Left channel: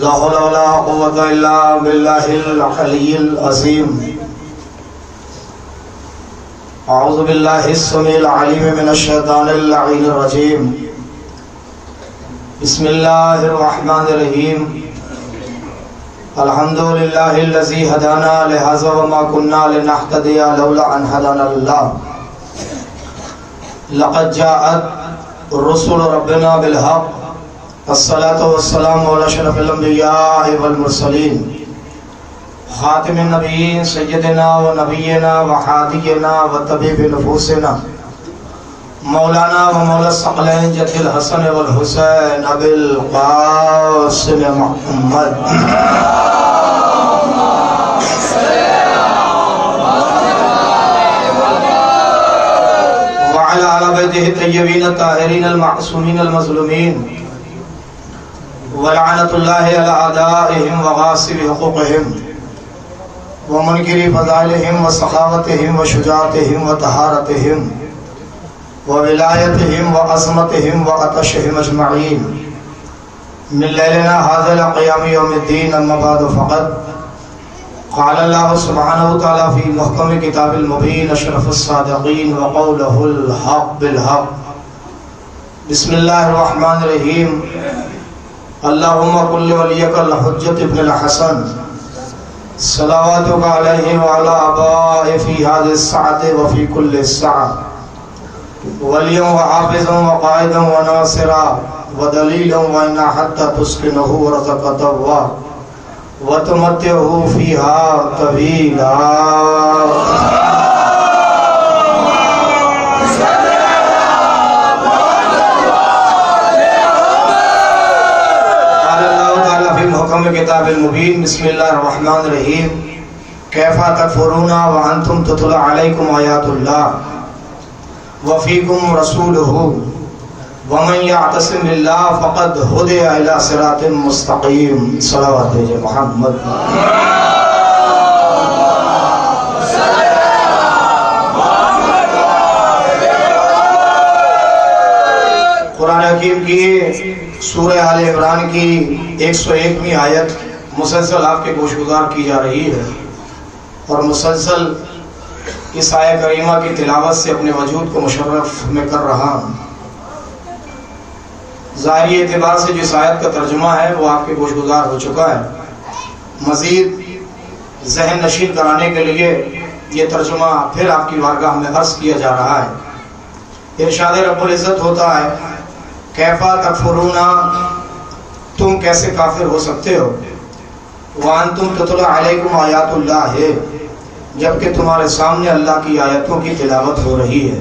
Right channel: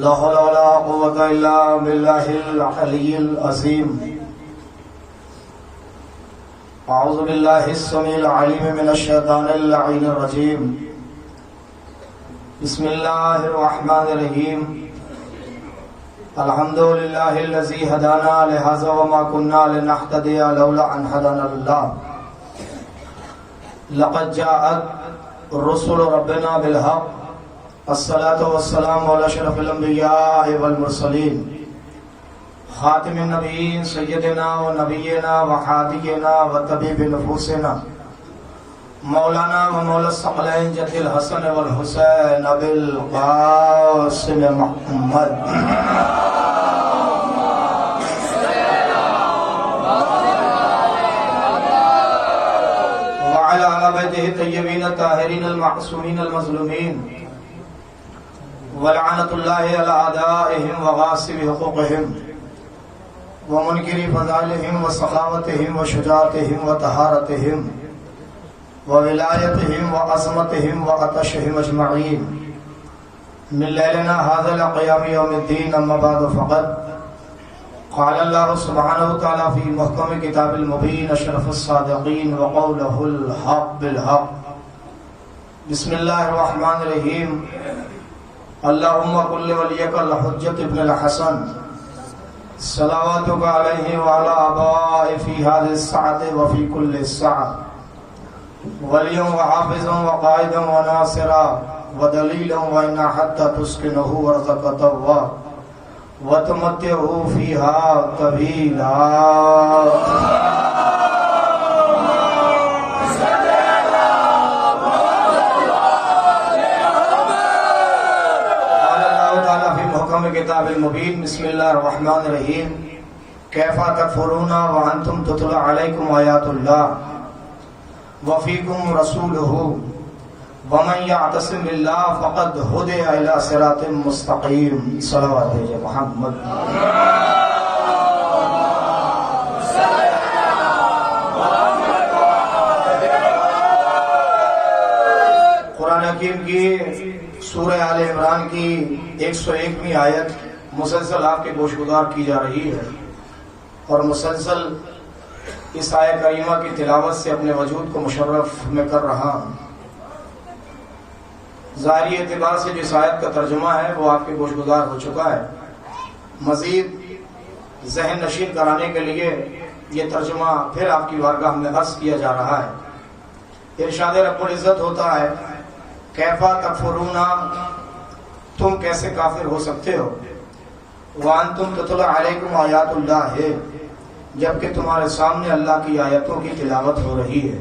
لا حول ولا قوة إلا بالله العلي العظيم. أعوذ بالله السميع العليم من الشيطان اللعين الرجيم. بسم الله الرحمن الرحيم. الحمد لله الذي هدانا لهذا وما كنا لنهتدي لولا أن هدانا الله. لقد جاءت رسل ربنا بالحق. الصلاة والسلام على أشرف الأنبياء والمرسلين خاتم النبيين سيدنا ونبينا وحادينا وطبيب نفوسنا مولانا ومولا الثقلين جد الحسن والحسين أبي القاسم محمد وعلى آل بيته الطيبين الطاهرين المعصومين المظلومين ولعنة الله على أعدائهم وغاصب حقوقهم ومنكر فضائلهم وسخاوتهم وشجاعتهم وطهارتهم وولايتهم وعظمتهم وعطشهم أجمعين من ليلنا هذا لقيام يوم الدين. أما بعد فقد قال الله سبحانه وتعالى في محكم كتاب المبين أشرف الصادقين وقوله الحق بالحق. بسم الله الرحمن الرحيم. اللهم كن وليك الحجة ابن الحسن صلواتك عليه وعلى آبائه في هذه الساعة وفي كل الساعة وليا وحافظا وقائدا وناصرا ودليلا وإنا حتى تسكنه ورزقته وتمتعه فيها طويلا. کتاب المبین. بسم اللہ الرحمن الرحیم. کیف تکفرون وانتم تتلی علیکم آیات اللہ وفیکم رسولہ ومن یعتصم باللہ فقد ہدی الی صراط مستقیم. صلوات محمد. قرآن حکیم کی سورہ آل عمران کی 101ویں آیت مسلسل آپ کے گوشگزار کی جا رہی ہے اور مسلسل اس آیت کریمہ کی تلاوت سے اپنے وجود کو مشرف میں کر رہا ہوں. ظاہری اعتبار سے جس آیت کا ترجمہ ہے وہ آپ کے گوشگزار ہو چکا ہے. مزید ذہن نشین کرانے کے لیے یہ ترجمہ پھر آپ کی بارگاہ میں عرض کیا جا رہا ہے. ارشاد رب العزت ہوتا ہے کیفا تکفرون، تم کیسے کافر ہو سکتے ہو، وانتم تتلی علیکم آیات اللہ ہے، جبکہ تمہارے سامنے اللہ کی آیتوں کی تلاوت ہو رہی ہے.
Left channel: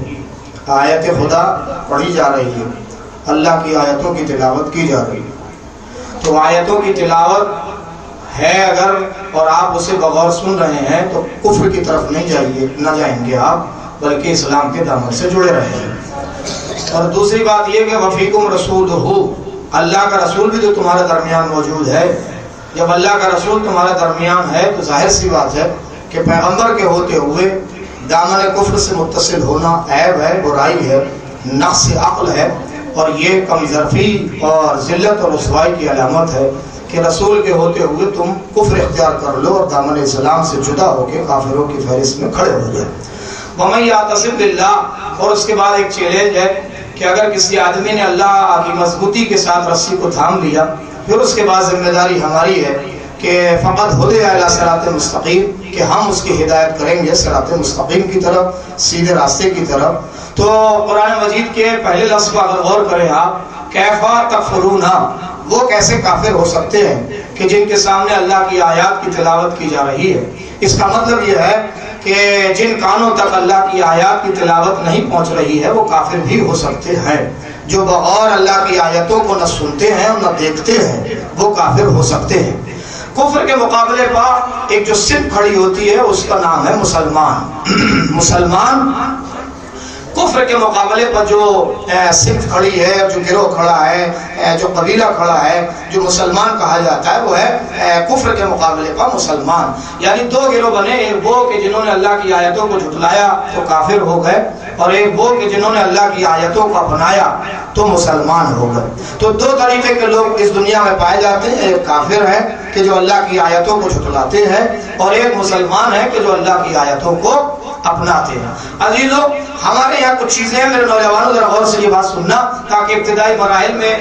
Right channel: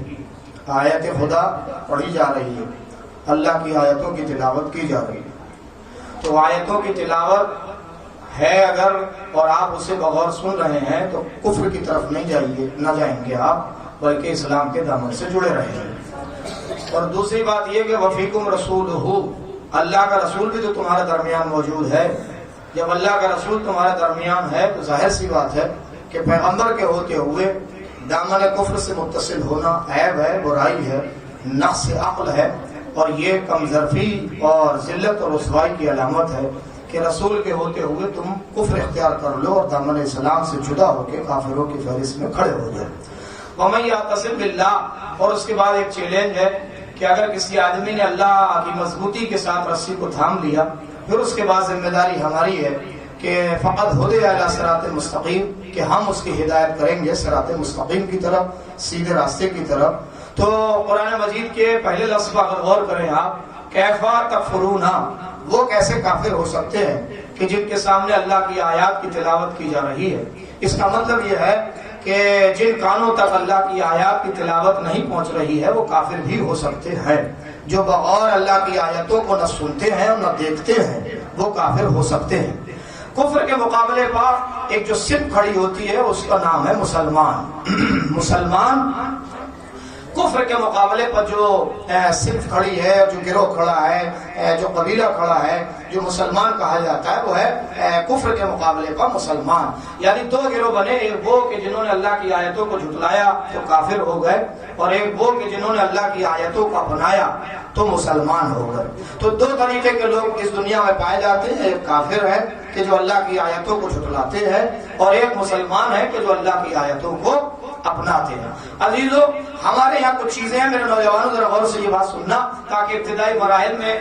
آیت خدا پڑھی جا رہی ہے، اللہ کی آیتوں کی تلاوت کی جا رہی ہے. تو آیتوں کی تلاوت ہے اگر اور آپ اسے بغور سن رہے ہیں تو کفر کی طرف نہ جائیں گے آپ، بلکہ اسلام کے دامن سے جڑے رہیں گے. اور دوسری بات یہ کہ وفیکم رسول ہو، اللہ کا رسول بھی تو تمہارے درمیان موجود ہے. جب اللہ کا رسول تمہارے درمیان ہے تو ظاہر سی بات ہے کہ پیغمبر کے ہوتے ہوئے دامن کفر سے متصل ہونا عیب ہے، برائی ہے، نقص عقل ہے، اور یہ کم ظرفی اور ذلت اور رسوائی کی علامت ہے کہ رسول کے ہوتے ہوئے تم کفر اختیار کر لو اور دامن اسلام سے جدا ہو کے کافروں کی فہرست میں کھڑے ہو جائے. وَمَن يَعْتَصِم بِاللَّهِ، اور اس کے بعد ایک چیلنج ہے کہ اگر کسی آدمی نے اللہ کی مضبوطی کے ساتھ رسی کو تھام لیا، پھر اس کے بعد ذمہ داری ہماری ہے کہ فقط ہدی الی صراط مستقیم، کہ ہم اس کی ہدایت کریں گے صراط مستقیم کی طرف، سیدھے راستے کی طرف. تو قرآن مجید کے پہلے لفظ پر اگر غور کریں آپ، کیفا تکفرون، وہ کیسے کافر ہو سکتے ہیں کہ جن کے سامنے اللہ کی آیات کی تلاوت کی جا رہی ہے. اس کا مطلب یہ ہے کہ جن کانوں تک اللہ کی آیات کی تلاوت نہیں پہنچ رہی ہے وہ کافر بھی ہو سکتے ہیں. جو بغور اللہ کی آیتوں کو نہ سنتے ہیں اور نہ دیکھتے ہیں وہ کافر ہو سکتے ہیں. کفر کے مقابلے پر ایک جو صف کھڑی ہوتی ہے اس کا نام ہے مسلمان. مسلمان کفر کے مقابلے پر جو صنف کھڑی ہے، جو گروہ کھڑا ہے، جو قبیلہ کھڑا ہے، جو مسلمان کہا جاتا ہے، وہ ہے کفر کے مقابلے پر مسلمان. یعنی دو گروہ بنے، ایک وہ کہ جنہوں نے اللہ کی آیتوں کو جھٹلایا تو کافر ہو گئے، اور ایک وہ کہ جنہوں نے اللہ کی آیتوں کو اپنایا تو مسلمان ہو گئے. تو دو طریقے کے لوگ اس دنیا میں پائے جاتے ہیں، ایک کافر ہے کہ جو اللہ کی آیتوں کو جھٹلاتے ہیں، اور ایک مسلمان ہے کہ جو اللہ کی آیتوں کو اپناتے ہیں. عزیزو، ہمارے یہاں کچھ چیزیں ہیں، میرے نوجوانوں ذرا غور سے یہ بات سننا تاکہ ابتدائی مراحل میں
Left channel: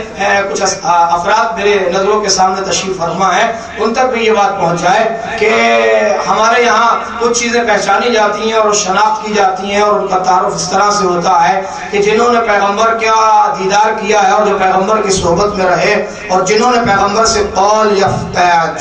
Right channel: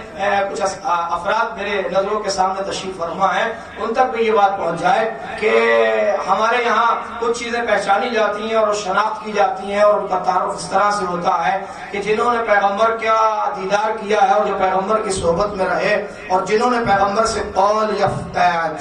کچھ افراد میرے نظروں کے سامنے تشریف فرما ہے، ان تک بھی یہ بات پہنچ جائے کہ ہمارے یہاں کچھ چیزیں پہچانی جاتی ہیں اور شناخت کی جاتی ہیں، اور ان کا تعارف اس طرح سے ہوتا ہے کہ جنہوں نے پیغمبر کا دیدار کیا ہے اور جو پیغمبر کی صحبت میں رہے اور جنہوں نے پیغمبر سے قول یا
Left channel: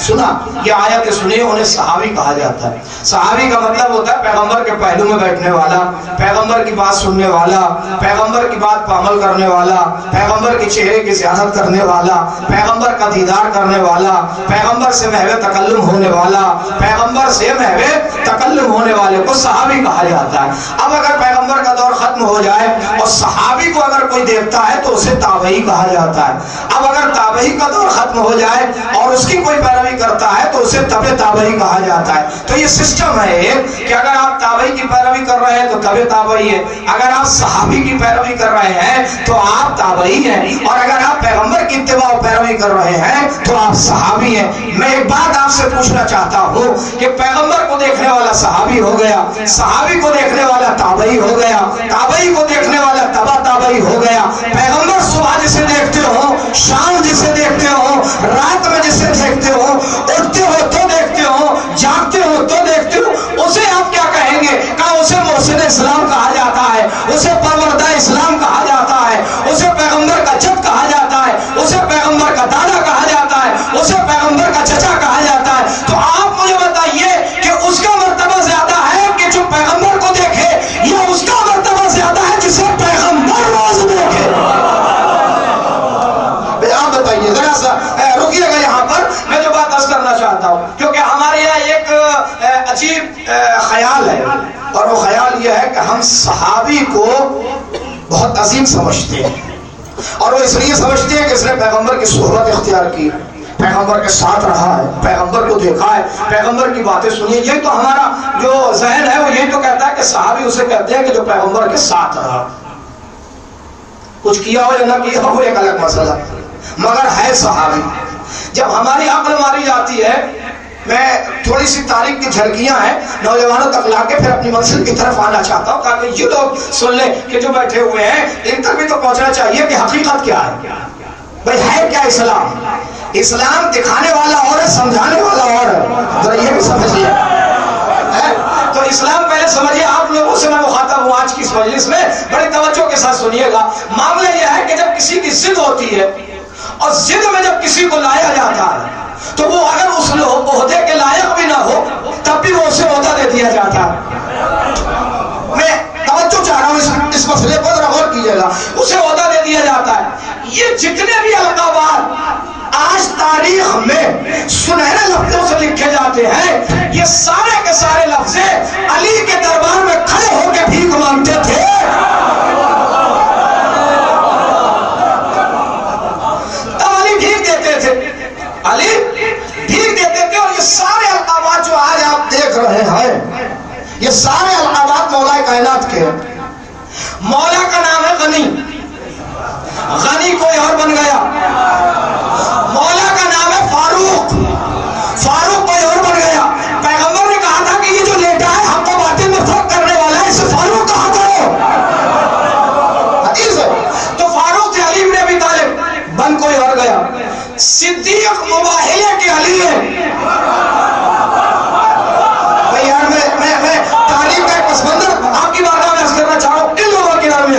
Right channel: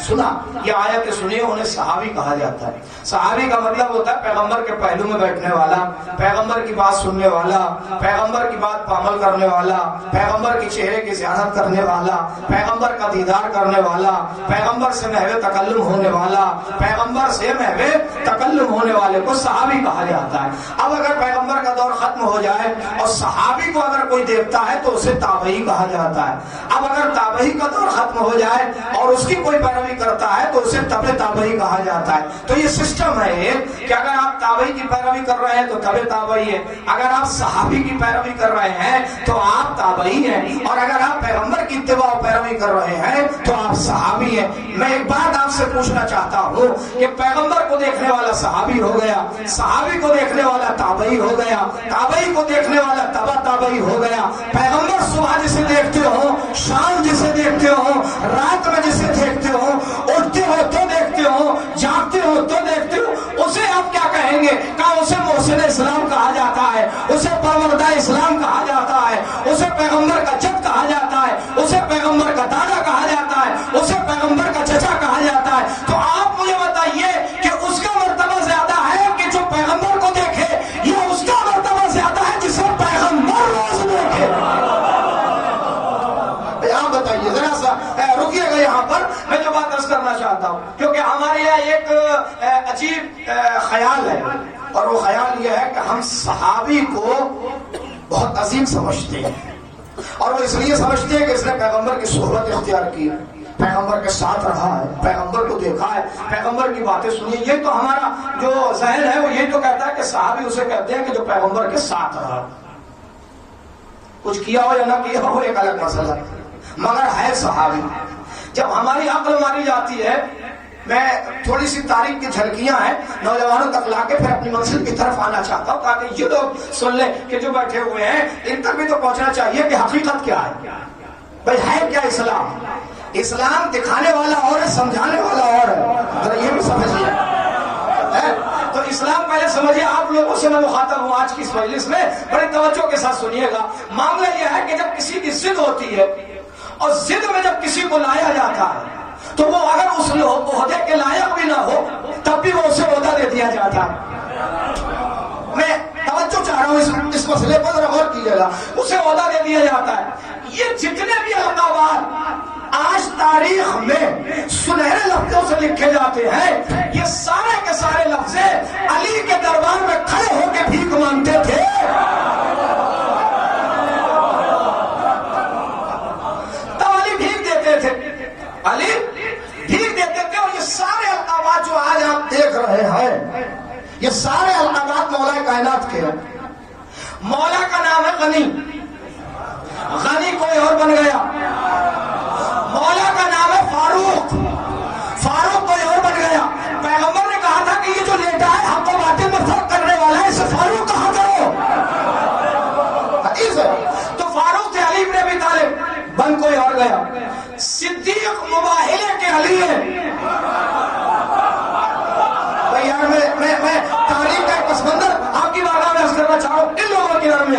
سنا یا آیت سنی، انہیں صحابی کہا جاتا ہے. صحابی کا مطلب ہوتا ہے پیغمبر کے پہلو میں بیٹھنے والا، پیغمبر کی بات سننے والا، پیغمبر کی بات پر عمل کرنے والا، پیغمبر کے چہرے کی زیارت کرنے والا، پیغمبر کا دیدار کرنے والا، پیغمبر سے محو تکلم ہونے والا، پیغمبر سے محو تکلم ہونے والے کو صحابی کہا جاتا ہے. اب اگر پیغمبر کا دور ختم ہو جائے اور صحابی کو اگر کوئی دیکھتا ہے تو اسے تابعی کہا جاتا ہے. اب اگر تابعی کا دور ختم ہو جائے اور اس کی کوئی پیروی کرتا ہے تو اسے تبع تابعی کہا جاتا ہے. تو یہ سسٹم ہے کہ اگر آپ تابعی کی پیروی کر رہے ہیں تو تبع تابعی ہے، اگر آپ صحابی کی پیروی کر رہے ہیں تو آپ تابعی ہیں، اور اگر آپ پیغمبر کی اتباع و پیروی کر رہے ہیں تو آپ صحابی ہیں. میں ایک بات آپ سے پوچھنا چاہتا ہوں کہ پیغمبر کو دیکھنے والا صحابی ہو گیا، صحابی کو دیکھنے والا تابعی ہو گیا، تابعی کو دیکھنے والا تبع تابعی ہو گیا. پیغمبر صبح جسے دیکھتے ہو، شام جسے دیکھتے ہو، رات میں جسے دیکھتے ہو، اٹھتے ہو تو دیکھتے ہو، جاگتے ہو تو دیکھتے ہو، اسے آپ کیا کہیں گے؟ کہا اسے محسن اسلام کہا جاتا ہے، اسے پروردہ اسلام کہا جاتا ہے، اسے پیغمبر کا جد کہا جاتا ہے، اسے پیغمبر کا دادا کہا جاتا ہے، اسے پیغمبر کا چچا کہا جاتا ہے. تو آپ مجھے بتائیے کہ اس کا مرتبہ زیادہ ہے کہ جو پیغمبر کو دیکھے، یا اس کا مرتبہ زیادہ ہے جسے پیغمبر روز دیکھے؟ آپ بتائیے ذرا سا، رکیے گا یہاں پر. میں جو بات عرض کرنا چاہتا ہوں کیونکہ ہمارے یہاں ایک عجیب خیال ہے، اور وہ خیال یہ ہے کہ ہم صحابی کو بہت عظیم سمجھتے ہیں، اور وہ اس لیے سمجھتے ہیں کہ اس نے پیغمبر کی صحبت اختیار کی، پیغمبر کے ساتھ رہا ہے، پیغمبر کو دیکھا ہے، پیغمبر کی باتیں سنی. یہ تو ہمارا جو ذہن ہے وہ یہ تو کہتا ہے کہ صحابی اسے کہتے ہیں کہ جو پیغمبر کے ساتھ رہا. کچھ کیا ہو یا نہ کیا ہو ایک الگ مسئلہ، مگر ہے صحابی. جب ہماری عقل ماری جاتی ہے، میں تھوڑی سی تاریخ کی جھلکیاں ہیں نوجوانوں تک لا کے پھر اپنی منزل کی طرف آنا چاہتا ہوں تاکہ یہ لوگ سن لیں کہ جو بیٹھے ہوئے ہیں ان تک بھی تو پہنچنا چاہیے کہ حقیقت کیا ہے. بھئی ہے کیا اسلام؟ اسلام دکھانے والا اور ہے، سمجھانے والا اور ہے. ذرا یہ بھی سمجھیے. تو اسلام پہلے سمجھیے. آپ لوگوں سے میں مخاطب ہوں آج کی اس مجلس میں، بڑی توجہ کے ساتھ سنیے گا. معاملہ یہ ہے کہ جب کسی کی ضد ہوتی ہے اور ضد میں جب کسی کو لایا جاتا ہے تو وہ اگر اس عہدے کے لائق بھی نہ ہو تب بھی وہ اسے عہدہ دے دیا جاتا ہے. میں توجہ چاہ رہا ہوں اس مسئلے پر ذرا غور کیجیے گا. اسے عہدہ دے دیا جاتا ہے. یہ جتنے بھی القابات آج تاریخ میں سنہرے لفظوں سے لکھے جاتے ہیں، یہ سارے کے سارے لفظ علی کے دربار میں کھڑے ہو کے بھیک مانگتے تھے. تب علی بھیک دیتے تھے، علی بھیک دیتے تھے. اور یہ سارے القابات جو آج آپ دیکھ رہے ہیں، یہ سارے القابات مولا کائنات کے. مولا کا نام ہے غنی، غنی کوئی اور بن گیا. مولا کا نام ہے فاروق، فاروق کوئی اور بن گیا. پیغمبر نے کہا تھا کہ یہ جو لیٹا ہے حق و باطل میں فرق کرنے والا ہے، اسے فاروق کہا کرو. حدیث ہے. تو فاروق سے علی بن ابی طالب بن کوئی اور گیا. صدیق مباہلے کے علی ہے. میں تاریخ کا ایک پس منظر آپ کی بارگاہ میں عرض کرنا چاہ رہا ہوں. ان لوگوں کے درمیان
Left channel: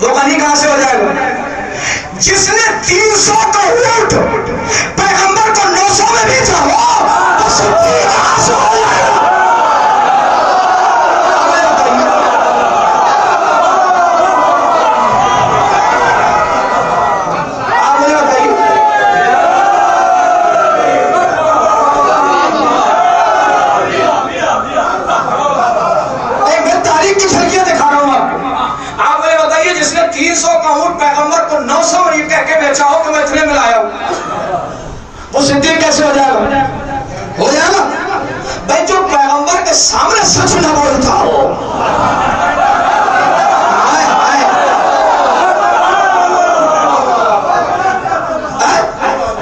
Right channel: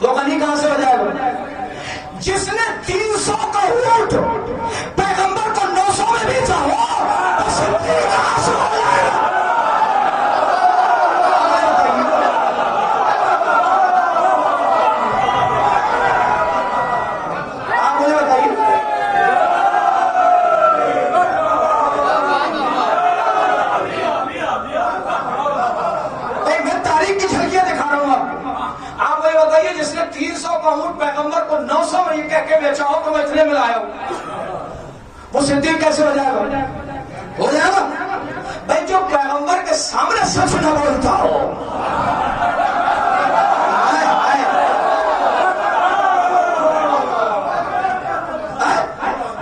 وہ غنی کہاں سے ہو جائے گا؟ جس نے 300 کا اونٹ پیغمبر کو 900 میں بیچا ہو وہ صدیق کہاں سے ہو جائے گا؟ وہ صدیق کیسے ہو جائے گا؟ ہو جائے گا بھائی جو پیغمبر کے سامنے سچ نہ بولتا ہو.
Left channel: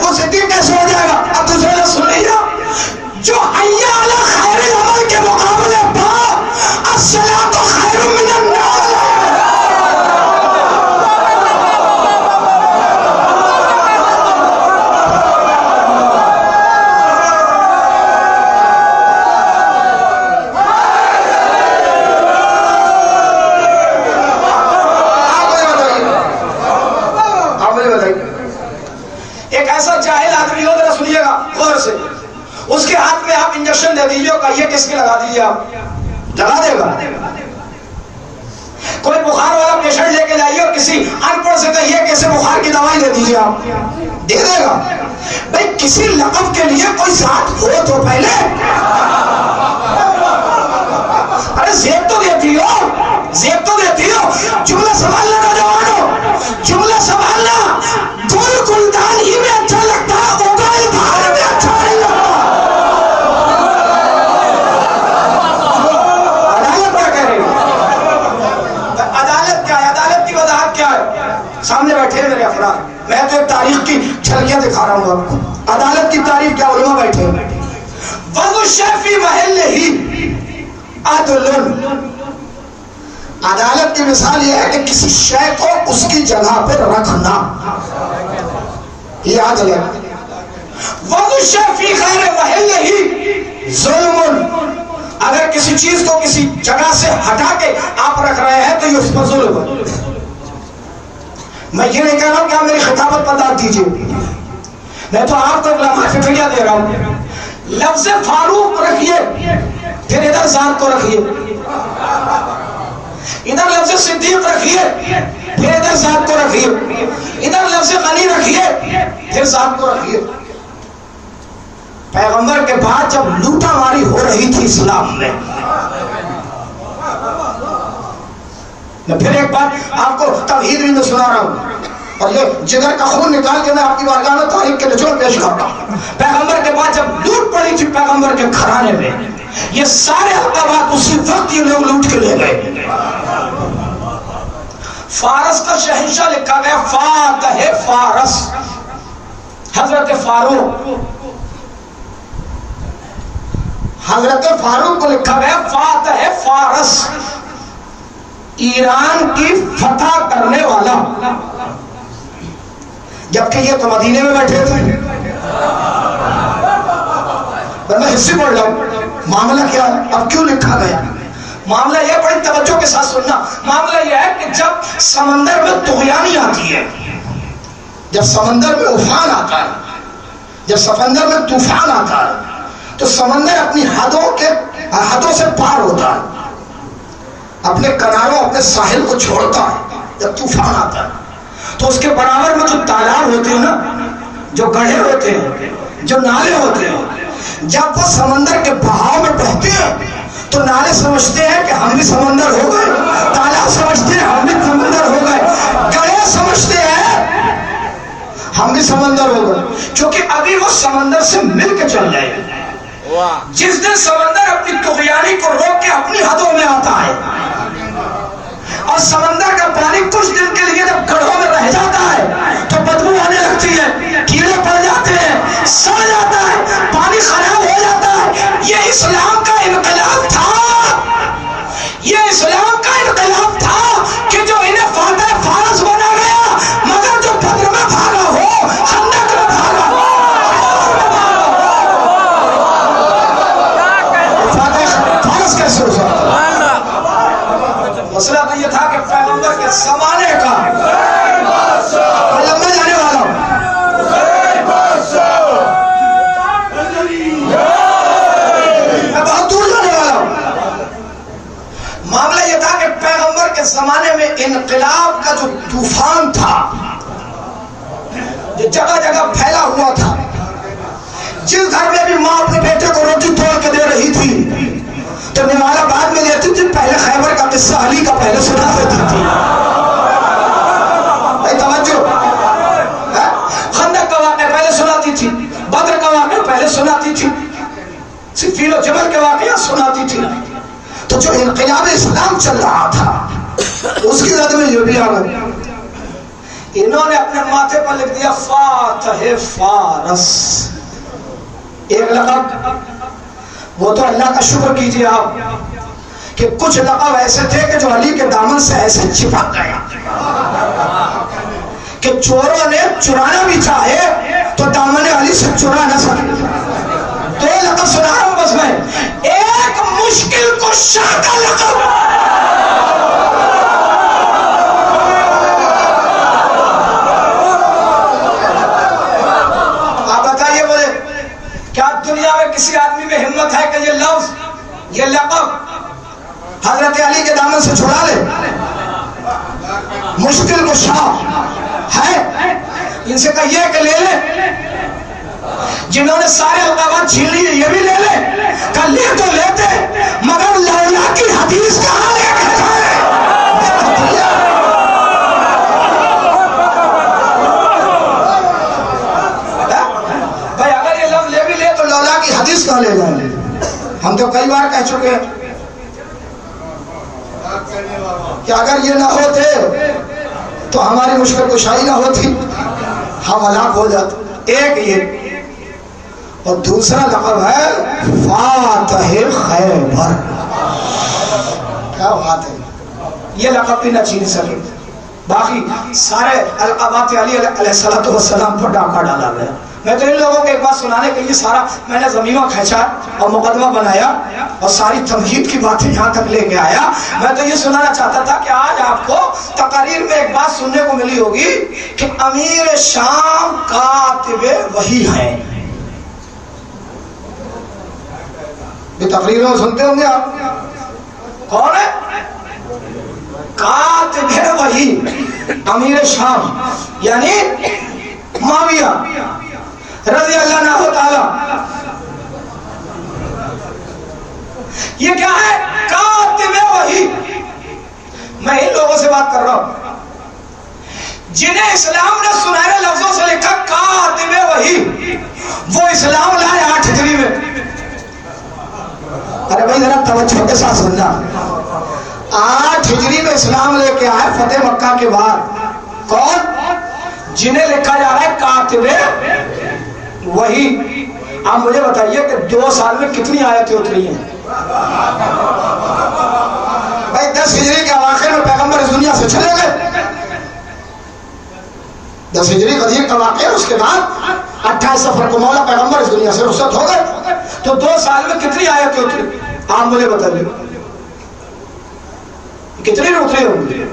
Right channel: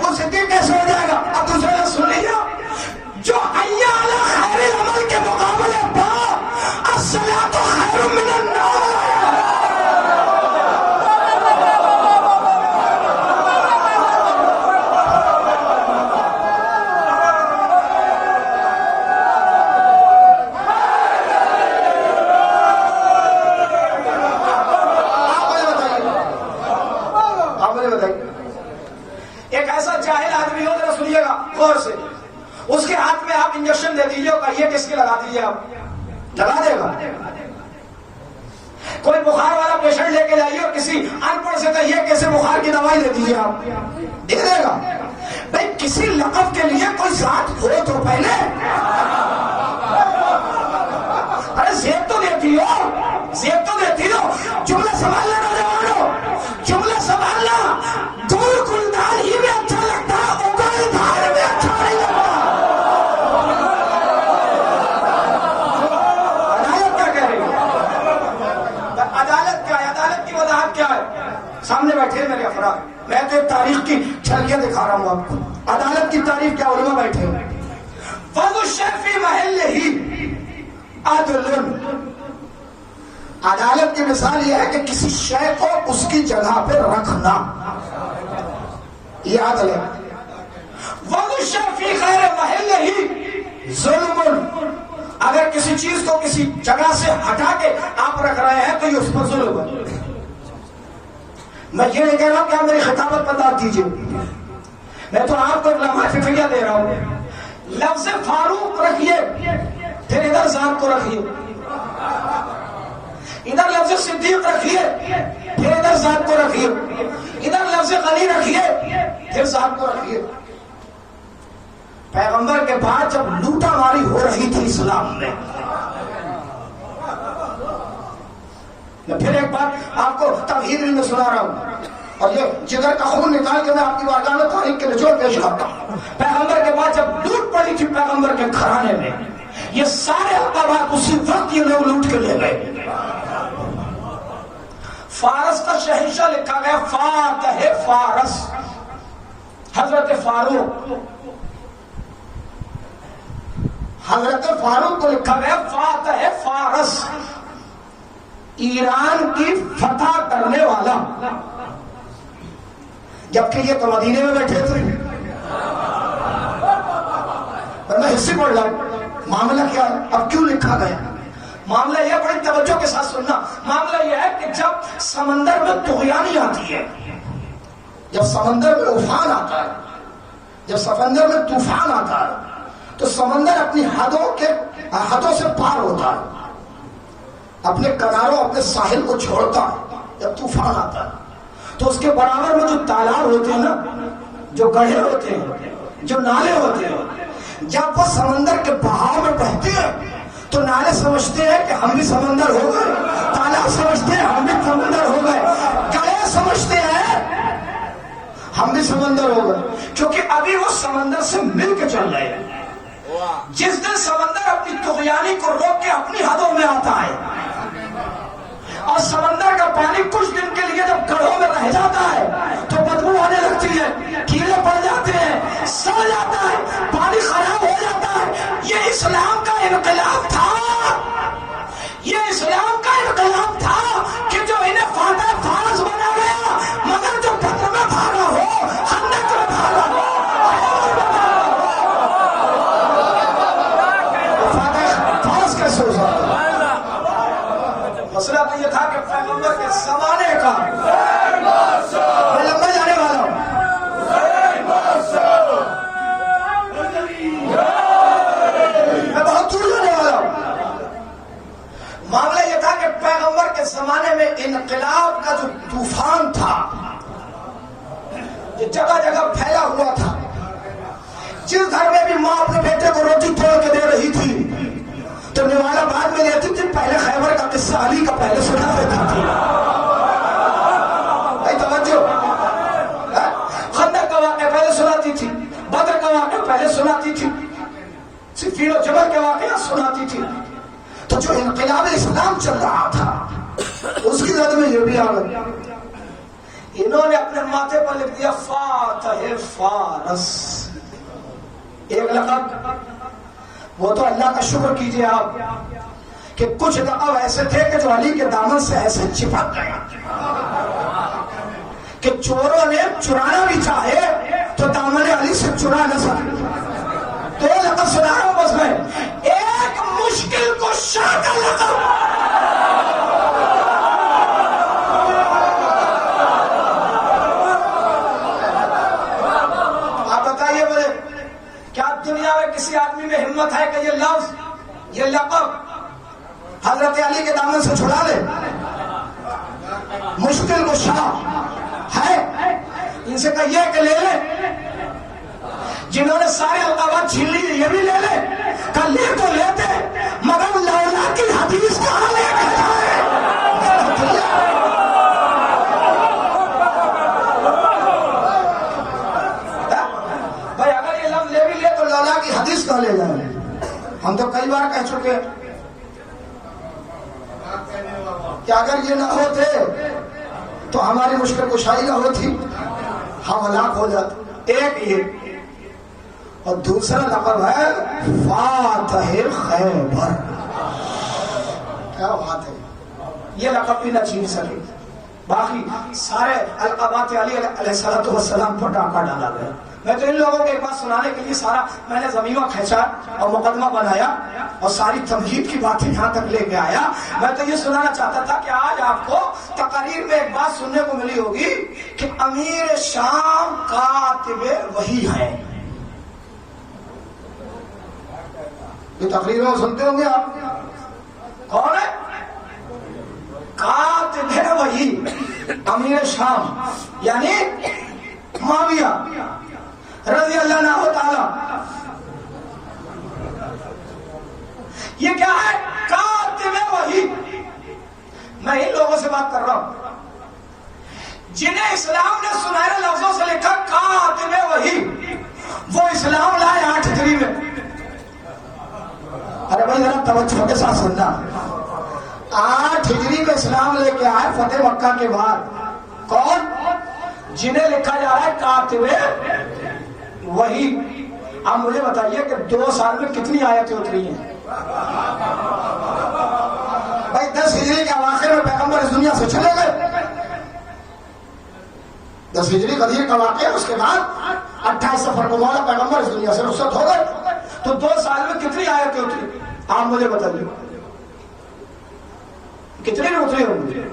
وہ صدیق کیسے ہو جائے گا؟ اب دوسرے نے سن لیا جو حی علی خیر عمل کے مقابلے پر الصلاۃ خیر من النوم. ایک ایسا جاہل آدمی ہو ذرا سنیے گا غور سے، اس کے ہاتھ میں آپ انجیکشن دے دیجیے اور یہ کس کے لگا دیجیے، آپ لگا دے گا. کوئی بخار والا پیشنٹ لے کے جائیے اور کسی ان پڑھ سے کہیے کیسے بخار کی دوائی دے دیجیے، آپ دے دے گا. بھئی کسی لقب کے لیے کوئی ذات ہو تو پہلے ارے زیب تو دیتی ہو، زیب تو دیتی ہو. جملہ سنبھالنا نوجوانوں، جملہ سنبھالنا. گل گلدان ہی میں اچھا لگتا ہے، اگل بھار میں اچھا نہیں لگتا. عدالت کیا کہہ رہی ہے؟ عدالت کیا ہے؟ عدالت کی وضاحت کیا ہے؟ سامنے بیٹھے ہیں میرے افراد، میں تو ایک تاریخ کی جھلکیاں دکھا رہا ہوں آپ کو. عدالت کی تعریف کیا؟ علماء بیٹھے ہیں. وضع الشیء فی محلہ عدل. عدالت کی مثال یہ ہے کہ کسی شے کو اس کی جگہ پہ رکھنا، یہ عدل ہے. وضع الشیء فی غیر محلہ ظلم. اگر کسی چیز کو کسی جگہ سے ہٹا کے آپ رکھ رہے ہیں تو یہ اس پر ظلم ہے. میں یہ نہیں کہہ رہا ہوں کہ آپ میری خطابت پر داد دیجئے، میں تو آپ کو لمحہ فکریہ دے رہا ہوں. لفظ فاروق رکھیے، پھر ادھر ذات کو رکھیے. ادھر لفظ صدیق رکھیے، پھر ادھر ذات کو رکھیے. ادھر لفظ غنی رکھیے، پھر ذات کو رکھیے. پیغمبر کے بعد جب لوٹا ماری ہو رہی تھی اسلام میں، میں پھر ایک بات آپ کو توحید میں سنا رہا ہوں اور یہ جگر کا خون نکال کے میں آپ کی بارگاہ میں تاریخ کے نچوڑ پیش کرتا ہوں. پیغمبر کے بعد جب لوٹ پڑی تھی پیغمبر کے گھرانے میں، یہ سارے اقدامات اسی وقت یہ لوگ لوٹ کے لے گئے. فارس کا شہنشاہ لکھا گیا فاتح فارس حضرت فاروق. حضرت فاروق کو لکھا گیا فاتح فارس، ایران کی فتح کرنے والا. جبکہ یہ تو مدینے میں بیٹھے تھے. میں حصے پڑھ رہا ہوں معاملہ کیا ہے، اب کیوں لکھا گیا. معاملہ یہ بڑی توجہ کے ساتھ سننا. معاملہ یہ ہے کہ جب سمندر میں طغیانی آتی ہے، جب سمندر میں افان آتا ہے، جب سمندر میں طوفان آتا ہے تو سمندر اپنی حدوں سے پار ہوتا ہے، اپنے کناروں اپنے ساحل کو چھوڑتا ہے. جب طوفان آتا ہے تو اس کے برابر میں جو تالاب ہوتے ہیں نا، جو گڑھے ہوتے ہیں، جو نالے ہوتے ہیں، جب وہ سمندر کے بہاؤ میں بہتے ہیں تو نالے سمجھتے ہیں کہ ہم بھی سمندر ہو گئے، تالاب سمجھتے ہیں ہم بھی سمندر ہو گئے، گڑھے سمجھتے ہیں ہم بھی سمندر ہو گئے، کیونکہ ابھی وہ سمندر سے مل کے چل رہے ہیں. جس دن سمندر اپنی طغیانی کو روک کے اپنی حدوں میں آتا ہے اور سمندر کا پانی کچھ دن کے لیے جب گڑھوں میں رہ جاتا ہے تو بدبو آنے لگتی ہے، کیڑے پڑ جاتے ہیں، سڑ جاتا ہے، پانی خراب ہو جاتا ہے. یہ اسلام کا انقلاب تھا، یہ اسلام کا انقلاب تھا کہ جو انہیں فاتح فارس بنا گیا، مگر جو بدر میں بھاگا ہو، خندق میں بھاگا ہو، فاتح فارس کیسے ہو سکتا؟ مسئلہ تو یہ تھا کہ پیغمبر کے زمانے کا انقلاب کا جو طوفان تھا جو جگہ جگہ پھیلا ہوا تھا، جس گھر میں بھی ماں اپنے بیٹے کو روٹی توڑ کے دے رہی تھی تو نوالا بعد میں دیتی تھی، پہلے خیبر کا قصہ علی کا پہلے سنا دیتی تھی. توجہ، خندق کا واقعہ پہلے سناتی تھی، بدر کا واقعہ پہلے سناتی تھی، صفین و جبل کے واقعہ سناتی تھی. تو جو انقلاب اسلام چل رہا تھا اس کی زد میں یہ بھی آ گئی. انہوں نے اپنے ماتھے پر لکھ دیا فاتح فارس، ایک لقب. وہ تو اللہ کا شکر کیجئے آپ کہ کچھ لقب ایسے تھے کہ جو علی کے دامن سے ایسے چپک گیا کہ چوروں نے چرانا بھی چاہے تو دامن علی سے چرا نہ سکے. دو لقب سنا رہا ہوں بس میں. ایک مشکل کشا کا لقب، آپ بتائیے بولے کیا دنیا میں کسی آدمی میں ہمت ہے کہ یہ لفظ، یہ لقب حضرت علی کے دامن سے چھڑا لے؟ مشکل کشا ہے. ان سے کہیے کہ لے لے، جنہوں نے سارے القابات چھین لیے یہ بھی لے لے. کہ لے تو لیتے مگر لولا کی حدیث کہاں لے کے جائے؟ بھائی اگر یہ لفظ لے بھی لے تو لولا کی حدیث کہاں لے جائیں؟ ہم تو کئی بار کہہ چکے ہیں کہ اگر یہ نہ ہوتے تو ہماری مشکل کشائی نہ ہوتی، ہم ہلاک ہو جاتے. ایک یہ، اور دوسرا لقب ہے فاتح خیبر. کیا بات ہے، یہ لقب بھی نہ چھین سکے. باقی سارے القابات علی علیہ السلام پر ڈاکہ ڈالا گیا. میں تو ان لوگوں کو ایک بات سنانے کے لیے سارا میں نے زمینہ کھینچا اور مقدمہ بنایا اور ساری تمہید کی باتیں یہاں تک لے کے آیا. میں تو یہ سنانا چاہتا تھا کہ آج آپ کو تقاریر میں ایک بات سننے کو ملی ہوگی کہ امیر شام کاتب وحی ہے. یہ تقریر میں سنتے ہوں گے آپ. کون ہے؟ کاتب وحی، امیر شام یعنی معاویہ رضی اللہ عنہ تعالی. یہ کیا ہے؟ کاتب وحی. میں ان لوگوں سے بات کر رہا ہوں جنہیں اسلام نے سنہرے لفظوں سے لکھا کاتب وحی. وہ اسلام لائے 8 ہجری میں. ارے بھائی ذرا توجہ کے ساتھ سننا. 8 ہجری میں اسلام لے کے آئے فتح مکہ کے بعد. کون؟ جنہیں لکھا جا رہا ہے کاتب وحی. آپ مجھے بتائیے کہ 2 سال میں کتنی آیتیں اتری ہیں؟ بھائی 10 ہجری کے اواخر میں پیغمبر اس دنیا سے چلے گئے. 10 ہجری غدیر کا واقعہ، اس کے بعد 28 سفر کو مولا پیغمبر اس دنیا سے رخصت ہو گئے. تو 2 سال میں کتنی آیتیں اتری؟ آپ مجھے بتائیے کتنی اتری ہوں گی؟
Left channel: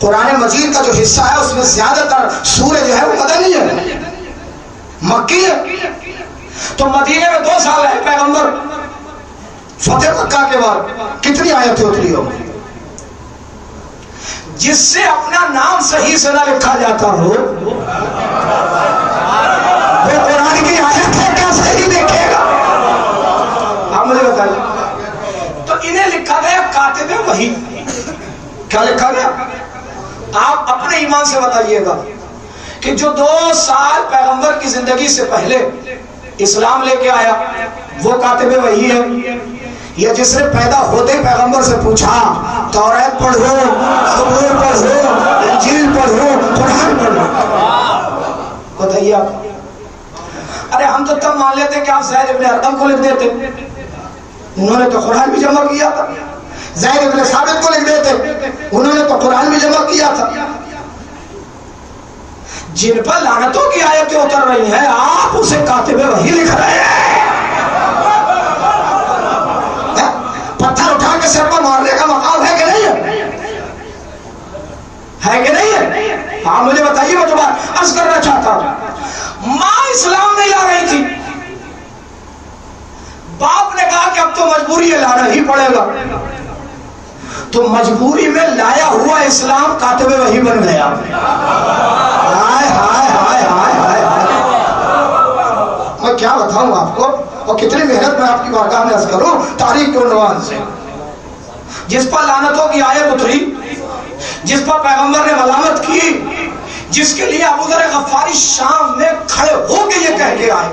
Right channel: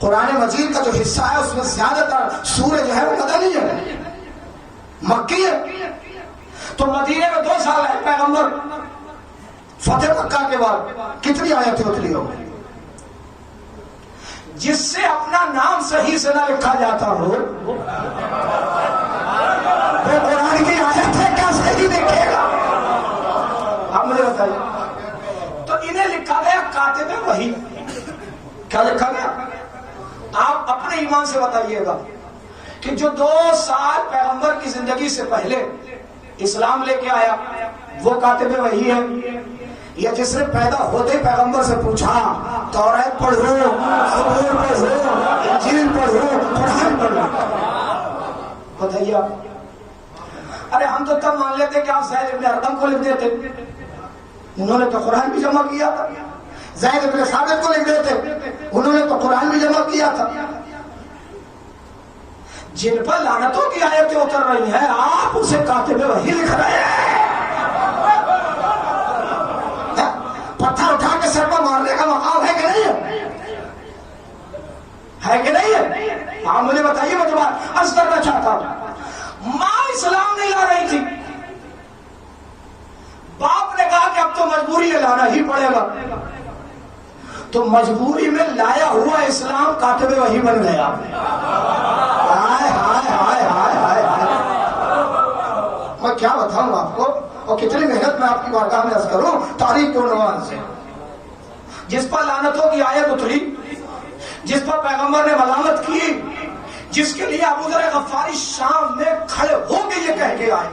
قرآن مجید کا جو حصہ ہے اس میں زیادہ تر سورہ جو ہے وہ مدنی ہے، مکی ہے. تو مدینے میں 2 سال ہے پیغمبر، فتح مکہ کے بعد کتنی آیتیں اتری ہوں گی؟ جس سے اپنا نام صحیح سے نہ لکھا جاتا ہو وہ قرآن کی آیت ہے کیا صحیح دیکھے گا؟ آپ مجھے بتائیے. تو انہیں لکھا گیا کاتب وحی. کیا لکھا گیا؟ آپ اپنے ایمان سے بتائیے گا کہ جو 2 سال پیغمبر کی زندگی سے پہلے اسلام لے کے آیا وہ کاتب وحی ہے، یا جس نے پیدا ہوتے پیغمبر سے پوچھا توریت پڑھو، زبور پڑھو، انجیل پڑھو، قرآن پڑھو؟ بتائیے آپ. ارے ہم تو تب مان لیتے کہ آپ زید ابن ارقم کو لکھ دیتے. انہوں نے تو قرآن بھی جمع کیا تھا. زید ابن ثابت کو لکھ دیتے، انہوں نے تو قرآن بھی جمع کیا تھا. جن پر لعنتوں کی آیتیں اتر رہی ہیں آپ اسے کاتب وحی لکھ رہے ہیں. پتھر اٹھا کے سر پر مارنے کا مقام ہے کہ نہیں ہے کہ نہیں ہے؟ ہاں مجھے بتائیے. میں تو بات عرض کرنا چاہتا ہوں، ماں اسلام نہیں لا رہی تھی، باپ نے کہا کہ اب تو مجبوری ہے لانا ہی پڑے گا. تو مجبوری میں لایا ہوا اسلام کاتب وحی بن گیا. ہائے ہائے ہائے ہائے ہائے. میں کیا بتاؤں آپ کو، اور کتنی محنت میں آپ کی بارگاہ میں عرض کروں تاریخ کے عنوان سے. جس پر لعنتوں کی آیت اتری، جس پر پیغمبر نے ملامت کی، جس کے لیے ابو ذر غفاری شام میں کھڑے ہو کے یہ کہہ کے آئے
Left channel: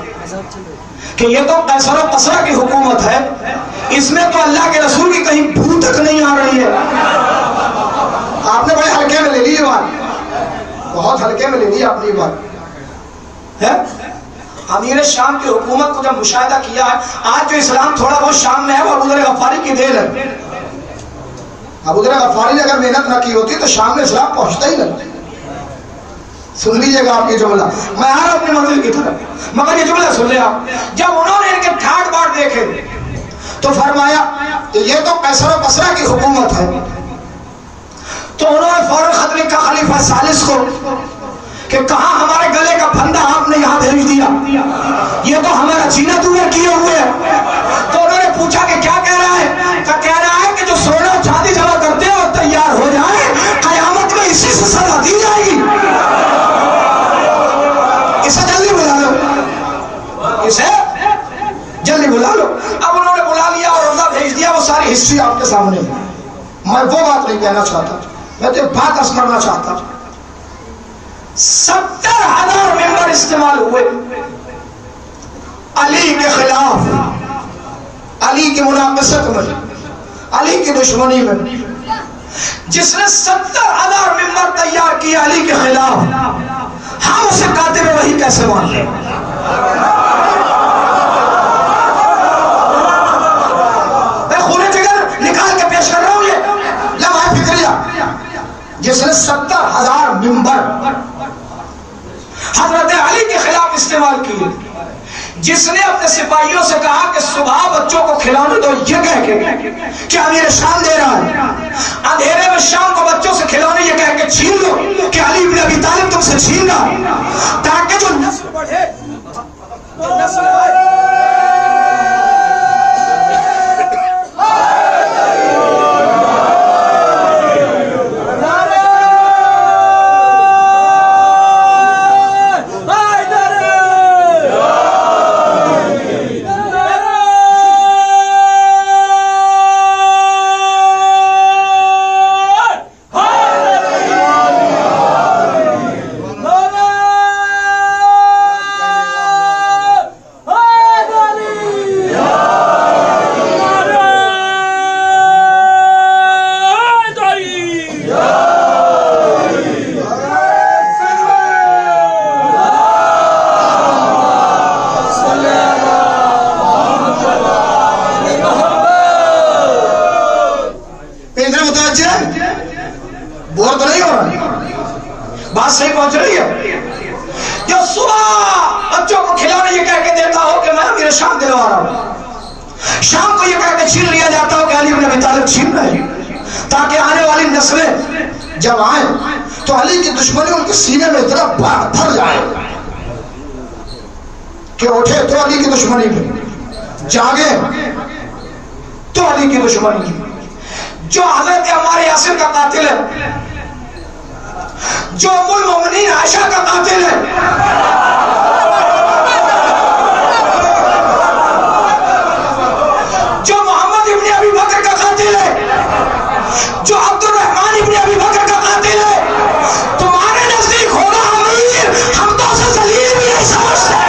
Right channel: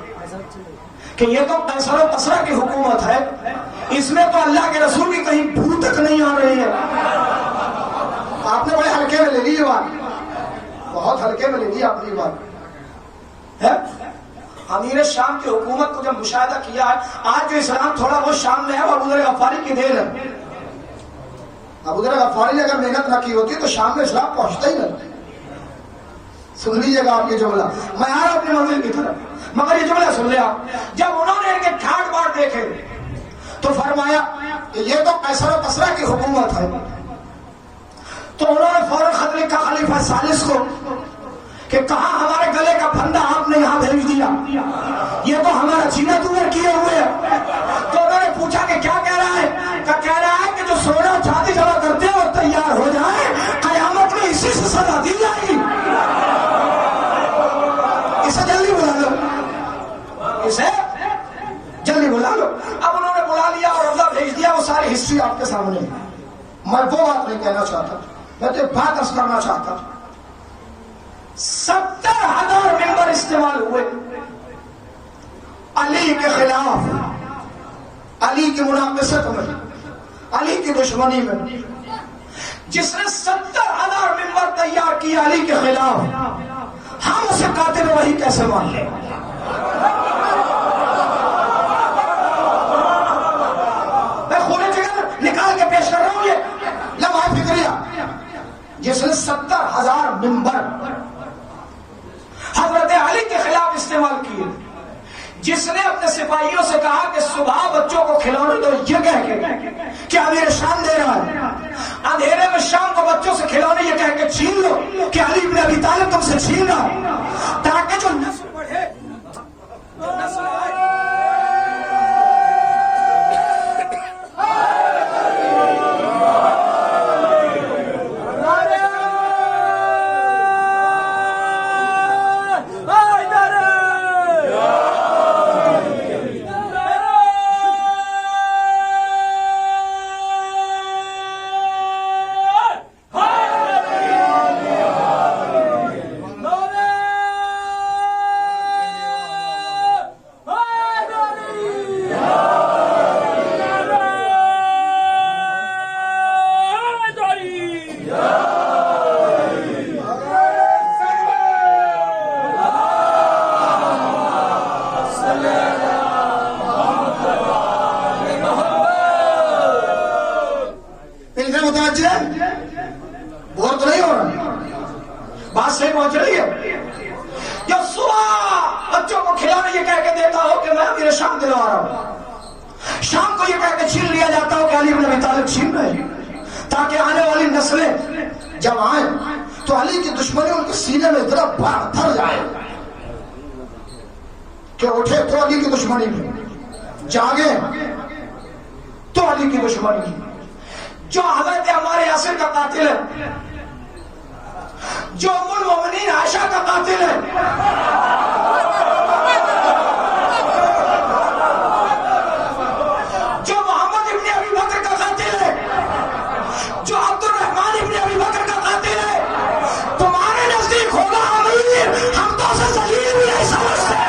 کہ یہ تو قیصر و کسریٰ کی حکومت ہے، اس میں تو اللہ کے رسول کی کہیں بھو تک نہیں آ رہی ہے. آپ نے بڑے ہلکے میں لے لی یہ بات، بہت ہلکے میں لے لی آپ نے یہ بات. امیر شام کی حکومت کو جب مشاہدہ کیا ہے، آج جو اسلام تھوڑا بہت شام میں ہے وہ ابو ذر غفاری کی دین ہے. ابو ذر غفاری نے اگر محنت نہ کی ہوتی تو شام میں اسلام پہنچتا ہی نہیں. سن لیجئے گا آپ یہ جملہ، میں آ رہا ہوں اپنی منزل کی طرف، مگر یہ جملہ سن لیں آپ. جب انہوں نے ان کے ٹھاٹ باٹ دیکھے تو فرمایا کہ یہ تو قیصر و کسریٰ کی حکومت ہے. تو انہوں نے فوراً خط لکھا خلیفہ ثالث کو کہ کہاں ہمارے گلے کا پھندا آپ نے یہاں بھیج دیا، یہ تو ہمارا جینا دور کیے ہوئے ہے. تو انہوں نے پوچھا کہ کیا کہہ رہا ہے؟ کہہ رہا ہے کہ جو سونا و چاندی جمع کرتے ہیں وہ تیار ہو جائے، قیامت میں اسی سے سزا دی جائے گی. اسے جلدی بلا لو، اسے جلدی بلا لو. اب انہوں نے بلا لیا اور روزہ بھیج دیا. وہ ساری ہسٹری آپ کے سامنے ہے. میں وہ بات نہیں کہنا چاہتا، میں تو بات عرض کرنا چاہتا. 70,000 ممبر استعمال ہوئے علی کے خلاف، علی کی مناقصت میں، علی کی دشمنی میں. جس نے 70,000 ممبر تیار کیا علی کے خلاف، ہم اسے کاتب وحی کیسے مان لیں؟ میں خون جگر نکال کے پیش کر رہا ہوں یہ لمحہ فکریہ. جس نے 70,000 ممبر حضرت علی کے خلاف استعمال کیے، جس نے اپنے سپاہیوں سے کہا کہ صبح بچوں کو کھلانے دو، یہ کہہ کے کہ امیر شام دے رہا ہے، اندھیرے میں شام کو بچوں سے کھلانے یہ کہہ کے چھین لو کہ علی بن ابی طالب تم سے چھین رہا، تاکہ جو نسل بڑھے، جو نسل آئے. بور تو نہیں ہو رہا، بات صحیح پہنچ رہی ہے. جو صبح بچوں کو کھلانے یہ کہہ کے دیتا ہو کہ میں امیر شام دلوا رہا ہوں، شام کو یہ کہہ کے چھین لیا جاتا ہو کہ علی بن ابی طالب چھین رہے، تاکہ آنے والی نسلیں جب آئیں تو علی کی دشمنی ان کے سینے میں اتنا بھر جائے کہ اٹھے تو علی کی دشمنی میں، جاگے تو علی کی دشمنی میں. جو حضرت عمار یاسر کا قاتل ہے، جو ام المومنین عائشہ کا قاتل ہے، جو محمد ابن ابی بکر کا قاتل ہے، جو عبد الرحمن ابن ابی بکر کا قاتل ہے، تمہارے نزدیک ہونا امیر، ہم تو اسے ذلیل بھی نہیں سمجھتے.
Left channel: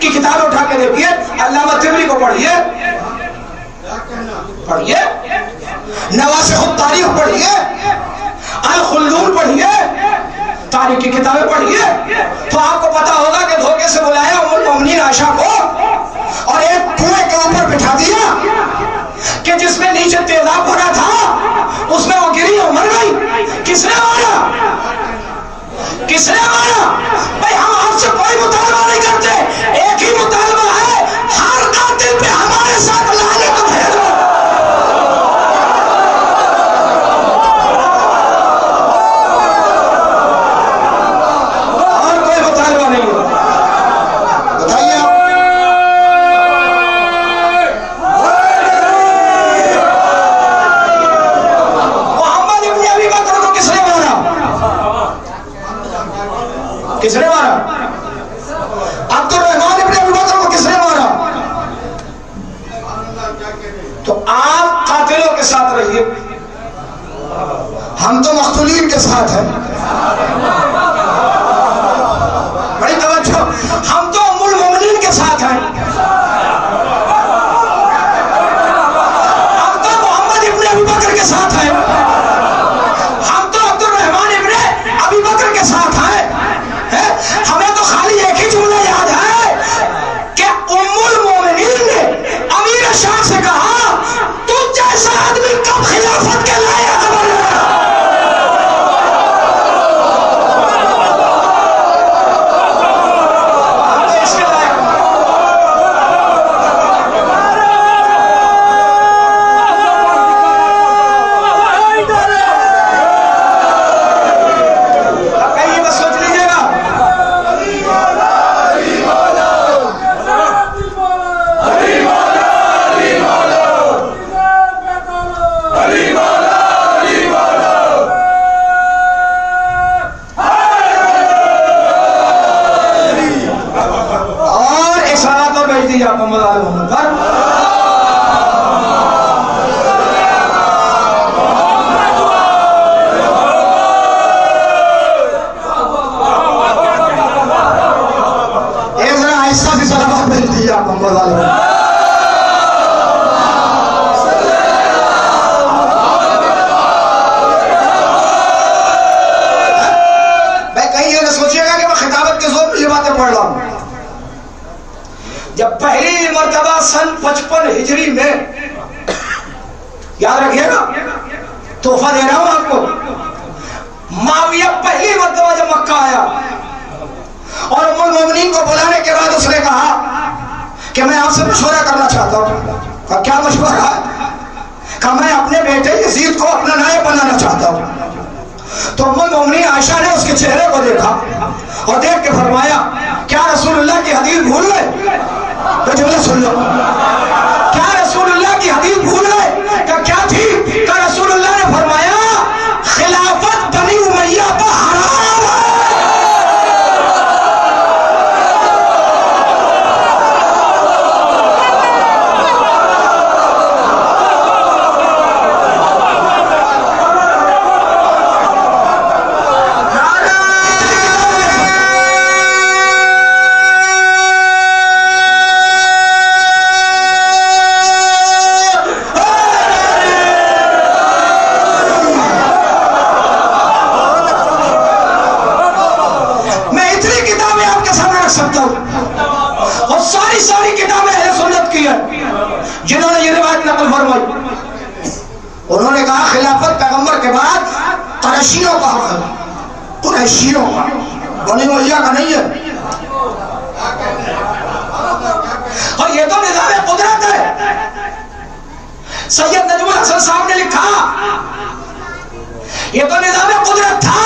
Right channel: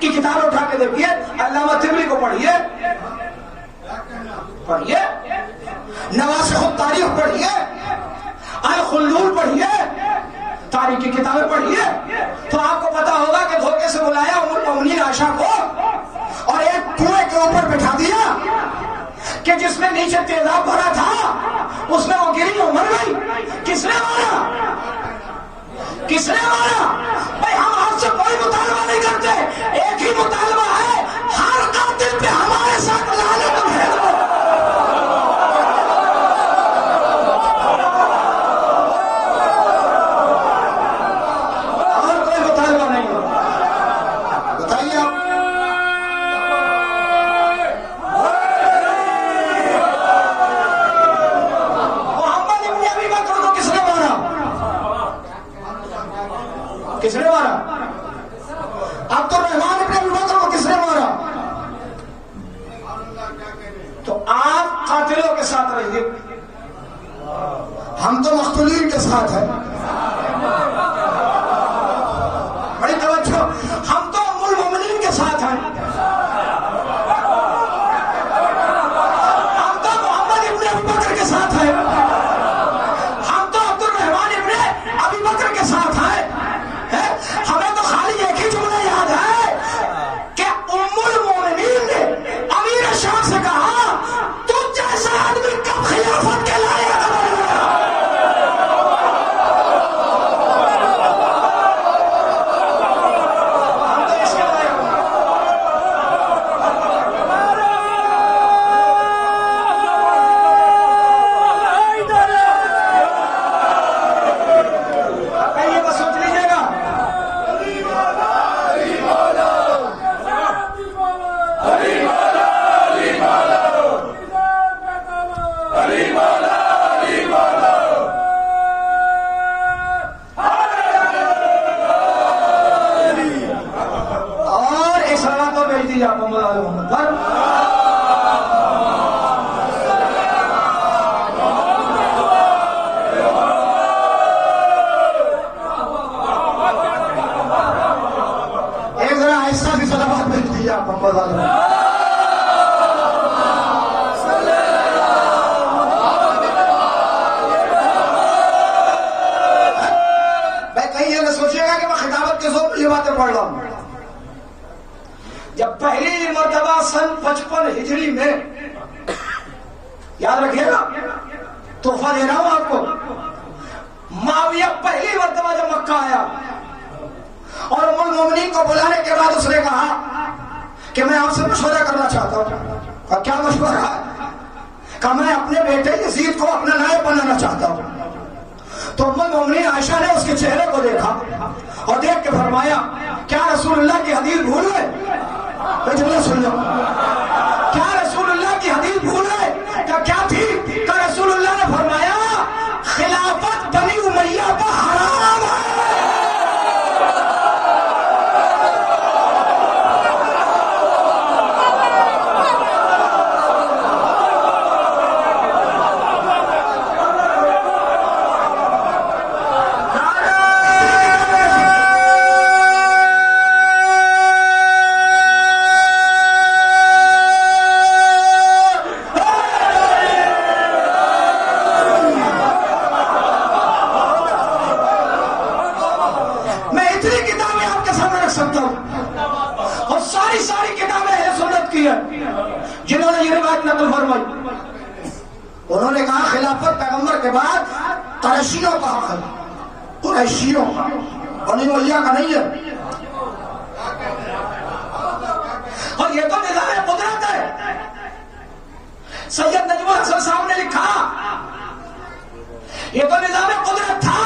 کی کتاب اٹھا کے دیکھیے، علامہ طبری کو پڑھیے، نواسخ التاریخ پڑھیے، الخلدون پڑھیے، تاریخ کی کتابیں پڑھیے، تو آپ کو پتا ہوگا کہ دھوکے سے بلایا ام المومنین عائشہ کو اور ایک کنویں کے اوپر بٹھا دیا کہ جس میں نیچے تیزاب بھرا تھا اس میں وہ گری اور مر گئی. کس نے مارا؟ کس نے مارا؟ بھائی ہم آپ سے کوئی مطالبہ نہیں کرتے. رہیے، ہم تو مقتولین کے ساتھ ہیں. بڑی توجہ، ہم تو ام المومنین کے ساتھ ہیں. ہم تو محمد ابن ابی بکر کے ساتھ ہیں. ہم تو عبد الرحمن ابن ابی بکر کے ساتھ ہیں. ہمیں تو خالی ایک ہی جملہ یاد ہے کہ ام المومنین نے امیر شام سے کہا تم جیسا آدمی کب خلافت کے لائق بنا. جب پہلی مرتبہ سن 55 ہجری میں، یاد رکھیے گا، تحفہ دے رہا ہوں آپ کو، معاویہ پہلی مرتبہ جب مکہ آیا اور ام المومنین کو بلانے کے بعد اس نے کہا کہ میں آپ سے مشورہ کرنا چاہتا ہوں. کہا کیا مشورہ ہے؟ کہا میں اپنے بیٹے یزید کو اپنا نائب بنانا چاہتا ہوں. تو ام المومنین عائشہ نے اس کے چہرے کو دیکھا اور دیکھ کے فرمایا کیا رسول اللہ کی حدیث بھول گئے؟ وہ جملہ سن لو، کیا رسول اللہ کی حدیث بھول گئے؟ کہ کیا تھی؟ کہ رسول اللہ نے فرمایا خلافت بنی امیہ پر حرام ہے. اور ساری کتابیں اہل سنت کی ہیں جنہوں نے یہ روایت نقل فرمائی. انہوں نے کہا خلافت پیغمبر کے بعد قریشیوں کا حق ہے، قریشیوں کا، بنی امیہ کا نہیں ہے. اور یہ تو نظام قدرت ہے. سید نجم الحسن صاحب نے لکھا یہ تو نظام قدرت تھا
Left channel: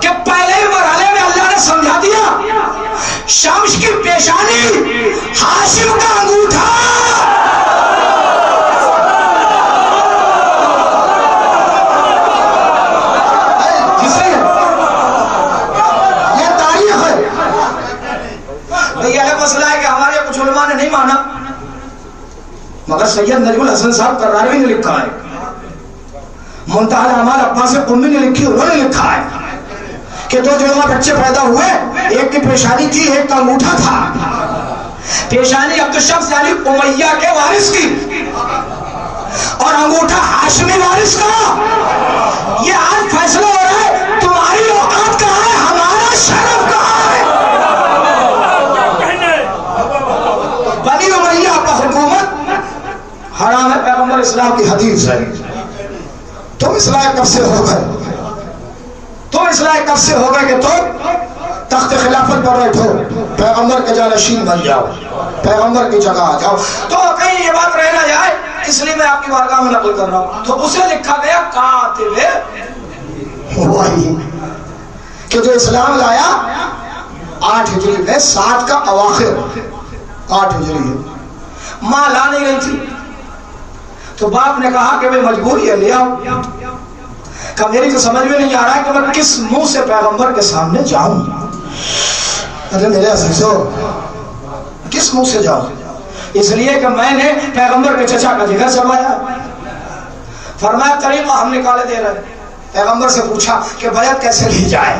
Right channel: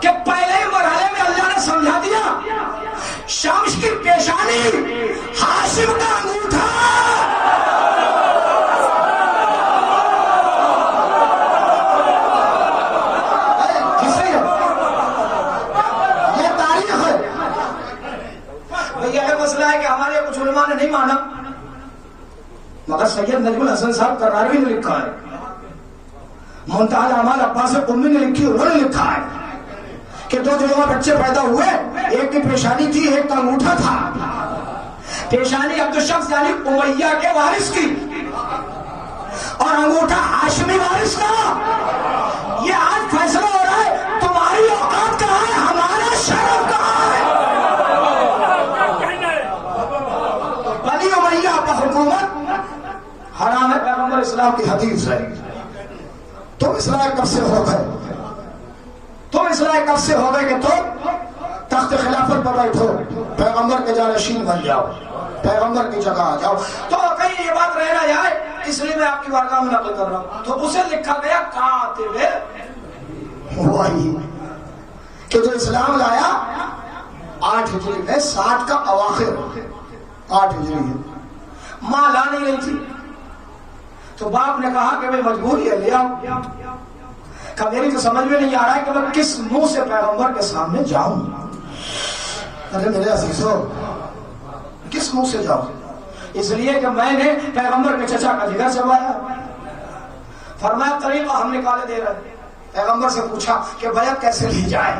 کہ پہلے ہی مرحلے میں اللہ نے سمجھا دیا شمس کی پیشانی ہاشم کا انگوٹھا. یہ تاریخ ہے. یہ مسئلہ ہے کہ ہمارے کچھ علماء نے نہیں مانا، مگر سید نجم الحسن صاحب قرآنوی نے لکھا ہے، منتہی الاعمال عباس قمی نے لکھی، انہوں نے لکھا ہے کہ دو جوان بچے پیدا ہوئے، ایک کی پیشانی تھی ایک کا انگوٹھا تھا. پیشانی عبد الشمس یعنی امیہ کے وارث کی اور انگوٹھا ہاشمی وارث کا. یہ آج فیصلہ ہو رہا ہے تمہاری اوقات کہاں ہے، ہمارا شرف کہاں ہے. بنی امیہ کا حکومت حرام ہے، پیغمبر اسلام کی حدیث ہے. تم اصلاح کب سے ہو گئے؟ تم اصلاح کب سے ہو گئے کہ تم تخت خلافت پر بیٹھو، پیغمبر کے جانشین بن جاؤ، پیغمبر کی جگہ آ جاؤ. تو کہیں یہ بات رہ نہ جائے اس لیے میں آپ کی بارگاہ میں نقل کر رہا ہوں. تو اسے لکھا گیا کاتب وحی کہ جو اسلام لایا 8 ہجری میں، 7 کا اواخر 8 ہجری ہے. ماں لا نہیں رہی تھی تو باپ نے کہا کہ میں مجبوری ہے لے آؤ. کہ میری تو سمجھ میں نہیں آ رہا ہے کہ میں کس منہ سے پیغمبر کے سامنے جاؤں. ارے میرے عزیزو کس منہ سے جاؤں؟ اس لیے کہ میں نے پیغمبر کے چچا کا جگر چلوایا. فرمایا طریقہ ہم نکالے دے رہے ہیں۔ پیغمبر سے پوچھا کہ بیعت کیسے لی جائے؟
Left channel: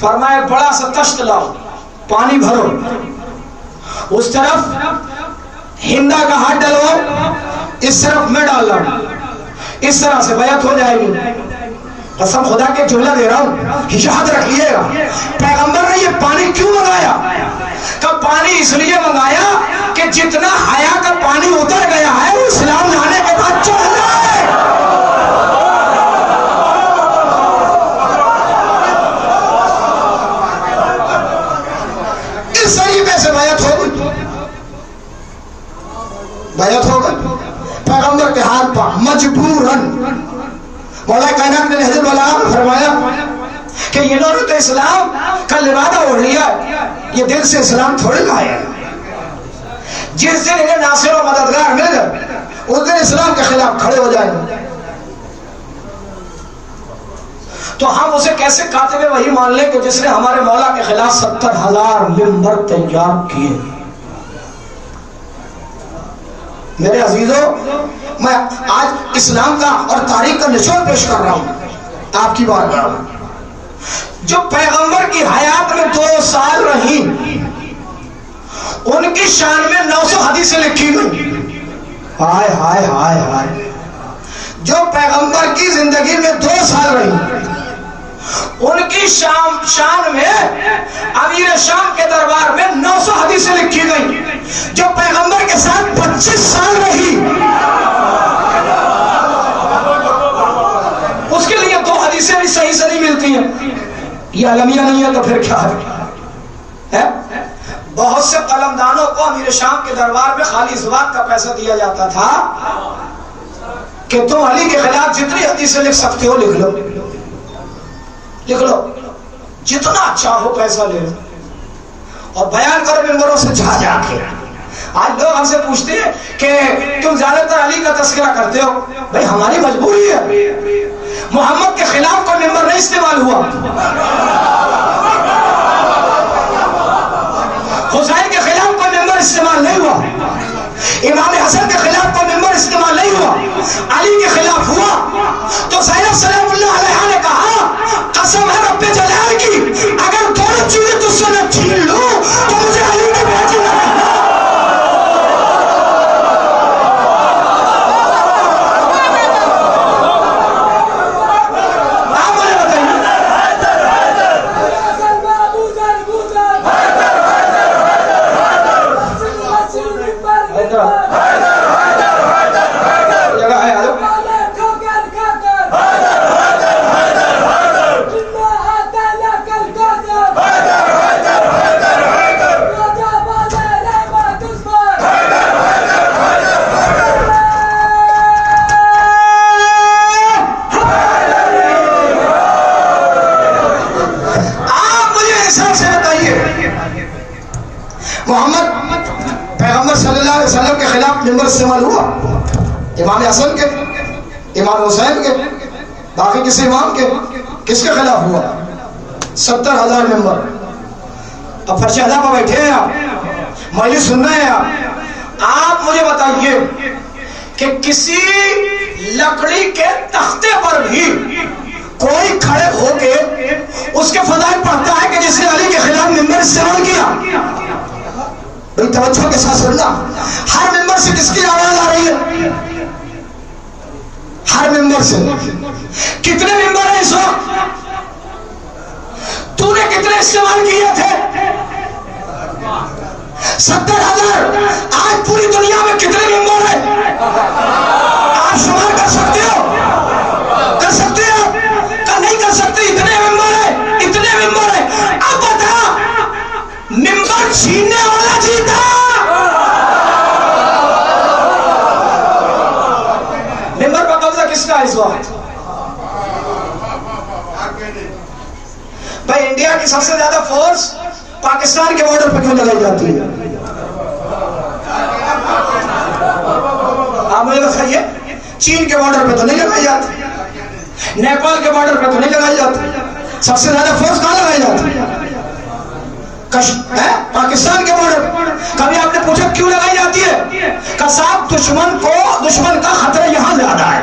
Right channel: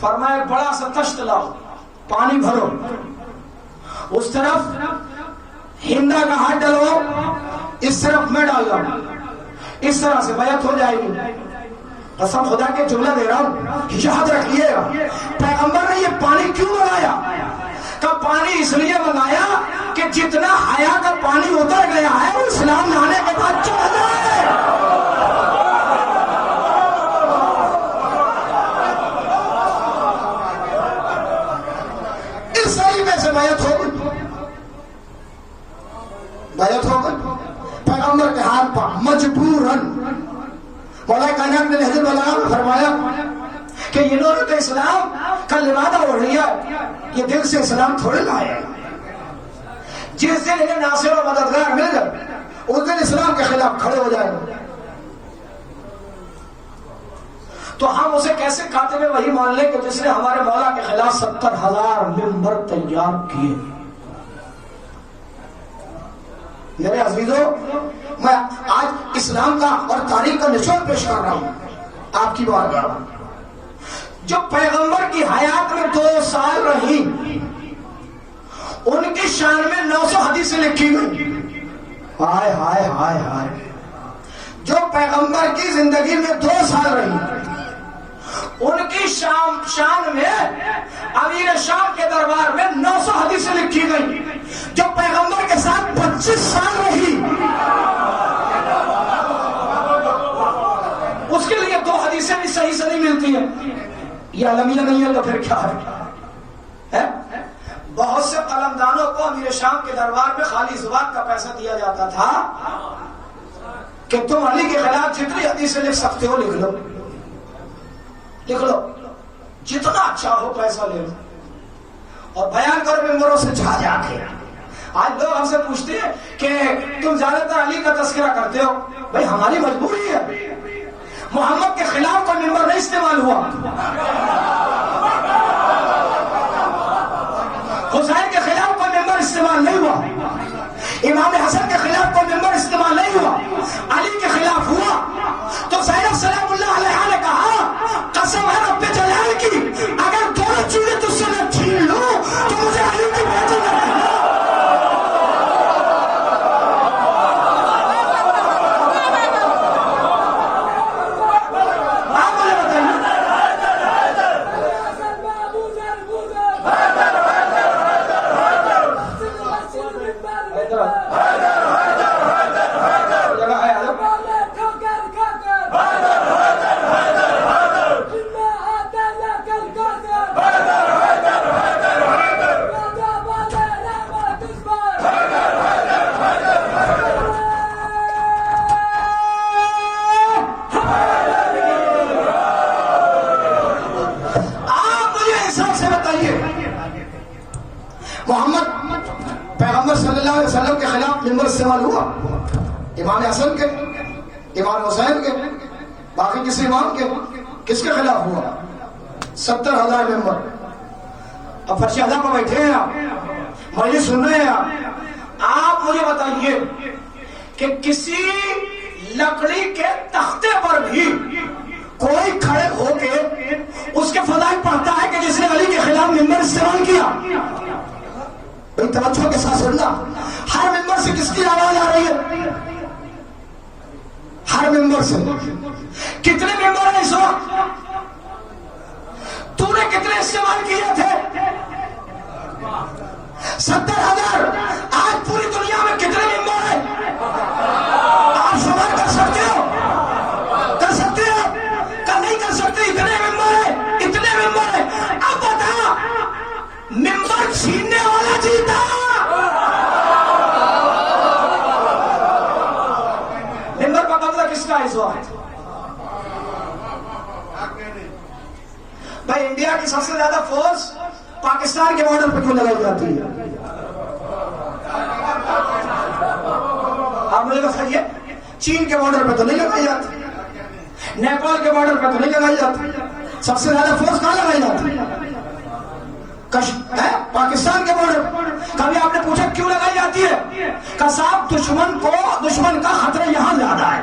فرمایا بڑا سا تشت لاؤ، پانی بھرو، اس طرف ہندا کا ہاتھ ڈلواؤ، اس طرف میں ڈال رہا ہوں، اس طرح سے بیعت ہو جائے گی۔ قسم خدا کے جملہ دے رہا ہوں، یاد رکھیے گا پیغمبر نے یہ پانی کیوں منگایا؟ کہ پانی اس لیے منگایا کہ جتنا حیا کا پانی اتر گیا ہے وہ اسلام لانے کے بعد چل رہا ہے۔ اس طریقے سے بیعت ہو گئی، بیعت ہو گئی پیغمبر کے ہاتھ پر مجبوراً۔ مولا کائنات نے حضرت والا فرمایا کہ انہوں نے تو اسلام کا لبادہ اوڑھ لیا، یہ دل سے اسلام تھوڑی لایا۔ جس دن انہیں ناصر و مددگار مل گئے اس دن اسلام کے خلاف کھڑے ہو جائیں گے۔ تو ہم اسے کیسے کاتب وحی مان لیں کہ جس نے ہمارے مولا کے خلاف 70,000 ممبر تیار کیے؟ میرے عزیزوں، میں آج اسلام کا اور تاریخ کا نچوڑ پیش کر رہا ہوں آپ کی بارگاہ میں۔ جو پیغمبر کی حیات میں 2 سال رہی، ان کی شان میں 900 حدیثیں لکھی گئی۔ ہائے ہائے ہائے ہائے، جو پیغمبر کی زندگی میں 2 سال رہی، ان کی شان میں امیر شام کے دربار میں 900 حدیثیں لکھی گئی۔ جو پیغمبر کے ساتھ 25 سال رہی، اس کے لیے 2 حدیثیں بھی صحیح سے نہیں ملتی ہیں۔ یہ علمیہ نہیں ہے تو پھر کیا ہے؟ بہت سے قلمدانوں کو امیر شام کے دربار میں خالی اس بات کا پیسہ دیا جاتا تھا کہ تم علی کے خلاف جتنی حدیثیں لکھ سکتے ہو لکھ لو، لکھ لو، جتنا چاہو پیسہ لے لو اور بیان کرو ممبروں سے جا جا کے۔ آج لوگ ہم سے پوچھتے ہیں کہ تم زیادہ تر علی کا تذکرہ کرتے ہو۔ بھئی ہماری مجبوری ہے، محمد کے خلاف کوئی ممبر نہیں استعمال ہوا، حسین کے خلاف کوئی ممبر استعمال نہیں ہوا، امام حسن کے خلاف کوئی ممبر استعمال نہیں ہوا، علی کے خلاف ہوا۔ تو زینب سلام اللہ علیہ نے کہا قسم ہے رب جلال کی، اگر دونوں چیزیں تجھ سے میں چھین لوں تو مجھے علی میں بیعت نہ کرنا۔ استعمال ہوا امام حسن کے، امام حسین کے، باقی کسی امام کے، کس کے خلاف ہوا؟ 70,000 ممبر۔ اب فرش ادا پر بیٹھے ہیں آپ، مجلس سن رہے ہیں آپ مجھے بتائیے کہ کسی لکڑی کے تختے پر بھی کوئی کھڑے ہو کے اس کے فضائل پڑھتا ہے کہ جس نے علی کے خلاف ممبر استعمال کیا؟ بھئی توجہ کے ساتھ سننا، ہر ممبر سے کس کی آواز آ رہی ہے؟ ہر ممبر سے۔ کتنے ممبر ہیں اس وقت؟ تو نے کتنے استعمال کیے تھے؟ 70,000۔ آج پوری دنیا میں کتنے ممبر ہیں؟ آپ شمار کر سکتے ہو؟ کر سکتے ہو؟ کہ نہیں کر سکتے؟ اتنے ممبر ہیں، اتنے ممبر ہیں۔ اب بتا، ممبر چھیننے والا جیتا، ممبر پر قبضہ کس کا اس وقت؟ بھائی انڈیا کی سب سے زیادہ فورس پاکستان کے بارڈر پہ کیوں لگائی جاتی ہے؟ آپ مجھے بتائیے، چین کے بارڈر پہ تو نہیں لگائی جاتی، نیپال کے بارڈر پہ تو نہیں لگائی جاتی، سب سے زیادہ فورس کہاں لگائی جاتی ہے؟ پاکستان کے بارڈر۔ کبھی آپ نے پوچھا کیوں لگائی جاتی ہے؟ کہ صاحب دشمن کا خطرہ یہاں زیادہ ہے،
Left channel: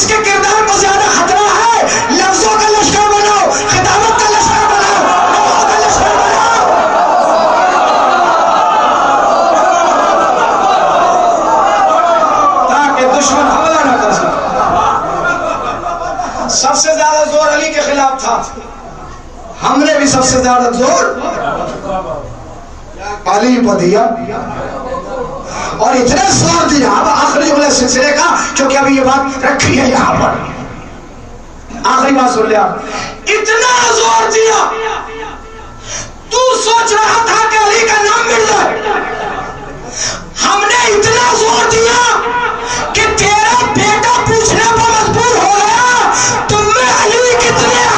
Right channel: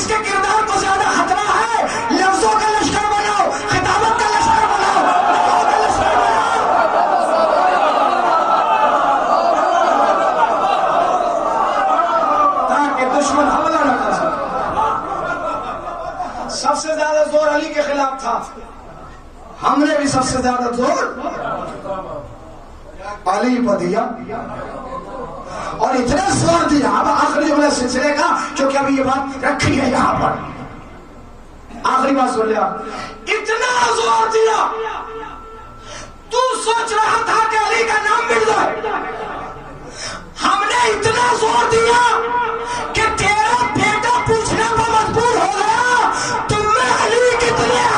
جس کے کردار کو زیادہ خطرہ ہے، لفظوں کا لشکر بناؤ، خطابت کا لشکر بناؤ، دعا کا لشکر بناؤ، تاکہ دشمن حملہ نہ کر سکے۔ سب سے زیادہ زور علی کے خلاف تھا، ہم نے بھی سب سے زیادہ زور علی پر دیا، اور اتنا زور دیا۔ اب آخری جملہ سلسلے کا، کیونکہ ابھی یہ بات رکھی ہے یہاں پر، آخری بات سن لیا، اتنا زور دیا تو سوچ رہا تھا کہ علی کا نام مل جائے، ہم نے اتنا زور دیا کہ تیرا بیٹا پوچھنے پر مجبور ہو گیا تم میں علی کتنے ہیں۔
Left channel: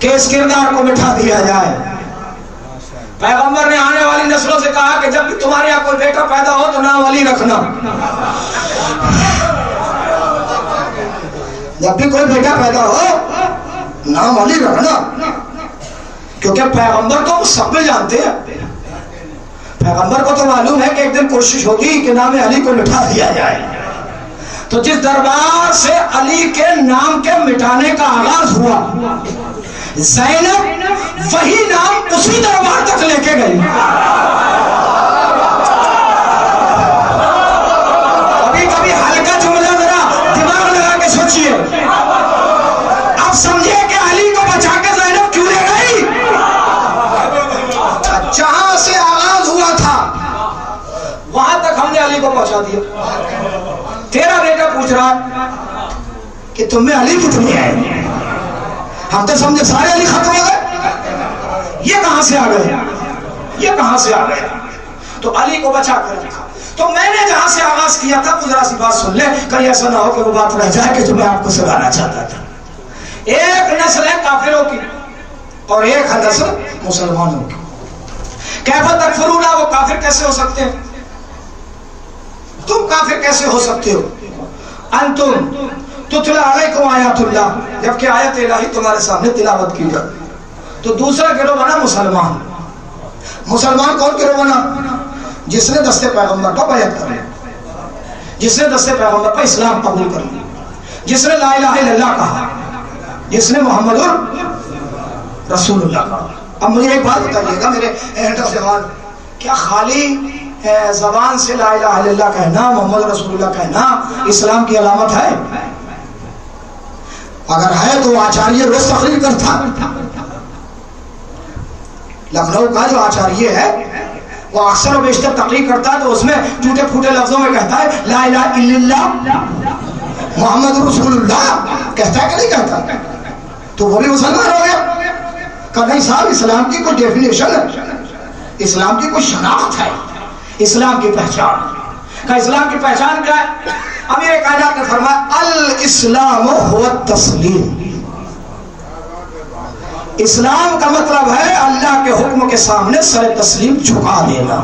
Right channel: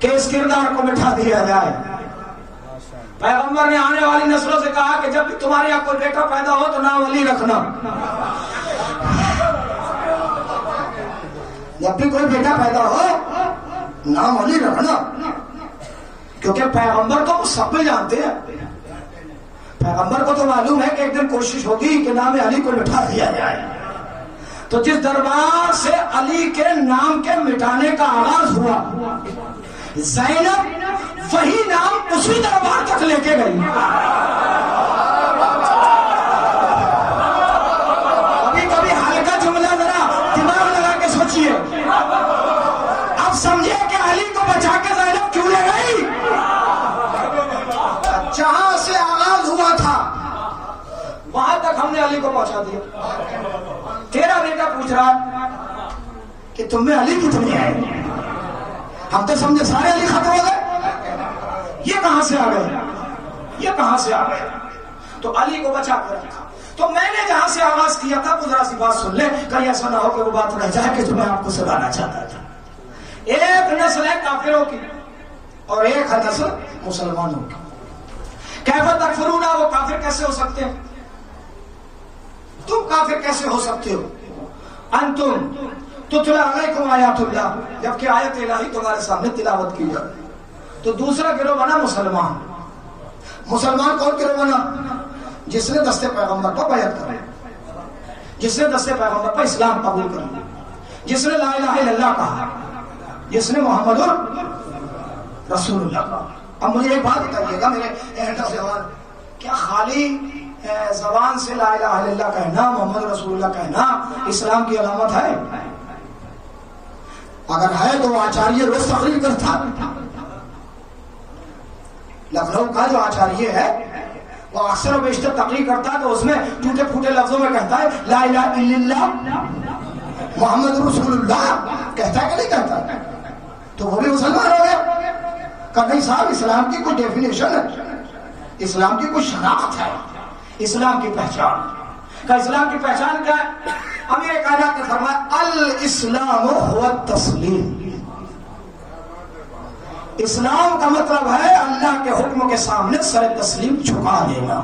کہ اس کردار کو مٹھا دیا جائے۔ پیغمبر نے آنے والی نسلوں سے کہا کہ جب بھی تمہارے یہاں کوئی بیٹا پیدا ہو تو نام علی رکھنا، جب بھی کوئی بیٹا پیدا ہو نام علی رکھنا، کیونکہ پیغمبر تو سب میں جانتے ہیں، پیغمبر کو تو معلوم ہے کہ ایک دن کوشش ہوگی کہ نام علی کو مٹھا دیا جائے۔ تو جس دربار سے علی کے نام کے مٹانے کا آغاز ہوا، زینب وہی نام اسی دربار تک لے کے گئی۔ ابھی ہلکا جملہ ذرا دماغ لگا کے سوچئے، اب سمجھے کہ علی کو بچا کے زینب کیوں لے گئی؟ جہاں سے آغاز ہوا تھا وہاں تک ہم نے علی کو پہنچا دیا۔ تیرا بیٹا پوچھ رہا کہ تم میں علی کتنی ہے؟ ہم تو سمجھے سارے علی ختم ہو گئے، یہ کہاں سے آ گئے، یہ کہاں سے آ گئے؟ تو علی کو بچا کر رکھا۔ تو میں نے جہاں سے آغاز کیا تھا وہ ذرا سی بات سن لے، کہیں ایسا نہ ہو کہ وہ بات رہ جائے کہ جو میں آپ کو سنانا چاہتا تھا۔ ایک نسل ہے کافروں کی اور ایک ہے نسل مسلمانوں کی۔ کیف تکفرون، وہ کافر کیسے ہو سکتے ہیں؟ تم کافر کیسے ہو سکتے ہو؟ انتم تتلا علیکم آیات اللہ، جبکہ آیت الہی تمہارے سامنے تلاوت کی جائے۔ تو دوسرا گروہ بنا مسلمان۔ مسلمان کون گروہ بنا؟ جس نے دست پیغمبر پر بیعت کر لیا، جس نے دست پیغمبر پر اسلام قبول کر لیا، جس نے لا الہ الا اللہ کہا، جس نے محمد رسول اللہ کہا۔ اب مجھے ایک بات بتائیے گا میرے اینڈ آف زبان، کیا خالی زبان سے لا الہ الا اللہ کہنا، محمد رسول اللہ کہنا اسلام کی علامت ہے؟ اگر ہے تو آچاریہ روز تقریر کرتا، لکھنؤ کا جو آچاریہ ہے وہ اکثر و بیشتر تقریر کرتا ہے تو اس میں ٹوٹے پھوٹے لفظوں میں کہتا ہے لا الہ الا اللہ محمد رسول اللہ، کہتا ہے کہ نہیں کہتا؟ تو وہ بھی مسلمان ہو گیا؟ کہ نہیں صاحب، اسلام کی کوئی ڈیفینیشن ہے، اسلام کی کوئی شناخت ہے، اسلام کی پہچان۔ کہ اسلام کی پہچان کیا ہے؟ امیر کائنات نے فرمایا الاسلام هو التسلیم، اسلام کا مطلب ہے اللہ کے حکم کے سامنے سر تسلیم جھکا دینا۔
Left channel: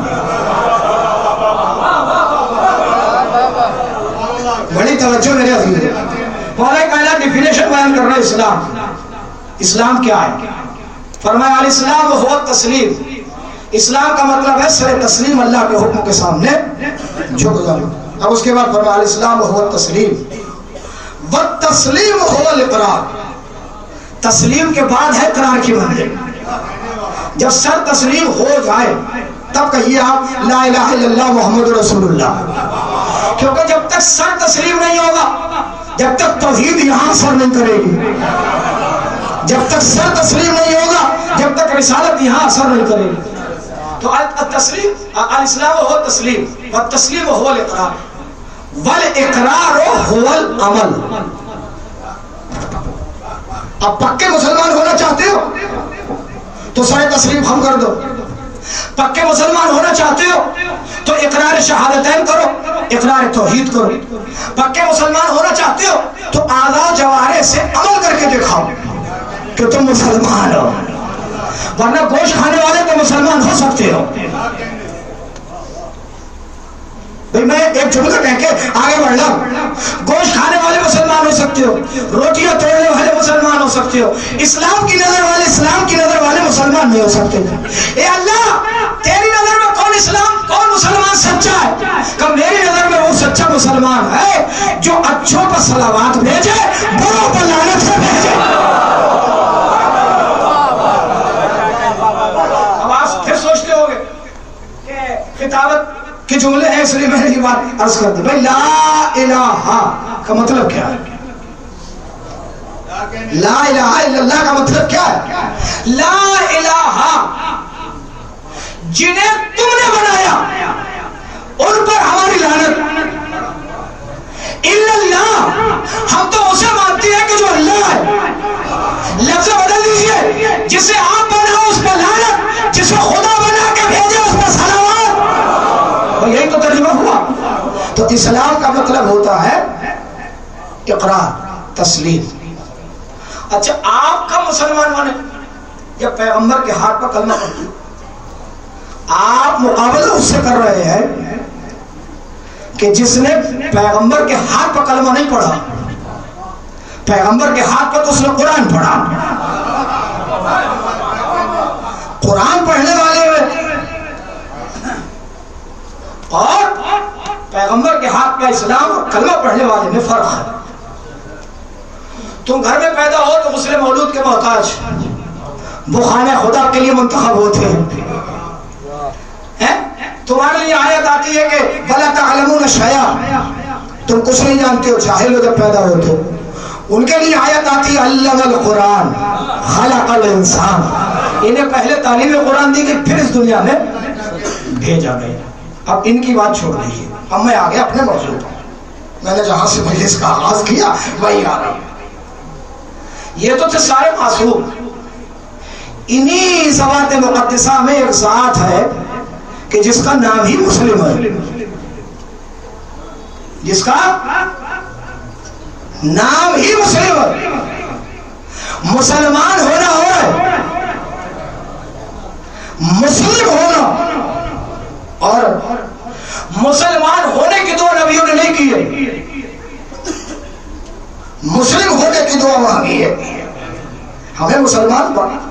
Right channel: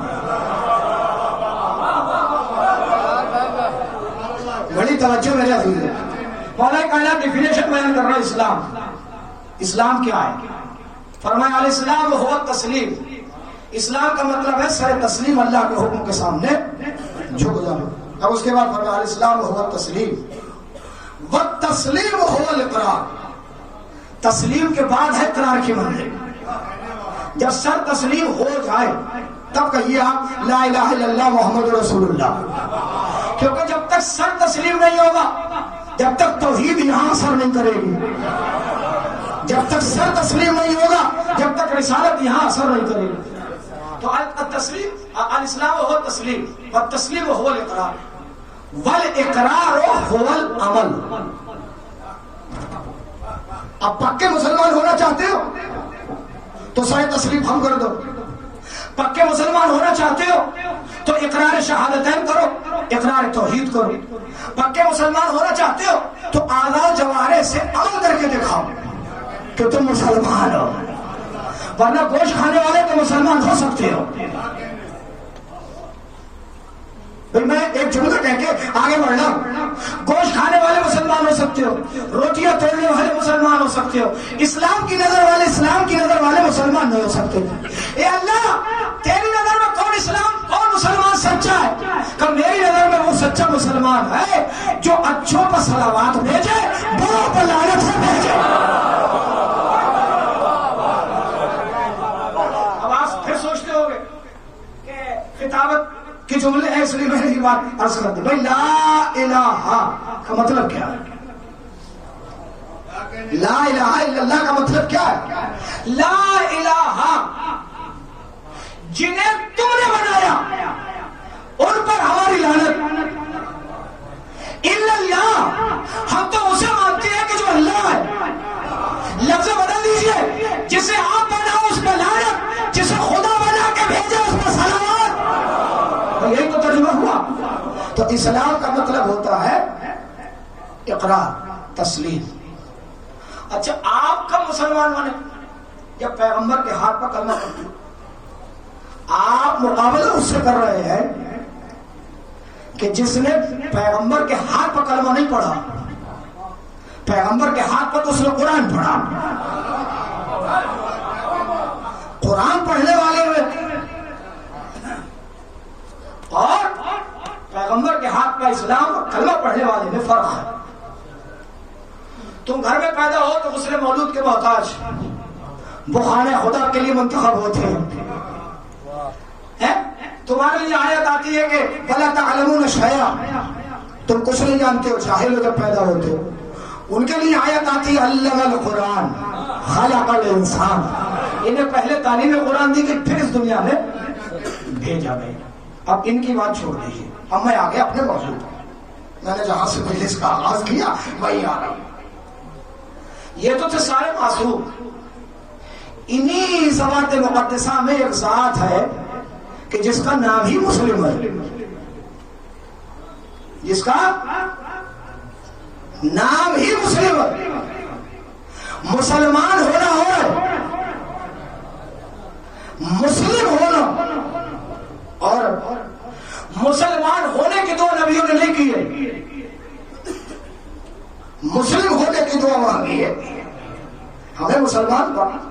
بڑی توجہ میرے عزیز، مولا کائنات ڈیفینیشن بیان کر رہے ہیں اسلام کیا ہے؟ فرمایا الاسلام هو التسلیم، اسلام کا مطلب ہے سر تسلیم اللہ کے حکم کے سامنے جھک جانا۔ اب اس کے بعد فرمایا الاسلام هو التسلیم والتسلیم هو الاقرار، تسلیم کے بعد ہے اقرار کی منزل۔ جب سر تسلیم ہو جائے تب کہیے آپ لا الہ الا اللہ محمد رسول اللہ، کیونکہ جب تک سر تسلیم نہیں ہوگا، جب تک توحید یہاں اثر نہیں کرے گی، جب تک سر تسلیم نہیں ہوگا، جب تک رسالت یہاں اثر نہیں کرے گی۔ تو التسلیم، الاسلام هو التسلیم والتسلیم هو الاقرار والاقرار هو العمل۔ اب پکے مسلمان ہونا چاہتے ہو تو سر تسلیم ہم کر دو، پکے مسلمان ہونا چاہتے ہو تو اقرار شہادتین کرو، اقرار توحید کرو، پکے مسلمان ہونا چاہتے ہو تو اعضاء و جوارح سے عمل کر کے دکھاؤ کہ تم مسلمان ہو۔ ورنہ گوشت کھانے والے تو مسلمان ہو سکتے ہو. بھئی میں ایک جملہ کہہ کے آگے بڑھ رہا ہوں. گوشت کھانے والے مسلمان ہو سکتے ہو, روٹیاں توڑنے والے مسلمان ہو سکتے ہو, اسلام کی نظر والے مسلمان نہیں ہو سکتے. اے اللہ, تیری نظر میں کون مسلمان سچا ہے؟ کہ میری نظر میں وہ سچا مسلمان ہے جو اچھوں پر صلوات بھیجے, بروں پر لعنت سے بھیجے. اب آپ پھر سوچتے ہو گے کہ خطابت کہ جملے ہیں, اس لیے میں نے یہ بات عرض کر دی. بھئی لا الہ کا مطلب کیا ہے؟ لا الہ الا اللہ کا مطلب کیا ہے؟ لا الہ, جنہیں تم نے بنایا ان پر ہماری لعنت. الا اللہ, ہم تو اسے مانتے ہیں کہ جو اللہ ہے. لفظ بدل دیجئے, جسے آپ بناؤ اس پر لعنت, جسے خدا بنا کے بھیجے اس پر صلوات. یہی تو ترجمہ ہوا. تو اسلام کا مطلب ہوتا ہے اقرار, تسلیم. اچھا, آپ کا مسلمان بنے جب پیغمبر کے ہاتھ پر کلمہ پڑھتے, آپ مقابلہ اس سے کر رہے ہیں کہ جس نے پیغمبر کے ہاتھ پر کلمہ نہیں پڑھا. پیغمبر کے ہاتھ پر تو اس نے قرآن پڑھا. قرآن پڑھنے والے اور پیغمبر کے ہاتھ کا اسلام اور کلمہ پڑھنے والے میں فرق ہے. تم گھر میں پیدا ہو تو مسلم مولود کے محتاج, وہ خانہ خدا کے لیے منتخب ہوتے ہیں. تمہارے لیے آیت آتی ہے کہ وَلَا تَعْلَمُونَ شَيْئًا, تم کچھ نہیں جانتے ہو, جاہل ہو جب پیدا ہوتے ہو. ان کے لیے آیت آتی ہے عَلَّمَ الْقُرْآنَ خَلَقَ الْإِنسَانَ, انہیں پہلے تعلیم قرآن دی گئی, پھر اس دنیا میں بھیجا گیا. اب ان کی بات چھوڑ دیجیے, اب میں آگے اپنے موضوع پر. میں نے جہاں سے مجلس کا آغاز کیا وہی آ گئی. یہ تو تھے سارے معصوم. انہی ذوات مقدسہ میں ایک ذات ہے کہ جس کا نام ہی مسلم ہے, جس کا نام ہی مسلم ہے. مسلمان ہونا ہو رہا ہے, مسلم ہونا, اور مسلمان ہونے کی دعا نبیوں نے نہیں کی ہے, مسلم ہونے کی دعا مانگی ہے. ہمیں مسلمان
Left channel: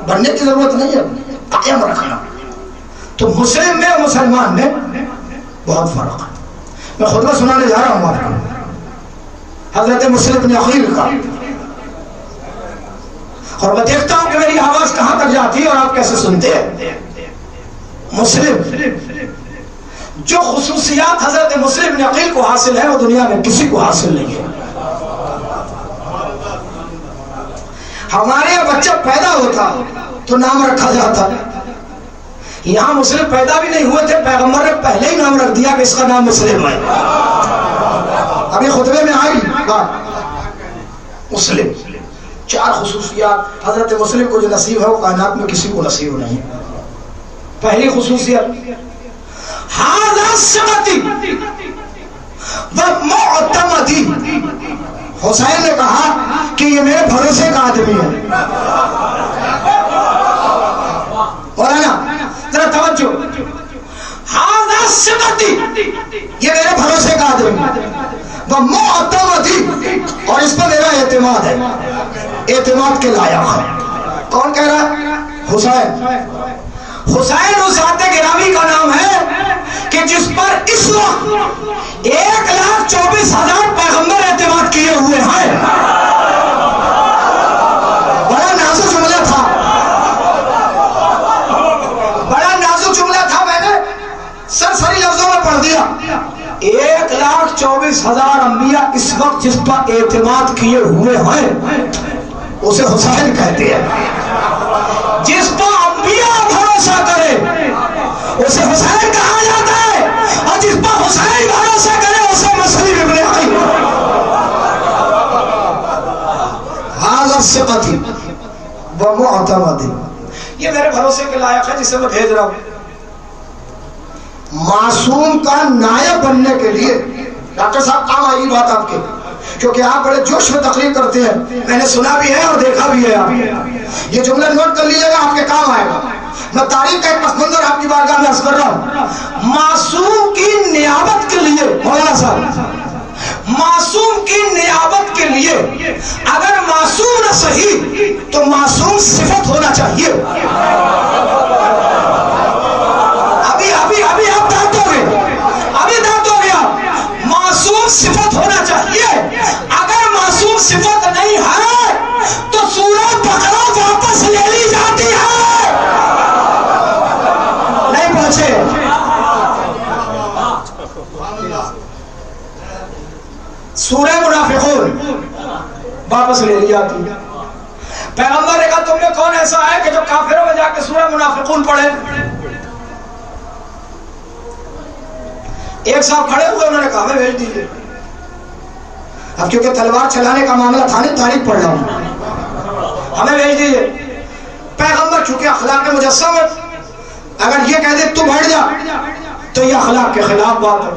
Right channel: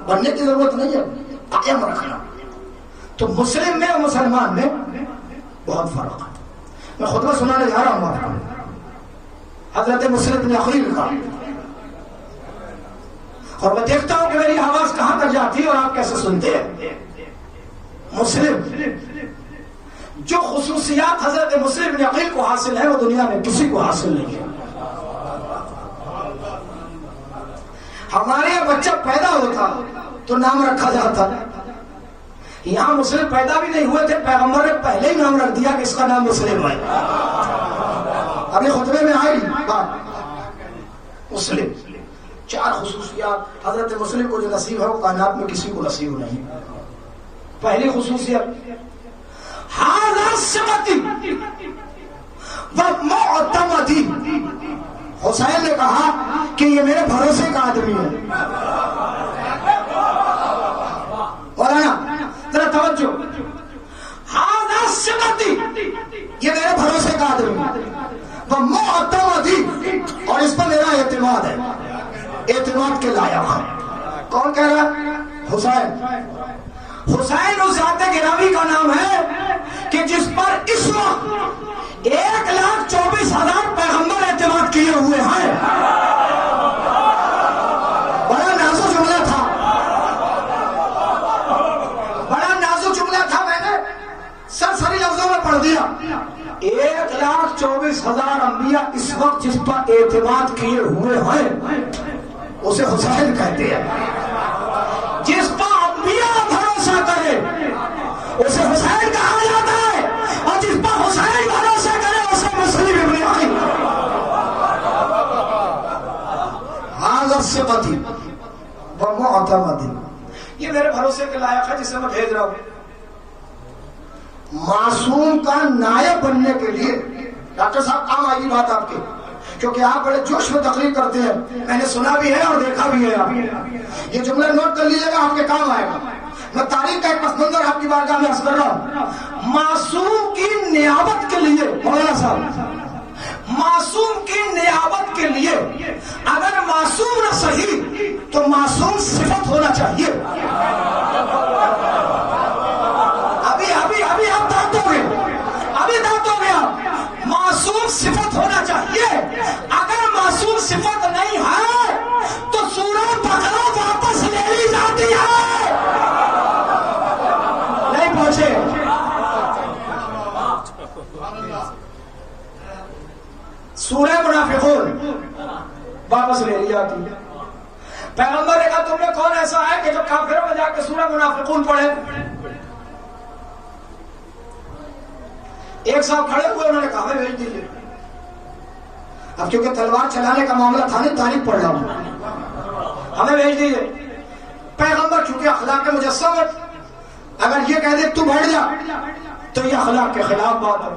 بننے کی ضرورت نہیں ہے, قائم رکھنا. تو مسلم میں اور مسلمان میں بہت فرق ہے. میں خطبہ سنانے جا رہا ہوں آپ کو حضرت مسلم بن عقیل کا, اور میں دیکھتا ہوں کہ میری آواز کہاں تک جاتی ہے اور آپ کیسے سنتے ہیں. مسلم جو خصوصیات حضرت مسلم بن عقیل کو حاصل ہے وہ دنیا میں کسی کو حاصل نہیں ہے. ہمارے یہاں بچہ پیدا ہوتا تو نام رکھا جاتا, یہاں مسلم پیدا بھی نہیں ہوئے تھے, پیغمبر نے پہلے ہی نام رکھ دیا کہ اس کا نام مسلم ہے. ابھی خطبے میں آئی بات مسلم. 4 خصوصیات حضرت مسلم کو جو نصیب ہے وہ کائنات میں کسی کو نصیب نہیں. پہلی خصوصیت ھذا ثقتی ومعتمدی. حسین نے کہا کہ یہ میرے بھروسے کا آدمی ہے. مولانا ذرا توجہ, ھذا ثقتی, یہ میرے بھروسے کا آدمی ہے, ومعتمدی, اور اس پر میرا اعتماد ہے, اعتماد کے لائق ہے. کون کہہ رہا ہے؟ حسین. حسین اس ذات گرامی کا نام ہے کہ جس پر اس وقت 1,24,000 پیغمبر اعتماد کیے ہوئے ہیں. بڑا نازک جملہ تھا, بڑا نازک جملہ تھا, میں نے سرسری لفظوں میں پڑھ دیا. 1,24,000 انبیاء اس وقت جس پر اعتماد کیے ہوئے ہیں اسے حسین کہتے ہیں. جس پر انبیاء بھروسہ کرے اسے حسین کہا جاتا ہے, اور جس پر حسین بھروسہ کرے اسے مسلم ابن عقیل. ھذا ثقتی ومعتمدی, یہ میرے بھروسے کے لائق ہے جسے میں بھیج رہا ہوں. معصوم کا نائب بننے کے لیے ڈاکٹر صاحب کام آئی بات آپ کے, کیونکہ آپ بڑے جوش میں تقریر کرتے ہیں، میں نے سنا بھی ہے اور دیکھا بھی ہے. آپ یہ جملہ نوٹ کر لیجیے گا، آپ کے کام آئے گا. میں تاریخ کا ایک پس منظر آپ کی بارگاہ میں عرض کر رہا ہوں. معصوم کی نیابت کے لیے مولانا صاحب، معصوم کی نیابت کے لیے اگر معصوم نہ صحیح تو معصوم صفت ہونا چاہیے. ابھی آپ دانت ہو گئے، ابھی دانت ہو گیا. معصوم صفت ہونا چاہیے. اگر معصوم صفت نہیں ہے تو سورہ بقرہ واپس لے لی جاتی ہے. نہیں پہنچے؟ سورہ منافقون واپس لے لی جاتی ہے. پیغمبر نے کہا تم میں کون ایسا ہے کہ جو کافروں میں جا کے سورہ منافقون پڑھے؟ ایک صاحب کھڑے ہوئے، انہوں نے کہا ہمیں بھیج دیجئے. اب کیونکہ تلوار چلانے کا معاملہ تھا نہیں، تاریخ پڑھ رہا ہوں، ہمیں بھیج دیجئے. پیغمبر چونکہ اخلاق مجسم ہے، اگر یہ کہہ دے تو بڑھ جا تو یہ اخلاق کے خلاف بات ہے.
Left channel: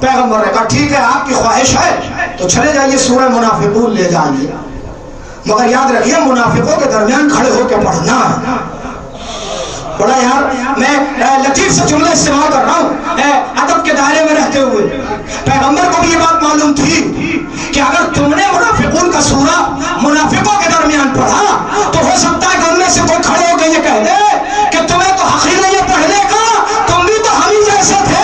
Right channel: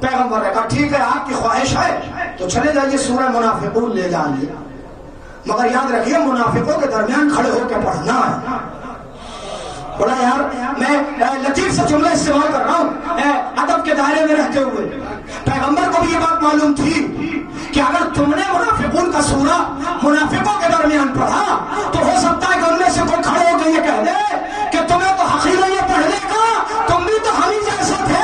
پیغمبر نے کہا ٹھیک ہے، آپ کی خواہش ہے تو چلے جائیے سورہ منافقون لے جائیے، مگر یاد رکھیے منافقوں کے درمیان کھڑے ہو کے پڑھنا ہے. بڑا یار میں لطیف سے جملہ استعمال کر رہا ہوں ادب کے دائرے میں رہتے ہوئے. پیغمبر کو بھی یہ بات معلوم تھی کہ اگر تم نے منافقون کا سورہ منافقوں کے درمیان پڑھا تو ہو سکتا ہے کہ ان میں سے کوئی کھڑے ہو کے یہ کہہ دے کہ تمہیں تو حقیر ہے یہ پڑھنے کا، تم بھی تو ہم ہی جیسے تھے.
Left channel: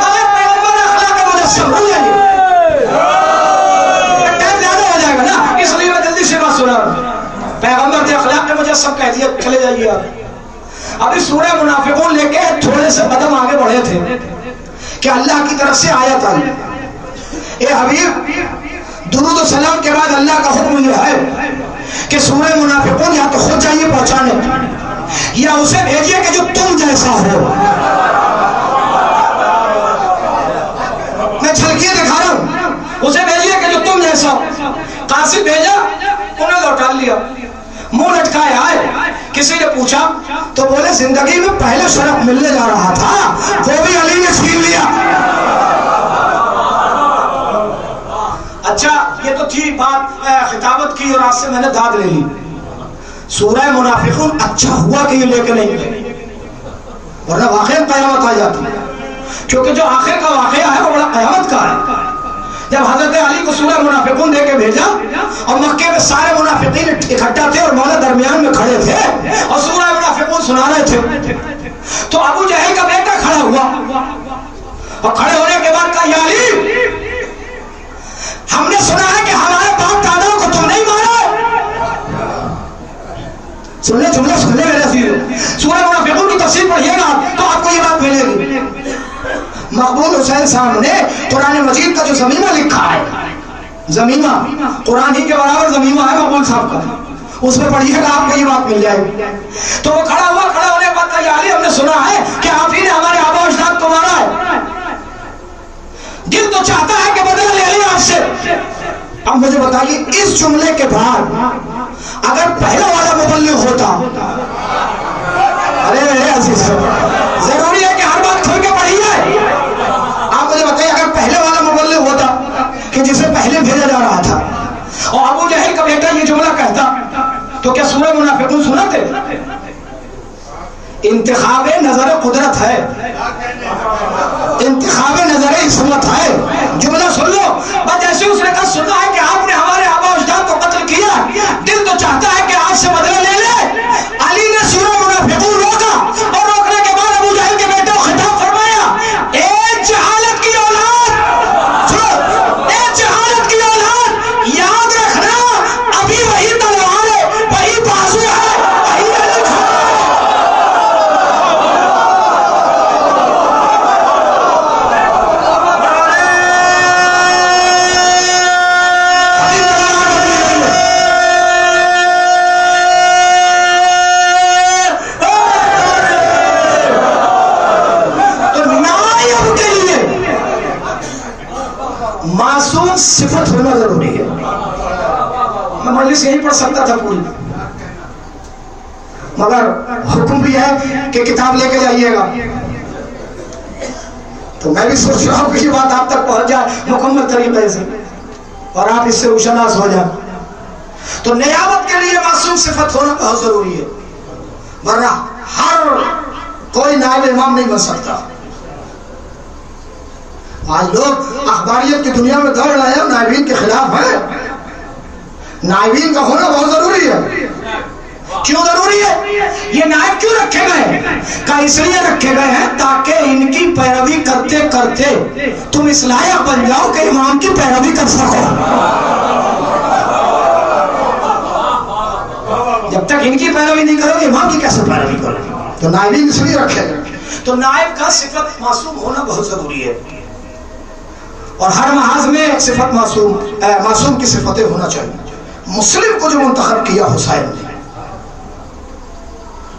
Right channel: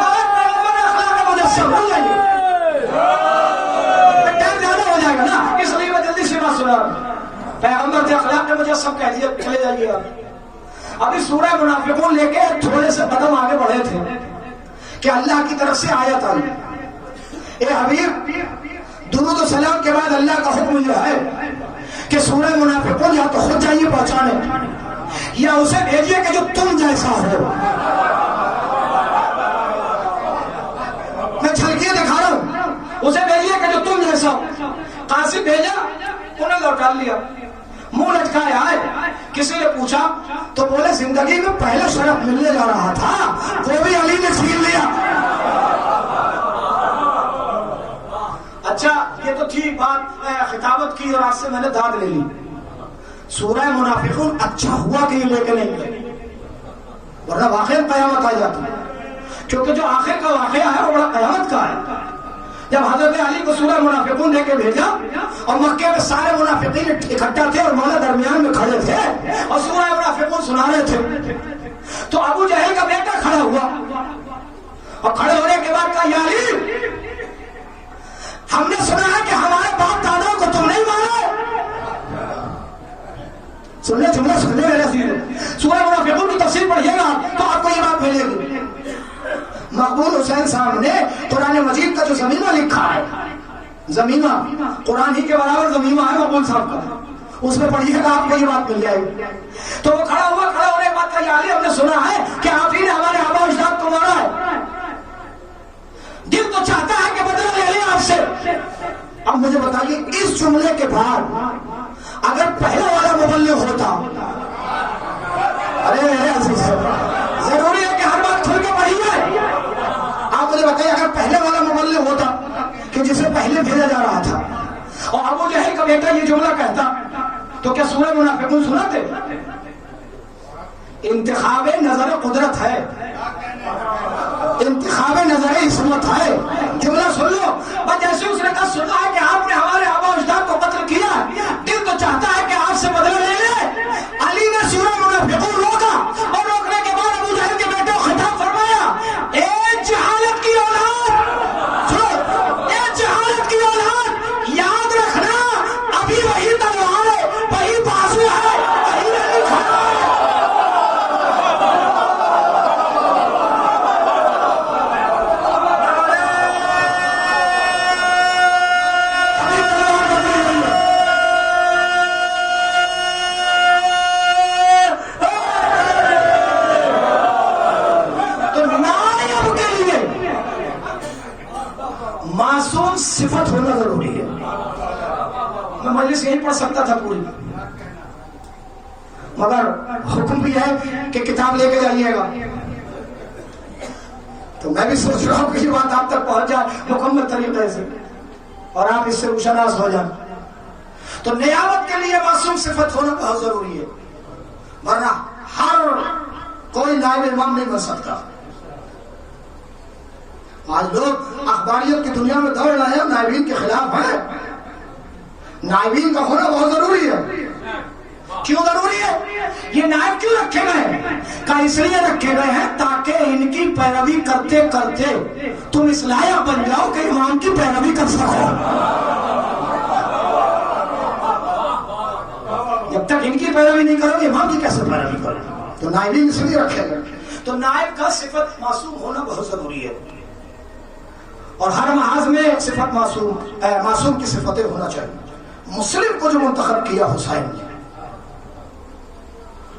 اگر پیغمبر اخلاق مجسم بن جائیے، پیغمبر نے اخلاق مجسم کہہ دیا چلے جائیے. آپ ابھی سورہ منافقون لے کے تھوڑے سے قدم آگے بڑھے تھے کہ اللہ کی طرف سے آیت آئی. اے حبیب، درود و سلام کے بعد اللہ کا حکم یہ ہے کہ سورہ منافقون یا تو خود جائیے پہنچانے یا اسے بھیجیے کہ جو تم جیسا ہو. میں جھلکیے دکھا رہا ہوں، اسے بھیجیے کہ جو تم جیسا ہو. قاصد بھیجا، انہیں لوٹا لیا، منہ لٹکایا ہے. کسی نے پوچھا تو بولے زندگی میں پہلے شرف ملنے جا رہا تھا وہ بھی علی نے چھین لیا. اچھا یہ تو تھی بات خطابت کی اور آج سے میں نے داد لے لی. سورہ منافقون اچھا ہوا کہ یہ لے کے نہیں گئے، ورنہ واقعی قیامت آ جاتی، کیونکہ جو آخر کا واقعہ ہے وہ بڑا قیامت کا ہے. جب حضرت علی کو سورہ منافقون دے کے بھیجا اور مکے میں سارے منافقین اکٹھا تھے اور مولا درمیان میں کھڑے تھے اور سورہ منافقون سنا رہے تھے، تو ابو جہل کا بیٹا کھڑا ہوا اور کھڑے ہونے کے بعد کہا یا علی، ہم نے سنا ہے کہ ہمارے باپ دادا کو تم نہیں مارا. سننے جملہ سننے میرے عزیز، سورہ منافقون کی تفسیر پڑھیے گا تو آپ کو یہ بات ملے گی. مقبول حسین صاحب نے قرآن مجید کا جو زمینہ لکھا ہے، زمینہ قرآن ہی کے برابر زمینہ ہے مقبول صاحب کا، اس میں پڑھیے گا آپ کو یہ بات مل جائے گی. تو وہ کھڑا ہوا، کھڑا ہونے کے بعد کہا یا علی، ہم نے سنا ہے کہ آپ ہی نے ہمارے آبا و اجداد کو مارا ہے، دل تو چاہتا ہے کہ بدلہ لے لیں آپ سے. اب مجھے بتائیے اس جملے کے بعد اگر پہلا والا مبلغ ہوتا، ارے میرے عزیز ضروری ہے کہ ہر بات کھل کے پڑھیے. آپ مجھے بتائیے اگر پہلے والا مبلغ ہوتا کہ جسے پہلے بھیجا جا رہا تھا اور ابو جہل کا بیٹا یہ جملہ کہتا تو کیا سورہ منافقون سناتے؟ انتخاب نظر قدرت ہے، انتخاب نظر عصمت ہے. جملہ سن لو، بس جیسے اس نے کہا سنا ہے کہ آپ نے ہمارے آبا و اجداد کو قتل کیا، دل تو چاہتا ہے کہ آپ سے بدلہ لے لے. علی نے سورہ منافقون روکا اور روکنے کے بعد ابو جہل کے بیٹے کو خطاب فرمایا، اے جہالت کی اولاد، اے جہالت کی اولاد، یاد رکھنا ابھی وہی تلوار ہے، وہی بازو ہے، وہی علی کھا. معصوم صفت ہونا ضروری ہے. میں مجلس یہیں پڑھ سکتا تھا پوری، مگر حکم بھی ہے کہ کتاب لے کے جائیے گا. تو میں بھی سوچ رہا ہوں کہ یہ بات آپ تک پہنچ جائے مکمل طریقے سے اور آپ اس سے روشناس ہو جائیں. تو نیابت کے لیے معصوم صفت ہونا بہت ضروری ہے، ورنہ ہر کوئی نائب امام نہیں بن سکتا. آج لوگ اخباریت کی دنیا میں دوڑ رہے ہیں، نائبین کے خلاف ہیں. نائبین کا ہونا بہت ضروری ہے. کیوں ضروری ہے؟ یہ نائب کیوں رکھے گئے ہیں؟ کہ اس لیے رکھے گئے ہیں تاکہ ان کی پیروی کرتے کرتے تم اس لائق بن جاؤ کہ امام کی پیروی کر سکو. جب تک ان کی پیروی نہیں کرو گے امام کی کیسے پیروی کرو گے؟ تو نائبین اس لیے رکھے گئے. تو نائب کا صفت معصوم ہونا بہت ضروری ہے، اور ہر محاذ میں ایک صفت معصوم کی صفتیں ہونا چاہیے. مسلم کو جو منتخب کیا حسین نے،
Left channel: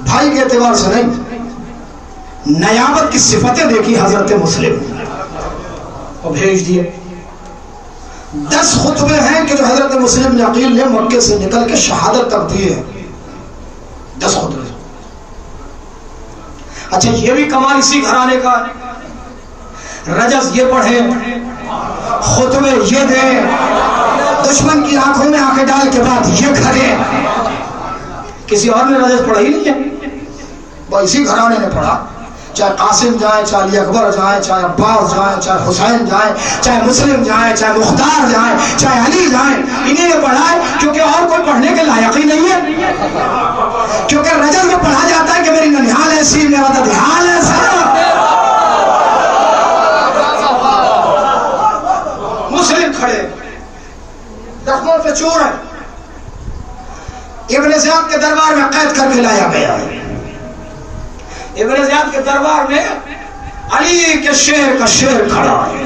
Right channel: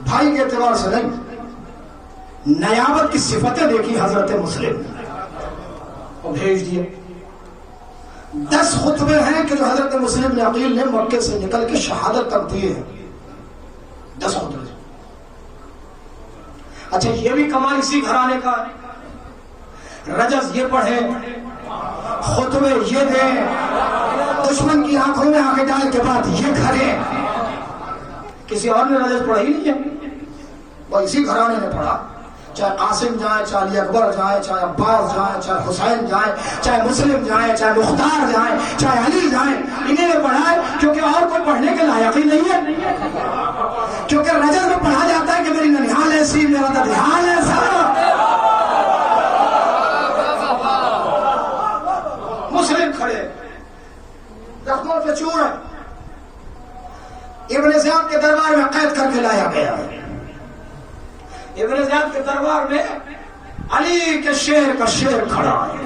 بھائی کے اعتبار سے نہیں، نیابت کی صفتیں دیکھی حضرت مسلم اور بھیج دیے. 10 خطبے ہیں کہ جو حضرت مسلم عقیل نے مکے سے نکل کے شہادت تک دیے ہیں. 10 خطبے. اچھا یہ بھی کمال اسی گھرانے کا، رجز یہ پڑھے، خطبے یہ دے، دشمن کی آنکھوں میں آنکھیں ڈال کے بعد یہ کھڑے. کسی اور نے رجز پڑھا ہی نہیں ہے، وہ اسی گھرانے نے پڑھا. چاہے قاسم جائیں، چاہے علی اکبر جائیں، چاہے عباس جائیں، چاہے حسین جائیں، چاہے مسلم جائیں، چاہے مختار جائیں، چاہے علی جائیں، انہیں نے پڑھا ہے کیونکہ اور کوئی پڑھنے کے لائق ہی نہیں ہے. کیونکہ رجز میں پڑھا جاتا ہے کہ میری ننیال ایسی، میرا ددیال ایسا. مسلم کھڑے زخموں پہ چور ہے، ابن زیاد کے دربار میں قید کر کے لایا گیا ہے. ابن زیاد کے دربار میں علی کے شیر کا شیر کھڑا ہے.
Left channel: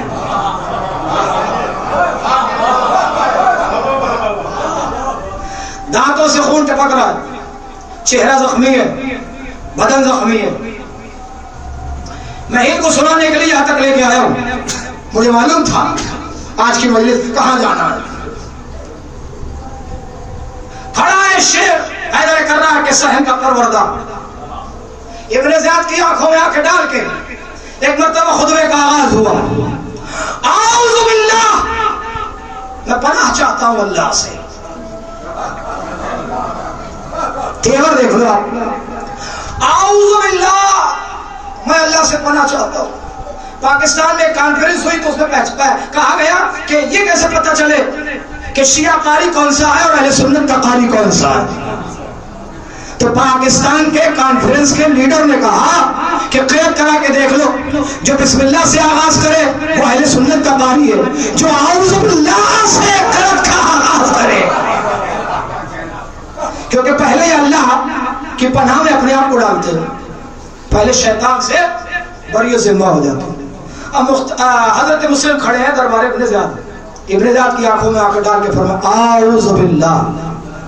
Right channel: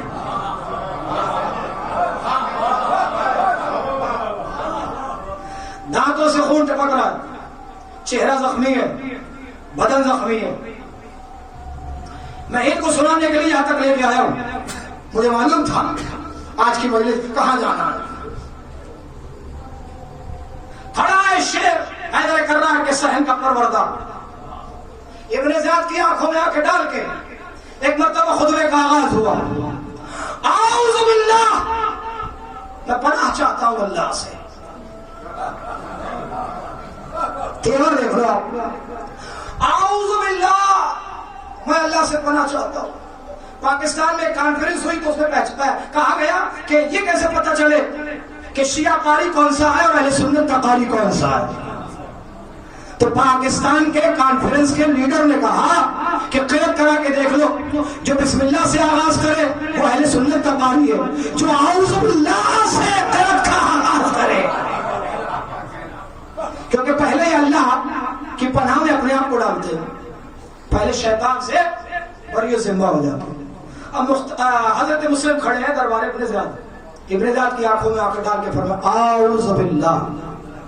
دانتوں سے خون ٹپک رہا ہے، چہرہ زخمی ہے، بدن زخمی ہے. میں ان کو سنانے کے لیے یہاں تک لے کے آیا ہوں. مجھے معلوم تھا آج کی مجلس کہاں جانا ہے. کھڑا ہے شیر حیدر کرار کے صحن کا پروردہ. ابن زیاد کی آنکھوں میں آنکھیں ڈال کے ایک مرتبہ خطبے کا آغاز ہوا. اعوذ باللہ، میں پناہ چاہتا ہوں اللہ سے. تیور دیکھ لو آپ. اعوذ باللہ، میں اللہ سے پناہ چاہتا ہوں. پاکستان میں کانفرنس ہوئی تو اس میں کہا گیا کہ یہ کیسے پتہ چلے کہ شیعہ قاری کون سا ہے اور اہل سنت کا قاری کون سا ہے. تو پاکستان کے کانفرنس کے لیڈر نے کہا کہ قید کرا کے دیکھ لو، جو بسم اللہ سے آغاز کرے وہ اہل سنت کا قاری ہے، جو اعوذ باللہ سے قید کا آغاز کرے. کیونکہ پہلے اللہ کی پناہ میں اپنے آپ کو ڈالتے ہیں، پہلے شیطان سے بری ذمہ ہو جاتے ہیں. اب حضرت مسلم کھڑے ہیں دربار ابن زیاد. ابن زیاد کی آنکھوں میں آنکھیں ڈال کے فرمایا اعوذ باللہ،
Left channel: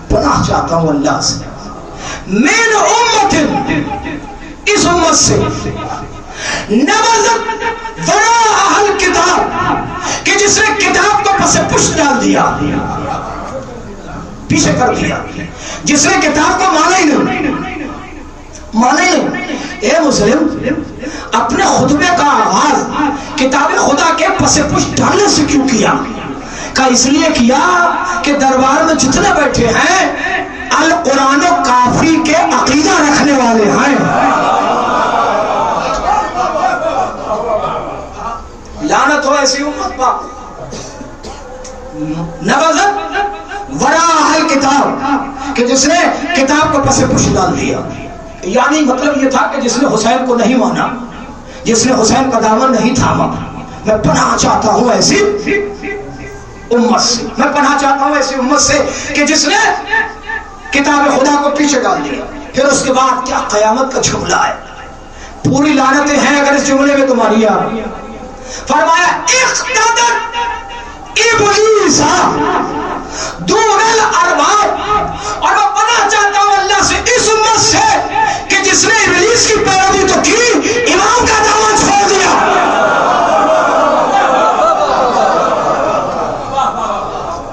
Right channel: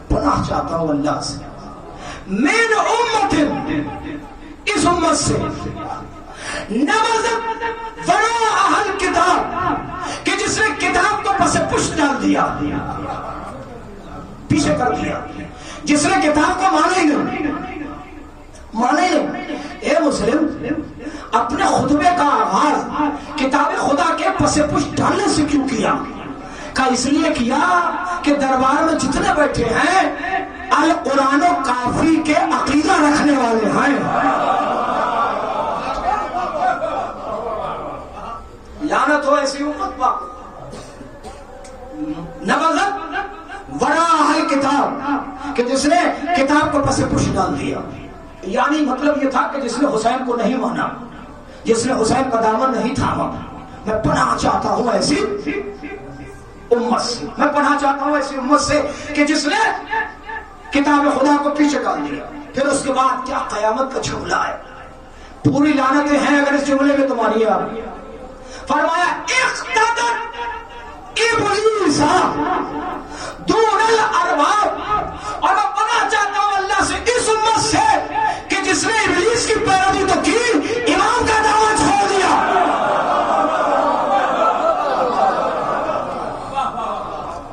پناہ چاہتا ہوں اللہ سے، من امت، اس امت سے، نبذت وراء الکتاب، کہ جس نے کتاب کو پس پشت ڈال دیا، پیچھے کر دیا، جس نے کتاب کو مانا ہی نہیں. مانا ہی نہیں. اے مسلم، اپنے خطبے کا آغاز کتاب خدا کے پس پشت ڈالنے سے کیوں کیا؟ کہ اس لیے کیا کہ دربار میں جتنے بیٹھے ہیں القرآن و کافی کے عقیدہ رکھنے والے ہیں. لعنت ہو ایسی امت پر. نبذت وراء الکتاب، کہ جس نے کتاب کو پس پشت ڈال دیا. یعنی مطلب یہ تھا کہ جس نے حسین کو نہیں مانا، جس نے حسین کا دامن نہیں تھاما. میں پناہ چاہتا ہوں ایسی امت سے، میں پناہ چاہتا ہوں ایسی امت سے کہ جس نے کتاب خدا کو پیچھے ڈال دیا. پھر اس کے بعد کیا قیامت کا جملہ ہے، پوری لعنتیں ہیں اگر اس جملے میں تمہاری آ. فرمایا اقتدت ابلیس دون الارباب، اور میں پناہ چاہتا ہوں اللہ سے اس امت سے کہ جس نے ابلیس کی پیروی تو کی، امام کا دامن چھوڑ دیا.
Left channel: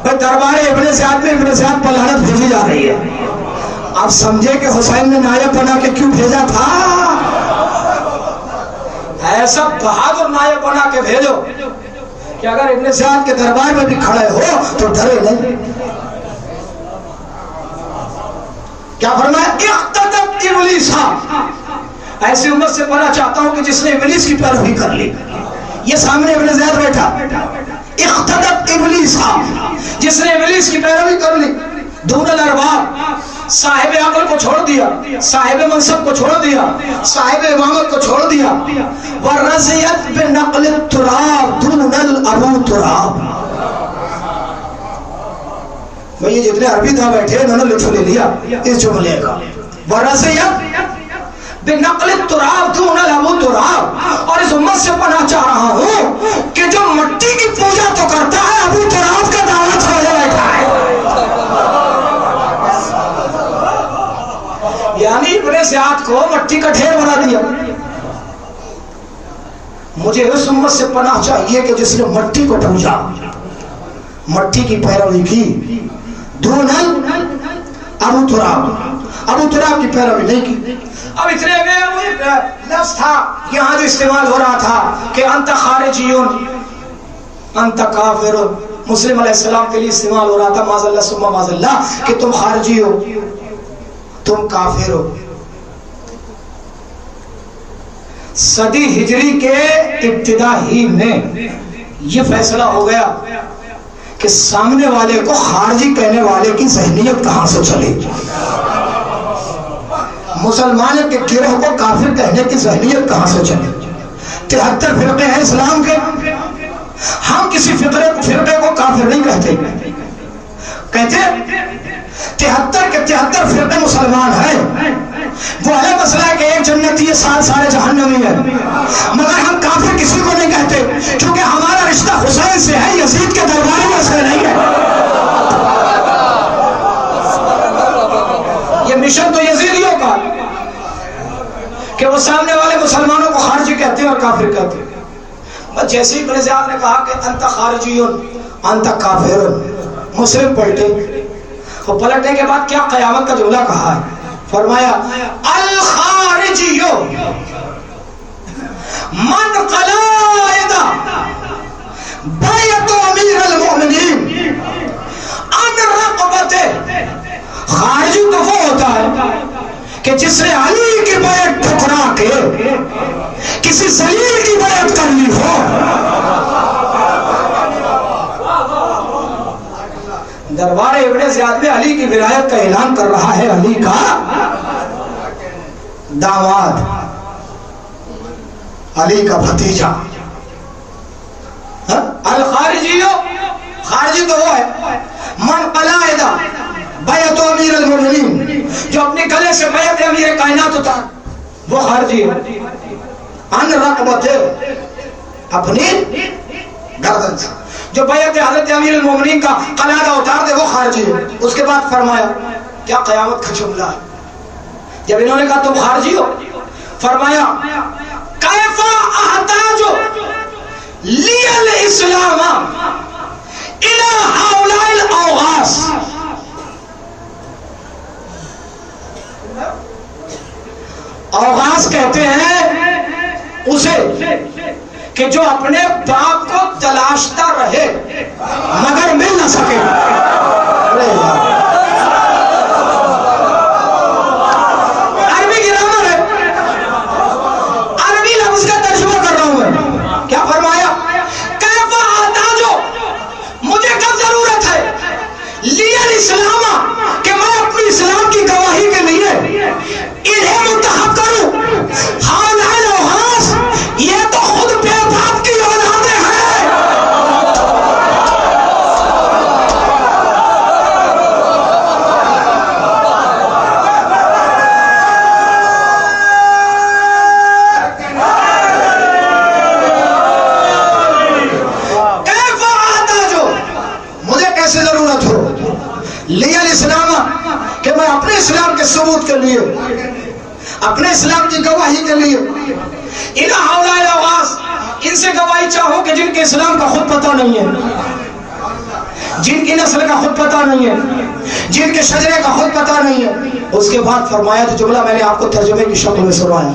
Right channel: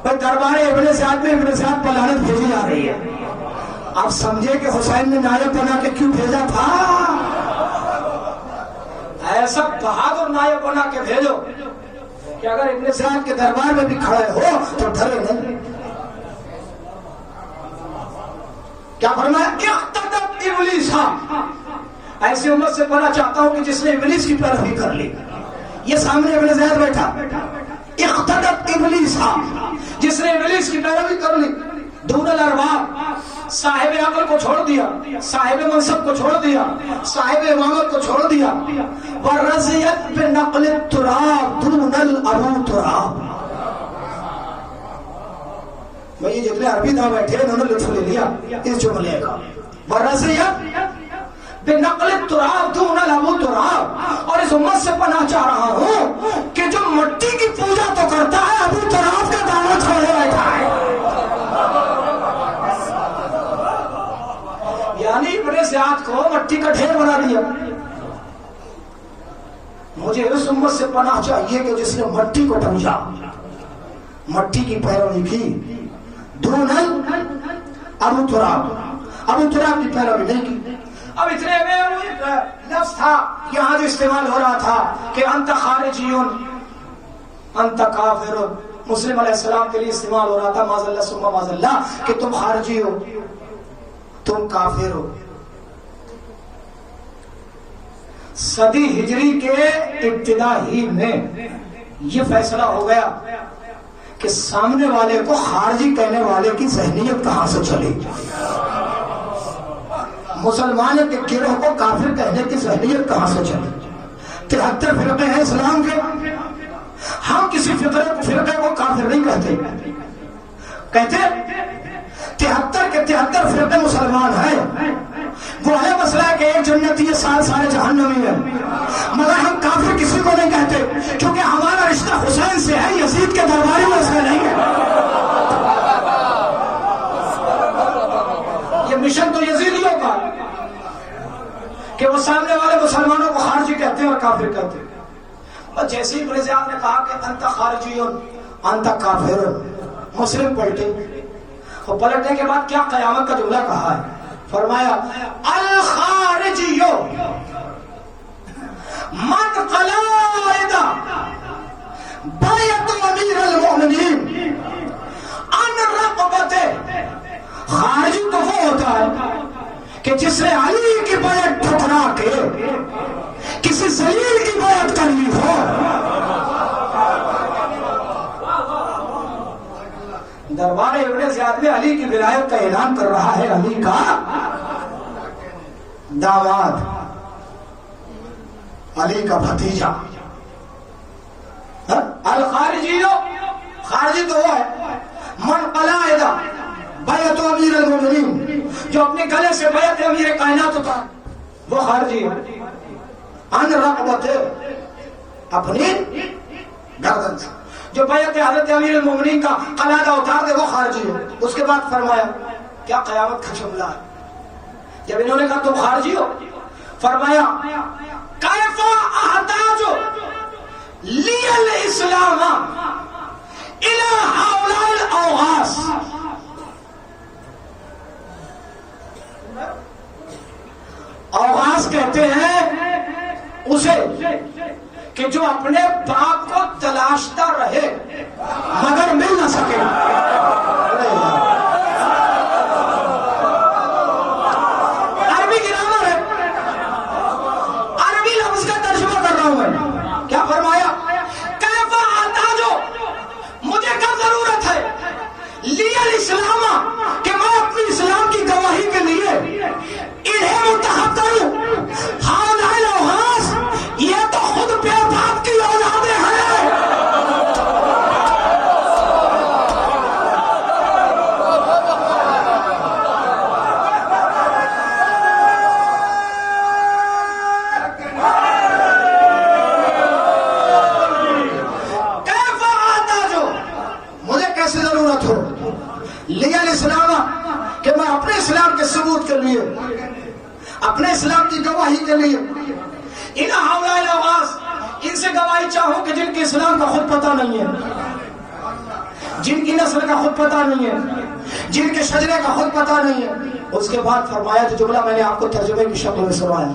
بھائی دربار ابن زیاد میں ابن زیاد پر لعنت بھیجی جا رہی ہے. آپ سمجھے کہ حسین نے نائب بنا کے کیوں بھیجا تھا؟ ایسا بہادر نائب بنا کے بھیجو کہ اگر ابن زیاد کے دربار میں بھی کھڑے ہو تو ڈرے نہیں. کیا فرمایا؟ اقتدت ابلیسا، ایسی امت سے پناہ چاہتا ہوں کہ جس نے ابلیس کی پیروی کر لی. یہ سامنے ابن زیاد بیٹھا، اقتدت ابلیسا، جس نے ابلیس کی پیروی کر لی. دون الارباب، صاحب عقل کو چھوڑ دیا، صاحب منصب کو چھوڑ دیا، صاحب امامت کو چھوڑ دیا. ورضیت بنقل التراب دون الابو تراب. یہ جتنے عربی تھا بیٹھے انہوں نے لطف لے لیا اس جملے کا. ورضیت بنقل التراب دون الابو تراب. اور اس امت سے پناہ چاہ رہا ہوں کہ جو مٹی کی پوجا تو کرتا ہے ابو تراب کا دعوت چھوڑے بیٹھا ہے. یعنی ابن زیاد کو مٹی کا ڈھیر بنا دیا. مجھے اس امت سے پناہ چاہیے کہ جس نے مٹی کو پوجا، مٹی کی پیروی کی. دون ابو تراب، ابو تراب کی پیروی نہیں کی. اب اتنے میں لفظ تھا یہاں جو استعمال ہو رہا تھا کہ انت خارجیون انت کافر، مسلم علیہ السلام کے لیے استعمال ہو رہا تھا معاذ اللہ ثم معاذ اللہ کہ تم خارجی ہو، تم کافر ہو. صدی ہجری کے ابتدا ہی میں یہ فیصلہ ہو گیا کہ سامنے والے کو خارجی کہنے والے کی ذہنیت کہاں سے چلے، مسلمان کے گروہ کو کافر کہنے کی ذہنیت کہاں سے چلے. 73 فرقے ہیں اسلام کے، ہم کسی فرقے کو کافر نہیں کہتے. کہتے 73 کے 73 فرقے مسلمان ہیں. وہ الگ مسئلہ ہے کہ ایک جنتی ہے، سارے جہنمی ہیں، مگر ہم کافر کسی کو نہیں کہتے کیونکہ ہمارا رشتہ حسین سے ہے، یزید کے دربار میں سے نہیں ہے. یہ مشن تو یزیدیوں کا کہ وہ سامنے والے مسلمانوں کو خارجی کہتے ہیں اور کافر کہتے ہیں. بس جیسے ہی ابن زیاد نے کہا کہ انت خارجیون انت کافرون، مسلم پلٹے. وہ پلٹنے کے بعد کیا قیامت کا جملہ کہا ہے؟ فرمایا الخارجیو من قلائد بیعت امیر المؤمنین ان رقبت. خارجی تو وہ ہوتا ہے کہ جس نے علی کی بیعت ٹھکرا کے کسی ذلیل کی بیعت کر لی ہو. دربار ابن زیاد میں علی کی ولایت کا اعلان کر رہا ہے علی کا داماد، علی کا بھتیجا. الخارجی، خارجی تو وہ ہے من قلائد بیعت امیر المؤمنین، جو اپنے گلے سے بیعت امیر کائنات اتار، وہ خارجی ہے. ان رقبت، اپنی گردن سے جو بیعت حضرت امیر المومنین کا قلادہ اتار دے وہ خارجی ہے. اس کے بعد فرمایا کیا قیامت کا جملہ ہے جب انہوں نے کہا تم خارجی ہو. فرمایا کیف احتاج لی الاسلام الى هؤلاء الاوغاث. اوغاث کہتے ہیں اسے کہ جو اپنے باپ کو تلاشتا رہے مگر مل نہ سکے. عربی گرامر ہے، عربی لفظ کا ترجمہ کر رہا ہوں میں. کیا فرمایا؟ کیف احتاج، مجھے کب ضرورت ہے لی الاسلام کہ میں اپنی اسلام کی گواہی کے لیے انہیں منتخب کروں. ہؤلاء الاوغاث، یہ تو خود بے باپ کی اولادیں ہیں. کیف احتاج، مجھے کیسے ضرورت ہو لی الاسلام کہ میں اپنے اسلام کے ثبوت کے لیے، اپنے اسلام کی گواہی کے لیے ان ہؤلاء الاوغاث، ان سے گواہی چاہوں کہ جن کے اسلام کا خود پتہ نہیں ہے، جن کی نسل کا خود پتہ نہیں ہے، جن کے شجرے کا خود پتہ نہیں ہے. اس کے بعد فرمایا تو جملہ میں نے آپ کو ترجمے کی شکل میں سنایا.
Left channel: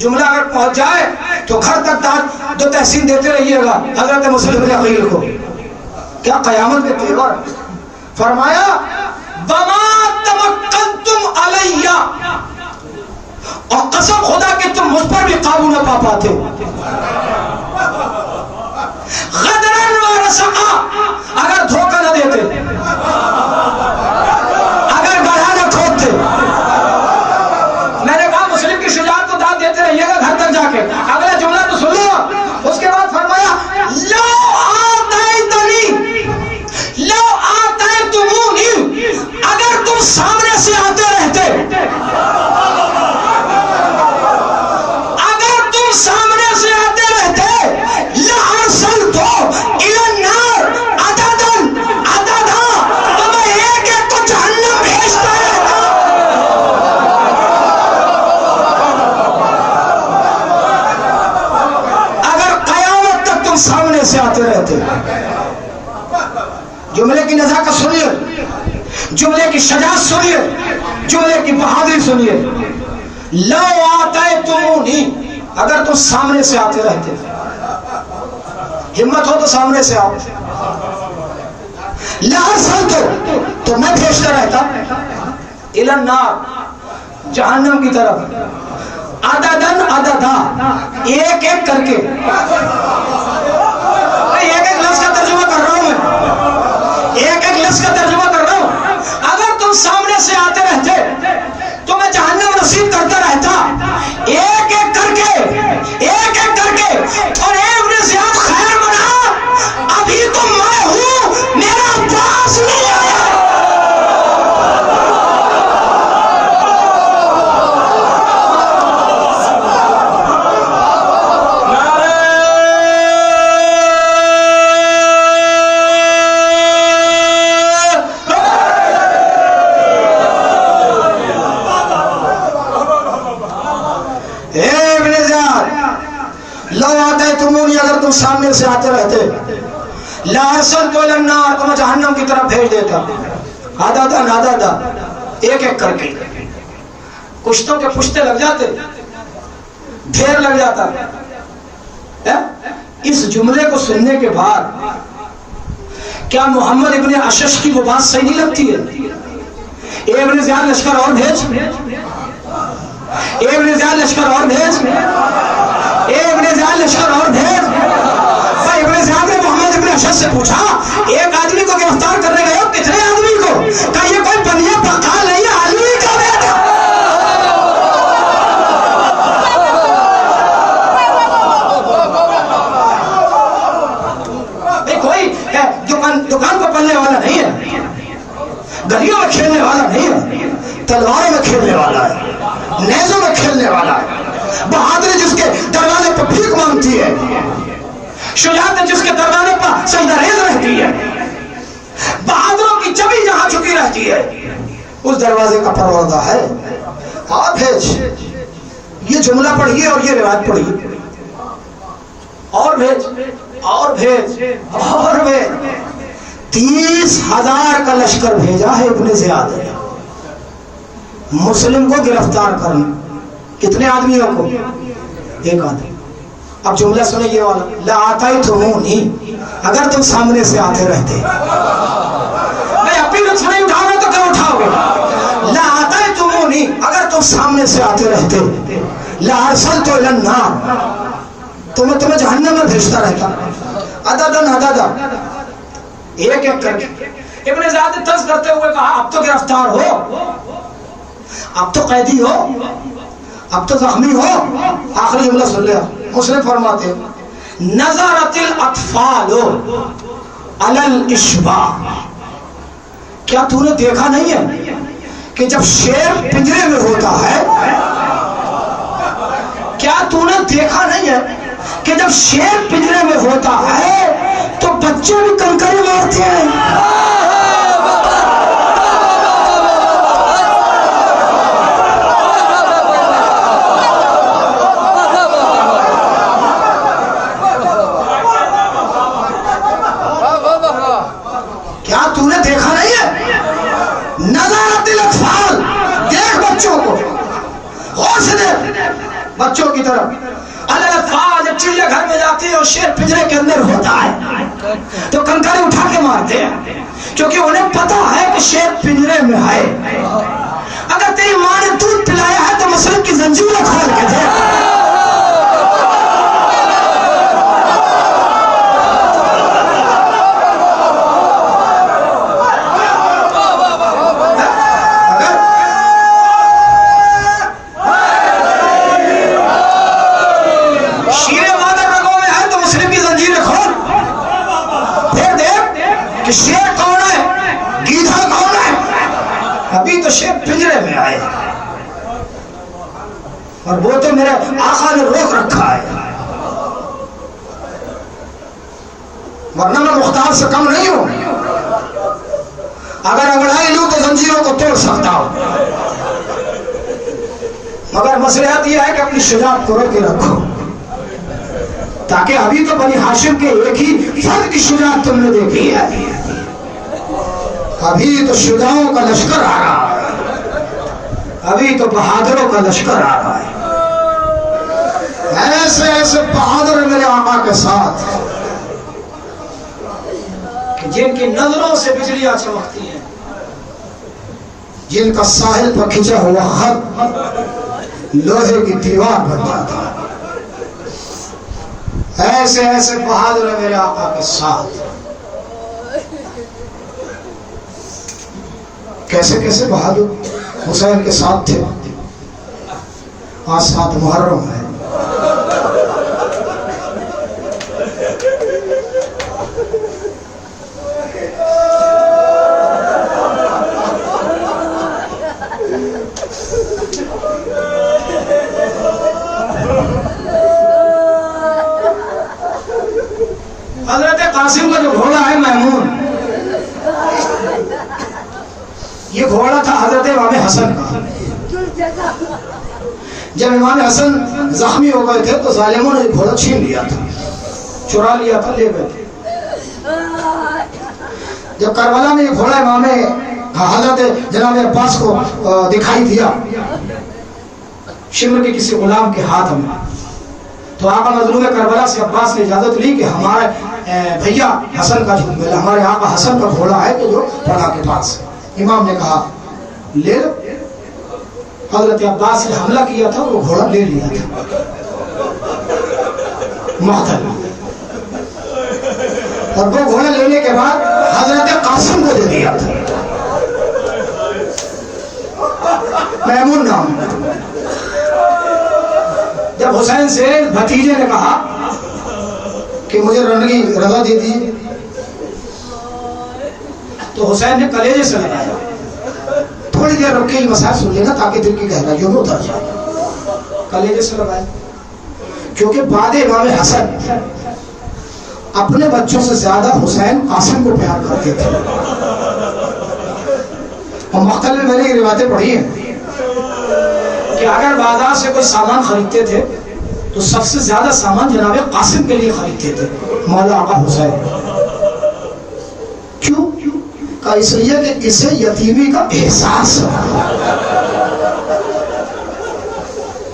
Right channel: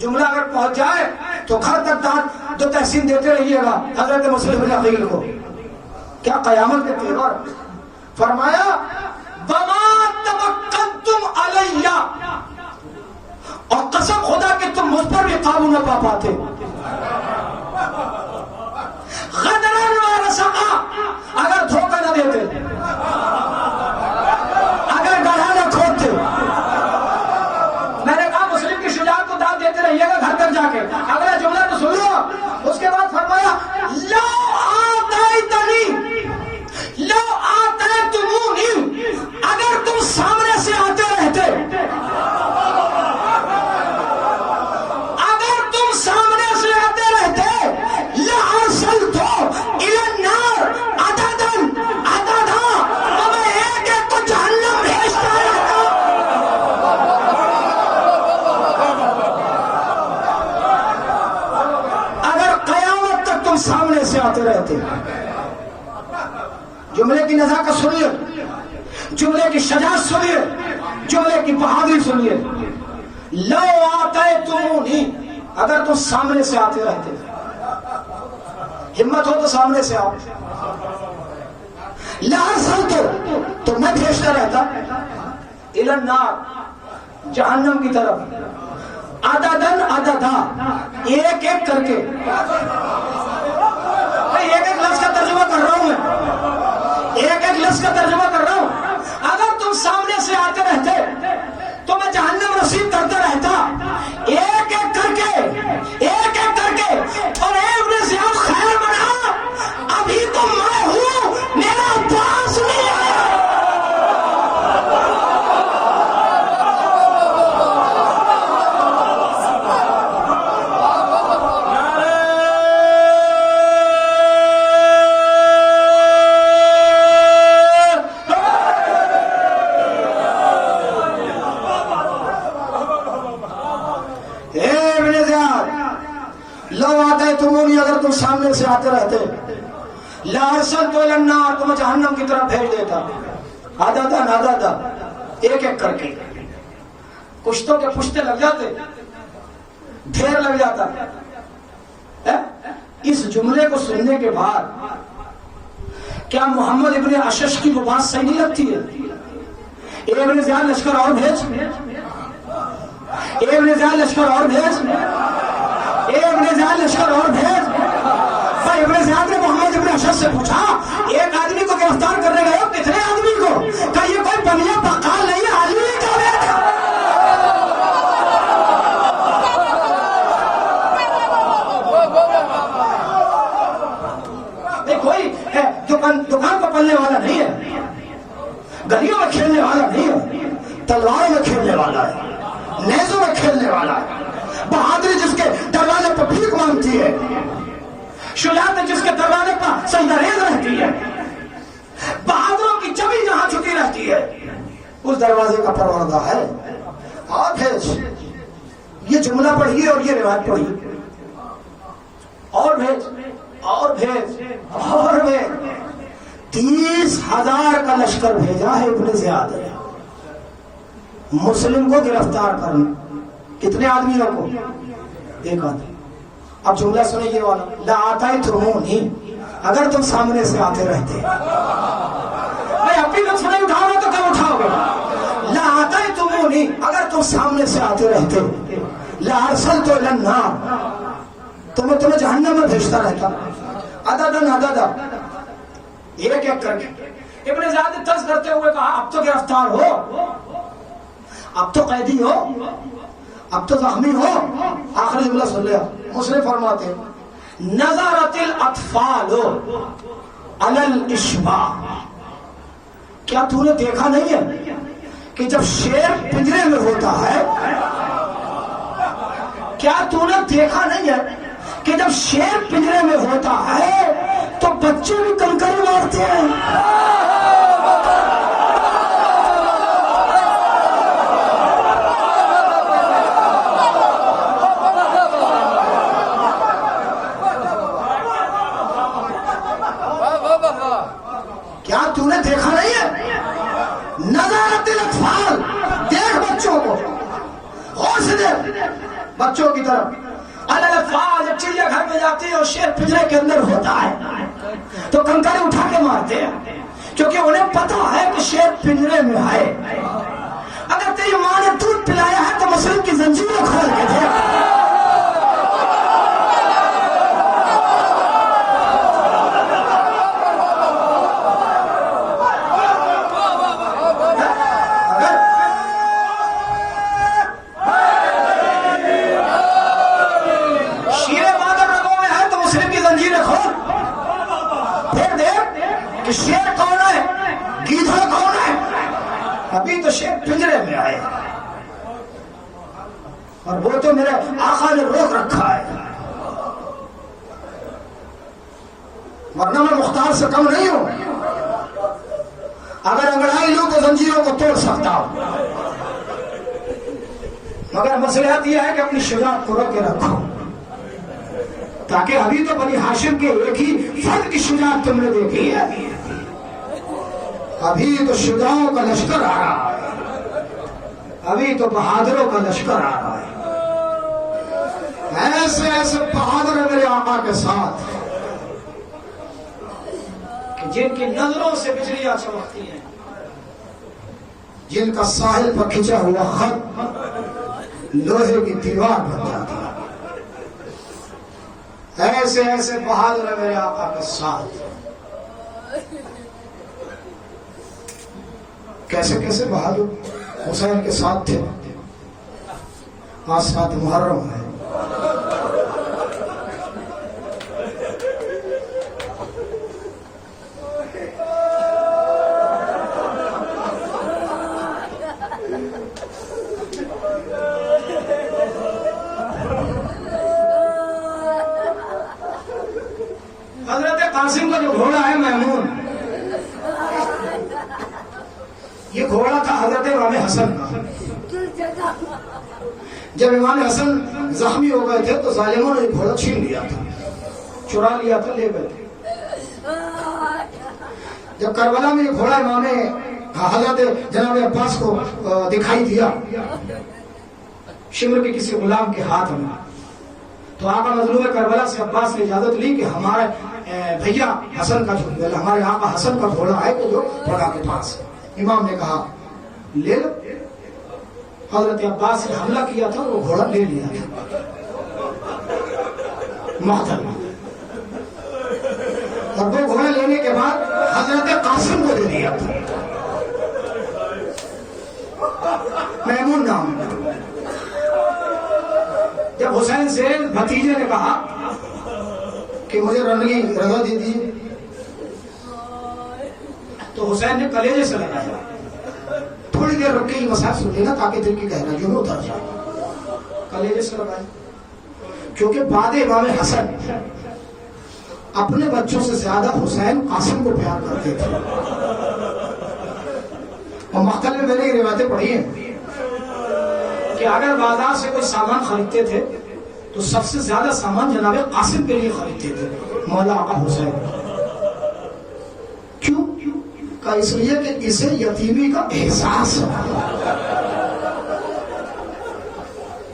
جملہ اگر پہنچ جائے تو گھر تک دو تحسین دیتے رہیے گا حضرت مسلم بن عقیل کو. کیا قیامت میں تیور. فرمایا وما تمکنتم علیہ، اور قسم خدا کہ تم مجھ پر بھی قابو نہ پا پاتے. غدرن و رسعا، اگر دھوکہ نہ دیتے، اگر گڑھا نہ کھودتے. میں نے کہا مسلم کی شجاعت کو داد دیتے رہیے گا گھر تک جا کے. اگلا جملہ تو سن لو. اس کے بعد فرمایا لو آتیتنی لو آتیتمونی، اگر تم سامنے سے آتے رہتے، اگر تم سامنے سے آتے رہتے، لارسلتو الی النار عددا عددا، تو میں ایک ایک کو جہنم بھیجتا رہتا. اگر قیامت تک تم سامنے سے آتے رہتے. جملے کی نزاکت سنیے، جملے کی شجاعت سنیے، جملے کی بہادری سنیے. لو آتیتمونی، اگر تم سامنے سے آتے رہتے. ہمت ہو تو سامنے سے آؤ. لارسلتو، تو میں بھیجتا رہتا الی النار، جہنم کی طرف. عددن عددا، ایک ایک کر کے. ایک ایک لفظ کا ترجمہ کر رہا ہوں میں، ایک ایک لفظ کا ترجمہ کر رہا ہوں. اگر تم سامنے سے آتے رہتے تو میں جہنم نصیب کرتا رہتا، ایک ایک کر کے، ایک ایک کر کے. اور ابن زیاد خیر بنا، ابھی تو میں ہوں، میرا عباس نہیں آیا. اگر تم سامنے سے آتے رہتے، لارسلتو الی النار، تو میں جہنم کی طرف بھیج دیتا. عددا عددا، ایک ایک کر کے. کشتوں کے پشتے لگ جاتے، ڈھیر لگ جاتا. اس جملے کو سننے کے بعد کیا محمد ابن اشش کی وہ بات صحیح نہیں لگتی ہے؟ ابن زیاد لشکر اور بھیج، ابن زیاد لشکر اور بھیج، ابن زیاد لشکر اور بھیج. ابن زیاد نے محمد ابن اشش سے پوچھا ایک آدمی کو گرفتار کرنے گئے ہو، کتنے آدمی کو؟ کہ یہ کوئی بنیا بقال نہیں ہے، علی کا بیٹا. کوئی دکان کو پلنے والا نہیں ہے، گلیوں میں کھیلنے والا نہیں ہے، تلواروں میں کھیلنے والا ہے، نیزوں میں کھیلنے والا ہے. بہادری جس کے دروازے پر بھیک مانگتی ہے، شجاعت جس کے دروازے پر سجدہ ریز رہتی ہے، بہادروں کی چبی جہاں جھکی رہتی ہے، اس دروازے کا پروردہ ہے. آپ بھیج. یہ جملہ پڑھیے اور یہ روایت پڑھیے. اور بھیج، اور بھیج، اور بھیج. 30,000 کا لشکر بھیجا ہے ابن زیاد نے مسلم کو گرفتار کرنا. کتنے آدمیوں کو؟ ایک آدمی. اب جملہ سنیں یہ والا، لآتیتمونی، اگر تم سامنے سے آتے رہتے. میں اپنی لفظ نہیں اٹھاؤ گا تو کیا اٹھاؤ گا؟ لآتیتمونی، اگر تم سامنے سے آتے رہتے، لارسلتو الی النار، تو میں تمہیں جہنم میں بھیجتا رہتا. عددا عددا، ایک ایک کر کے. ابن زیاد نے طرز کرتے ہوئے کہا اب تو گرفتار ہو، اب تو قیدی ہو، اب تو زخمی ہو. آخری جملہ سن لیا. مسلم فرماتے نظرت الاطفال علی الاشباع، کیا تو نے دیکھا نہیں ہے کہ جب شیر پنجرے میں ہوتا ہے، کیا تو نے دیکھا نہیں ہے کہ جب شیر پنجرے میں ہوتا ہے تو بچے بھی کنکری مارتے ہیں. کیا تو نے دیکھا نہیں ہے؟ نظارت الاطفال، دیکھ بچوں کو غور سے دیکھ. بچوں کی طرف اللہ تعالیٰ جب چڑیا گھر میں جاتی ہے اور شیر پنجرے کے اندر ہوتا ہے تو کنکڑے اٹھا کے مارتے ہیں، کیونکہ انہیں پتا ہے کہ شیر پنجرے میں ہے۔ اگر تیری ماں نے دودھ پلایا ہے تو مسلم کی زنجیریں کھول کے دے۔ کہ شیر کون ہے، گیدھا کون ہے؟ ابھی تو شیر پنجرے میں آئے اور وہ تو میرے آقا نے روک رکھا ہے، ورنہ میں مختار سے کم نہیں ہوں۔ اگر انگڑائی لوں تو زنجیروں کو توڑ سکتا ہوں، مگر مصلحت یہ ہے کہ اپنی شجاعت کو روکے رکھو، تاکہ ابھی تو بنی ہاشم کے ایک ہی فرد کی شجاعت تم نے دیکھی ہے، ابھی تو شجاعوں کا لشکر آ رہا ہے، ابھی تو بہادروں کا لشکر آ رہا ہے۔ ایسے ایسے بہادر میرے آقا کے ساتھ جن کی نظروں سے بجلیاں چمکتی ہیں، جن کا ساحل پر کھچا ہوا خط لوہے کی دیوار بن جاتا ہے، ایسے ایسے بہادر میرے آقا کے ساتھ کیسے کیسے بہادر حسین کے ساتھ تھے۔ آج 7 محرم ہے، حضرت قاسم کا جو گھوڑا ہے میمون، یہ گھوڑا تھا حضرت امام حسن کا۔ جب امام حسن زخمی ہو گئے تھے تو ظالموں نے گھوڑا چھین لیا تھا، چرا لیا تھا، لے گئے تھے۔ جب کربلا میں یہ گھوڑا امام حضرت جناب عباس کو دکھائی دیا شمر کے کسی غلام کے ہاتھ میں، تو آقا مظلوم کربلا سے عباس نے اجازت لی کہ ہمارے بھیا حسن کا ہمارے آقا حسن کا گھوڑا ہے کہ جو پڑا کے پاس۔ امام نے کہا لے لو۔ حضرت عباس نے حملہ کیا تھا، وہ گھوڑا لے لیا تھا مقتل، اور وہ گھوڑا لینے کے بعد حضرت قاسم کو دے دیا تھا، میمون نام۔ جب حسین سے بھتیجے نے کہا کہ مجھے رنگی رضا دے دی، تو حسین نے کلیجے سے لگایا، تھوڑی دیر رک کے یہ مسائل سن لینا تاکہ دل کی گہرائیوں میں اتر جائے۔ کلیجے سے لگایا کیونکہ بعد امام حسن اپنے بچوں سے زیادہ حسین قاسم کو پیار کرتے تھے، اور مقتل میں میں نے یہ روایتیں پڑھی ہیں کہ اگر بازار سے کوئی سامان خریدتے تھے تو سب سے زیادہ سامان جناب قاسم کے لیے خریدتے تھے، مولا آقا حسین۔ کیوں؟ کہ اس لیے کہ اسے یتیمی کا احساس ہے۔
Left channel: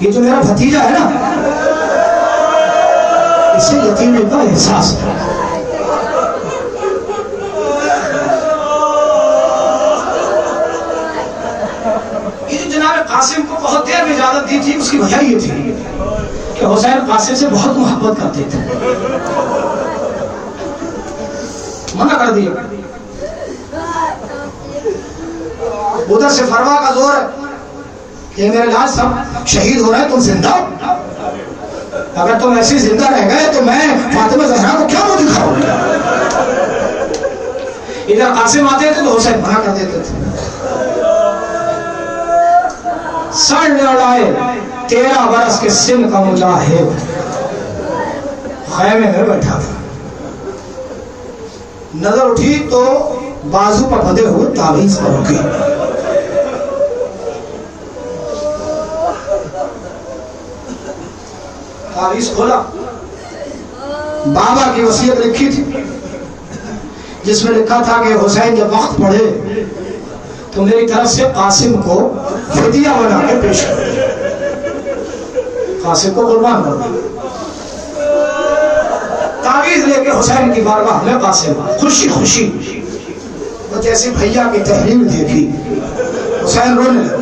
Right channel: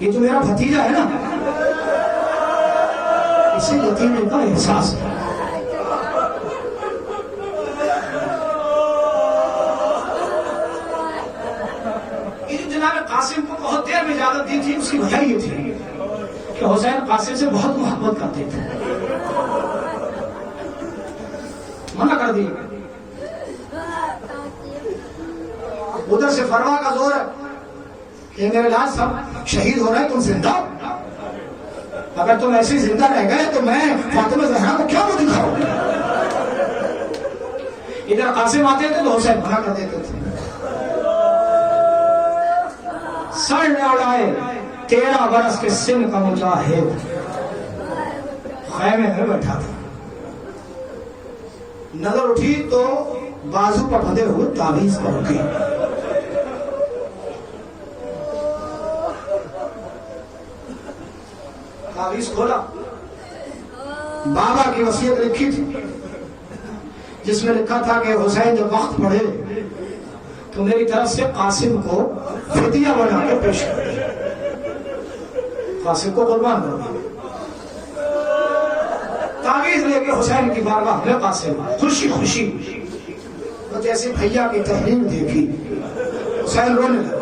یہ جو میرا بھتیجا ہے نا، اسے یتیمی کا احساس ہے۔ یہ جناب قاسم کو بہت دیر میں اجازت دی تھی، اس کی وجہ یہ تھی کہ حسین قاسم سے بہت محبت کرتے تھے، منع کر دیا۔ ادھر سے فروا کا زور ہے کہ میرے لاج سب شہید ہو رہے ہیں، تم زندہ ہو، اگر تم ایسی زندہ رہ گئے تو میں فاطمہ زہرا کو کیا منہ دکھاؤں؟ ادھر قاسم آتے تھے تو حسین منع کر دیتے تھے۔ سر نہ اڑائے 13 برس کے سن کا مجاہد، خیمے میں بیٹھا تھا، نظر اٹھی تو بازو پر بندھے ہوئے تعویذ پر رکھی۔ تعویذ کھولا، بابا کی وصیت لکھی تھی جس میں لکھا تھا کہ حسین جب وقت پڑھے تو میری طرف سے قاسم کو فدیہ بنا کے پیش کر۔ قاسم کو قربان کر دیا. تعویذ لے کے حسین کی بارگاہ میں قاسم خوشی خوشی. تو جیسے بھیا کی تحریر دیکھی حسین رونے لگا.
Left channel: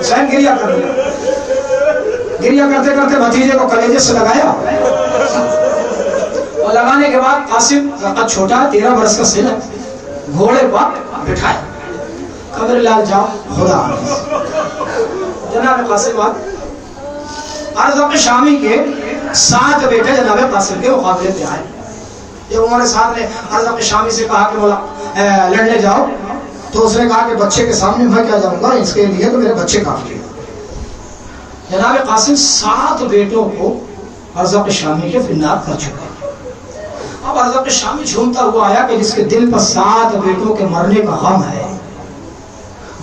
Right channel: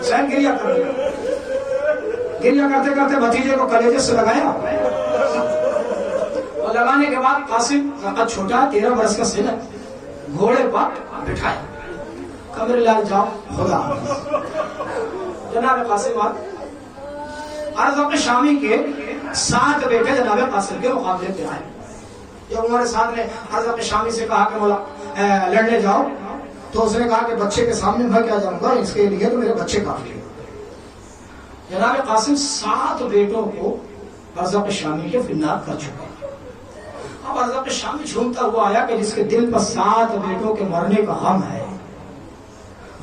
حسین گریا کرنے لگا. گریا کرتے کرتے بھتیجے کو کلیجے سے لگایا اور لگانے کے بعد قاسم قد چھوٹا 13 برس کا سن ہے گھوڑے پر بٹھایا. قمر لال جاؤ خدا جناب قاسم ارزق شامی کے 7 بیٹے جناب قاسم کے مقابلے پہ آئے. جب عمر سعد نے ارزق شامی سے کہا کہ مولا لڑنے جاؤ تو اس نے کہا کہ بچے کے سامنے میں کیا جاؤں گا, اس کے لیے تو میرے بچے کافی ہیں. جناب قاسم 7 بیٹوں کو ارزق شامی کے فنار کر چکا. اب ارزق شامی جھومتا ہوا آیا کہ جس کے دل پر 7 بیٹوں کے مرنے کا غم ہے,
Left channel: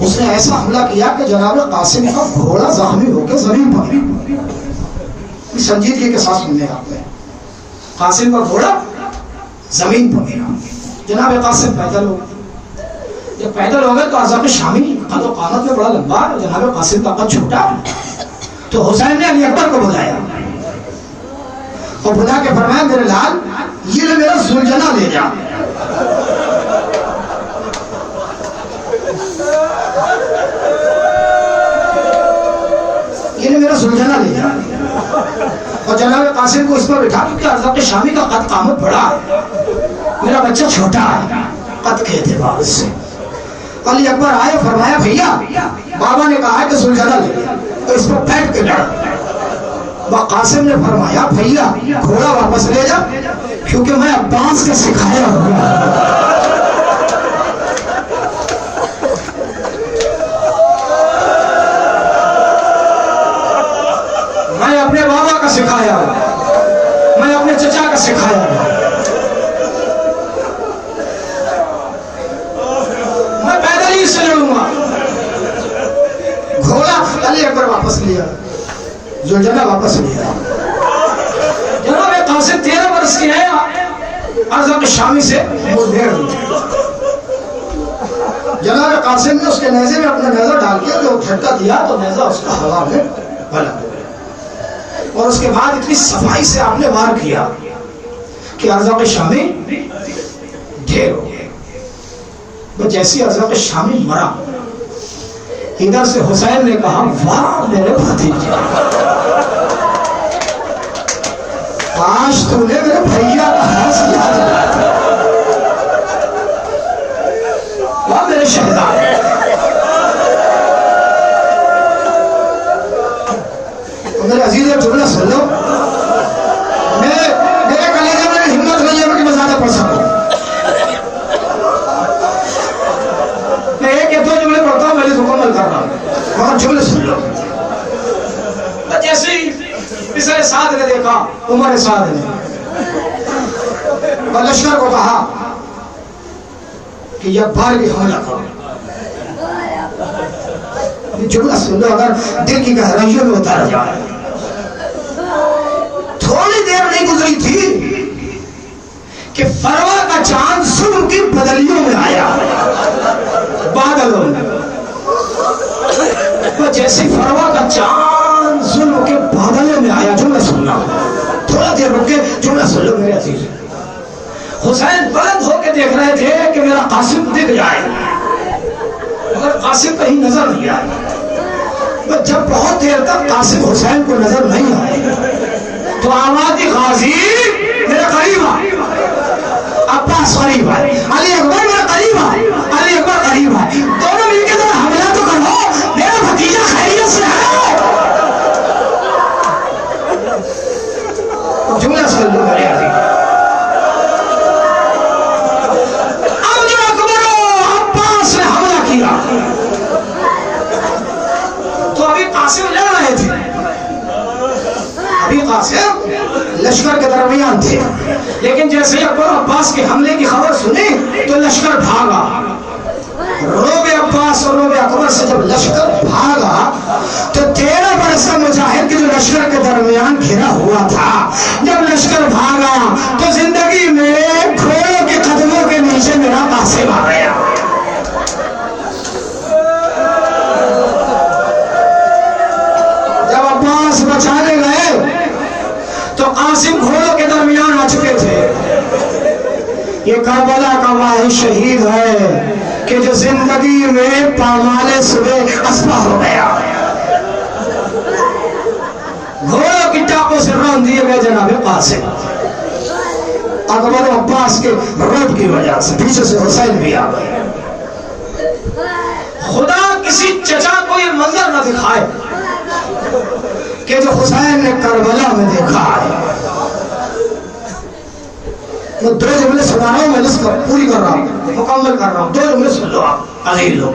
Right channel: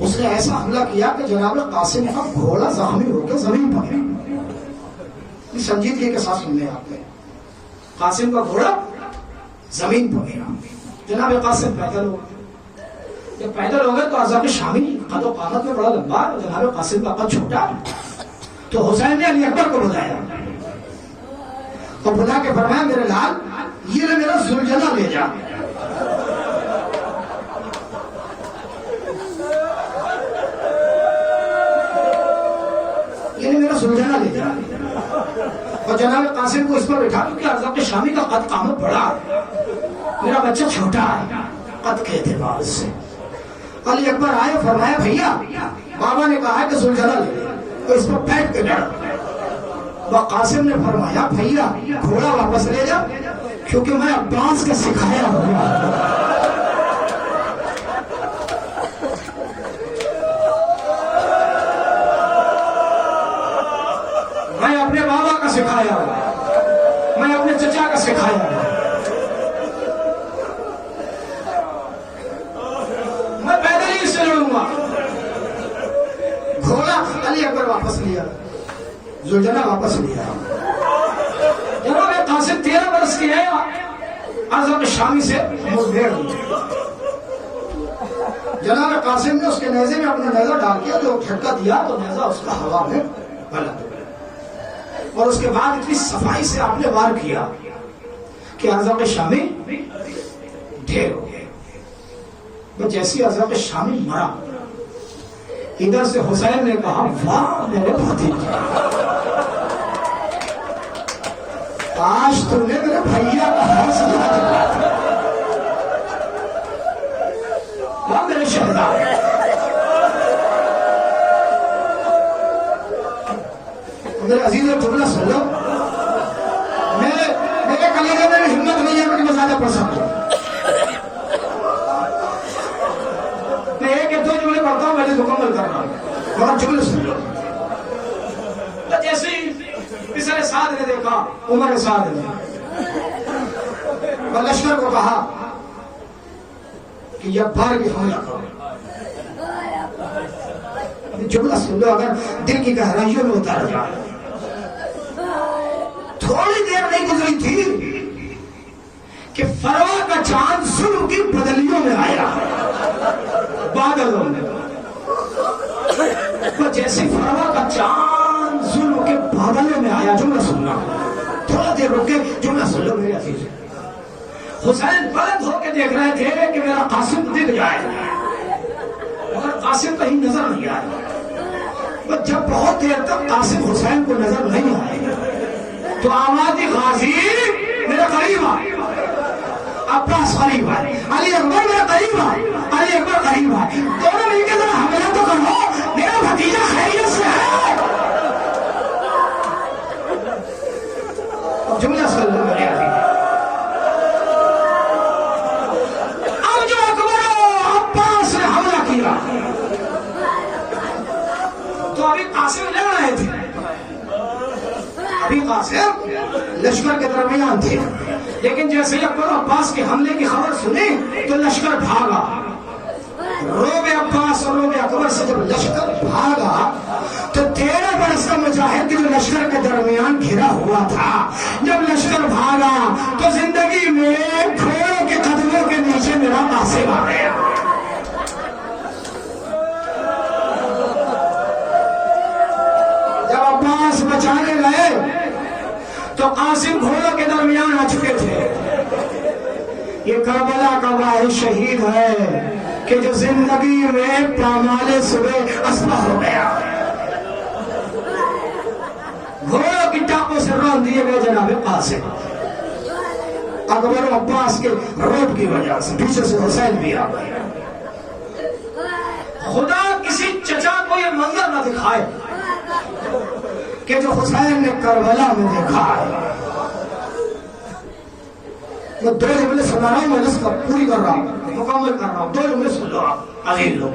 اس نے ایسا حملہ کیا کہ جناب قاسم کا گھوڑا زخمی ہو کے زمین پر گرا. سنجیدگی کے ساتھ سننے آپ نے, قاسم کا گھوڑا زمین پر گرا. جناب قاسم پیدل ہو گئے. جب پیدل ہو گئے تو ارزق شامی قد و قامت میں بڑا لمبا, جناب قاسم کا قد چھوٹا. تو حسین نے علی اکبر کو بلایا اور بلا کے فرمایا میرے لال یہ میرا زلجنا لے جا. یہ میرا زلجنا لے جا. اور جناب قاسم کو اس پر بٹھا کہ ارزق شامی کا قد قامت بڑا ہے, میرا بچہ چھوٹا ہے قد کے اعتبار سے. علی اکبر آئے فرمایا بھیا بابا نے کہا کہ زلجنا لے جا تو اس پر بیٹھ کے لڑ. قاسم نے فرمایا بھیا گھوڑا واپس لے جا کیونکہ میں عباس کا سکھایا ہوں. میں اپنے بابا کا سکھایا, میں اپنے چچا کا سکھایا, میں پیدل ہی سے لڑوں گا. گھوڑا علی اکبر واپس لیا, زلجنا واپس لیا. جناب قاسم 13 برس کی آیا, ارزق شامی سے مدیر ہوئی. جناب قاسم نے اس کے نیزے میں اپنا نیزہ ڈال کے جو جھٹکا دیا تو نیزہ اس کا ہوا میں پلٹ گیا. اور اس کے بعد اتنی صفائی سے آپ نے وار کیا کہ ارزق شامی ڈھیر ہو گئے. جیسی ارزق شامی مرا, ادھر سے حسین نے کہا واہ میرے بھتیجے, کاش تو نے میرے بھیا کا حرص یاد رکھا. واہ میرے شہزادے. میرے عزیز جملہ سن لو, میرے کلیجے میں ہمت نہیں ہے کہ میں زیادہ پڑھ سکوں. میں ایک یا 2 جملے پڑھتا ہوں, میں نے مکمل کرنا مگر جملے سن لو. جیسے ہی پسر سعد نے دیکھا عمر سعد نے اور لشکر کو کہا کہ یہ بار بھی حملہ کرو. جملہ سن لو, اگر دل کی گہرائیوں میں اتارا جائے. تھوڑی دیر نہیں گزری تھی کہ فروا کا چاند ظلم کی بدلیوں میں آیا, بادلوں میں. جیسے فروا کا چاند ظلم کے بادلوں میں آیا. جملہ سننا, تھوڑا دیر رک کے جملہ سن لو میرے عزیز. حسین بلند ہو کے دیکھ رہے تھے کہ میرا قاسم دکھ جائے, مگر قاسم کہیں نظر نہیں آیا. جب بہت دیر تک قاسم حسین کو نظر نہیں آئے تو آواز غازی میرے قریب آئے, عباس قریب آئے, علی اکبر میرے قریب آئے, علی اکبر قریب آئے. دونوں مل کے ذرا حملہ تو کرو, میرا بھتیجا خیریت سے ہے. جملہ سن لو میرے عزیز. اب جو اکبر و عباس نے حملہ کیا تو ابھی قاسم لڑ رہے تھے, ابھی قاسم لشکر کے درمیان تھے. لیکن جیسے اکبر عباس کے حملے کی خبر سنی تو لشکر بھاگا. روب عباس اور روب اکبر سے جب لشکر بھاگا تو 13 برس کا مجاہد کی جو لشکر کے درمیان گھرا ہوا تھا, جب لشکر بھاگا تو زندگی میں گھوڑوں کے قدموں کے نیچے میرا قاسم آ گیا. کربلا کا واحد شہید ہے کہ جو زندگی میں پامال صبح اسپا ہو گیا، گھوڑوں کی ٹاپوں سے رون دیے گئے جناب قاسم، اکبر و عباس کے روب کی وجہ سے پیچھے سے حسین بھی آ گئے۔ خدا کسی چچا کو یہ منظر نہ دکھائے کہ جو حسین نے کربلا میں دیکھا ہے۔ میں دو جملے سنا رہا ہوں، میں لسٹ پوری کر رہا ہوں، مکمل کر رہا ہوں، دو جملے سن لو آپ عزیز لوگ۔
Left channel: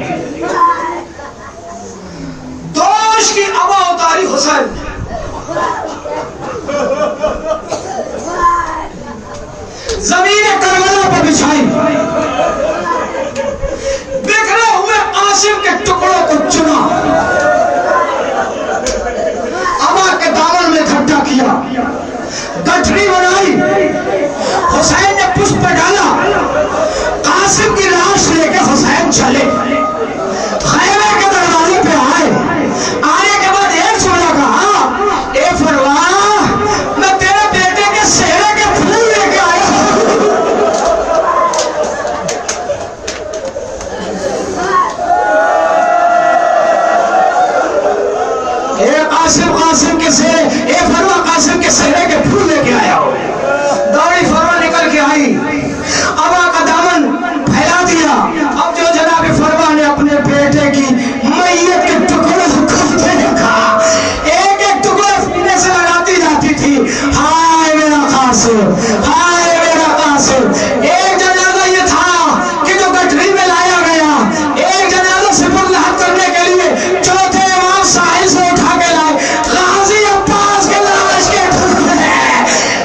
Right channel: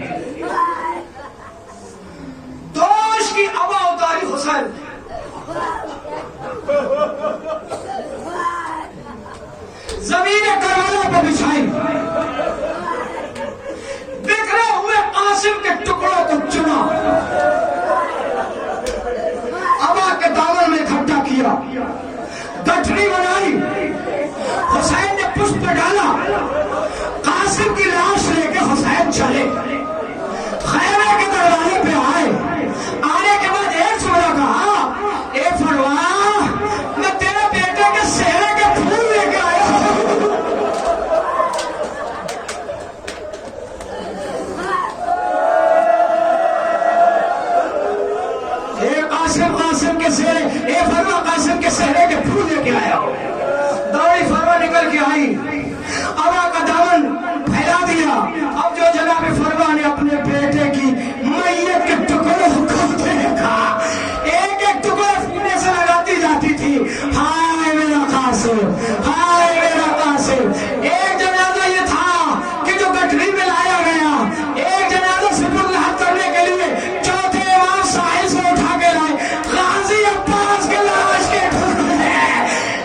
دوش کی ابا اتاری حسین، زمین کربلا پر بچھائی، بکھرے ہوئے قاسم کے ٹکڑوں کو چنا، ابا کے دامن میں اکٹھا کیا، گٹھڑی بنائی، حسین نے پشت پہ ڈالا، قاسم کی لاش لے کے حسین چلے، خیمے کے دروازے پہ آئے، آنے کے بعد ایک جملہ کہا، اے فروا میں تیرے بیٹے کے سہرے کے پھول لے کے آیا ہوں۔ اے قاسم کے سہرے، اے فروا قاسم کے سہرے کے پھول لے کے آیا ہوں۔ دوڑی فروا نکل کے آئی، ابا کا دامن پھیلا دیا، اب جو جناب فروا نے اپنے بیٹے کی میت کے ٹکڑوں کو دیکھا، ایک ایک ٹکڑا سینے سے لگاتی جاتی تھی، ہائے میرا قاسم، ہائے میرا قاسم۔ ایک جنازہ یہ تھا کہ جو گٹھری میں لایا گیا، ایک جنازہ سپر لحد کرنے کے لیے چوتھے امام ساحل سے اٹھا کے لائے، غازی عباس کے لاش کے ٹکڑے،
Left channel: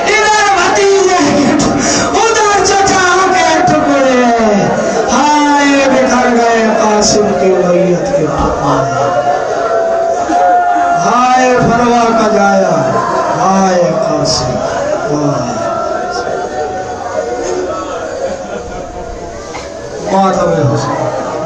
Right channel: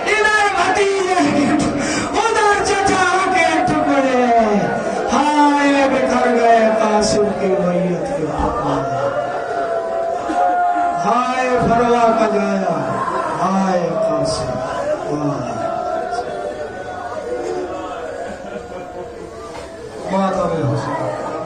ادھر بھتیجے کے ٹکڑے، ادھر چچا کے ٹکڑے، ہائے بکھر گئے قاسم کی میت کے ٹکڑے، ہائے فروا کا جایا، ہائے قاسم، ہائے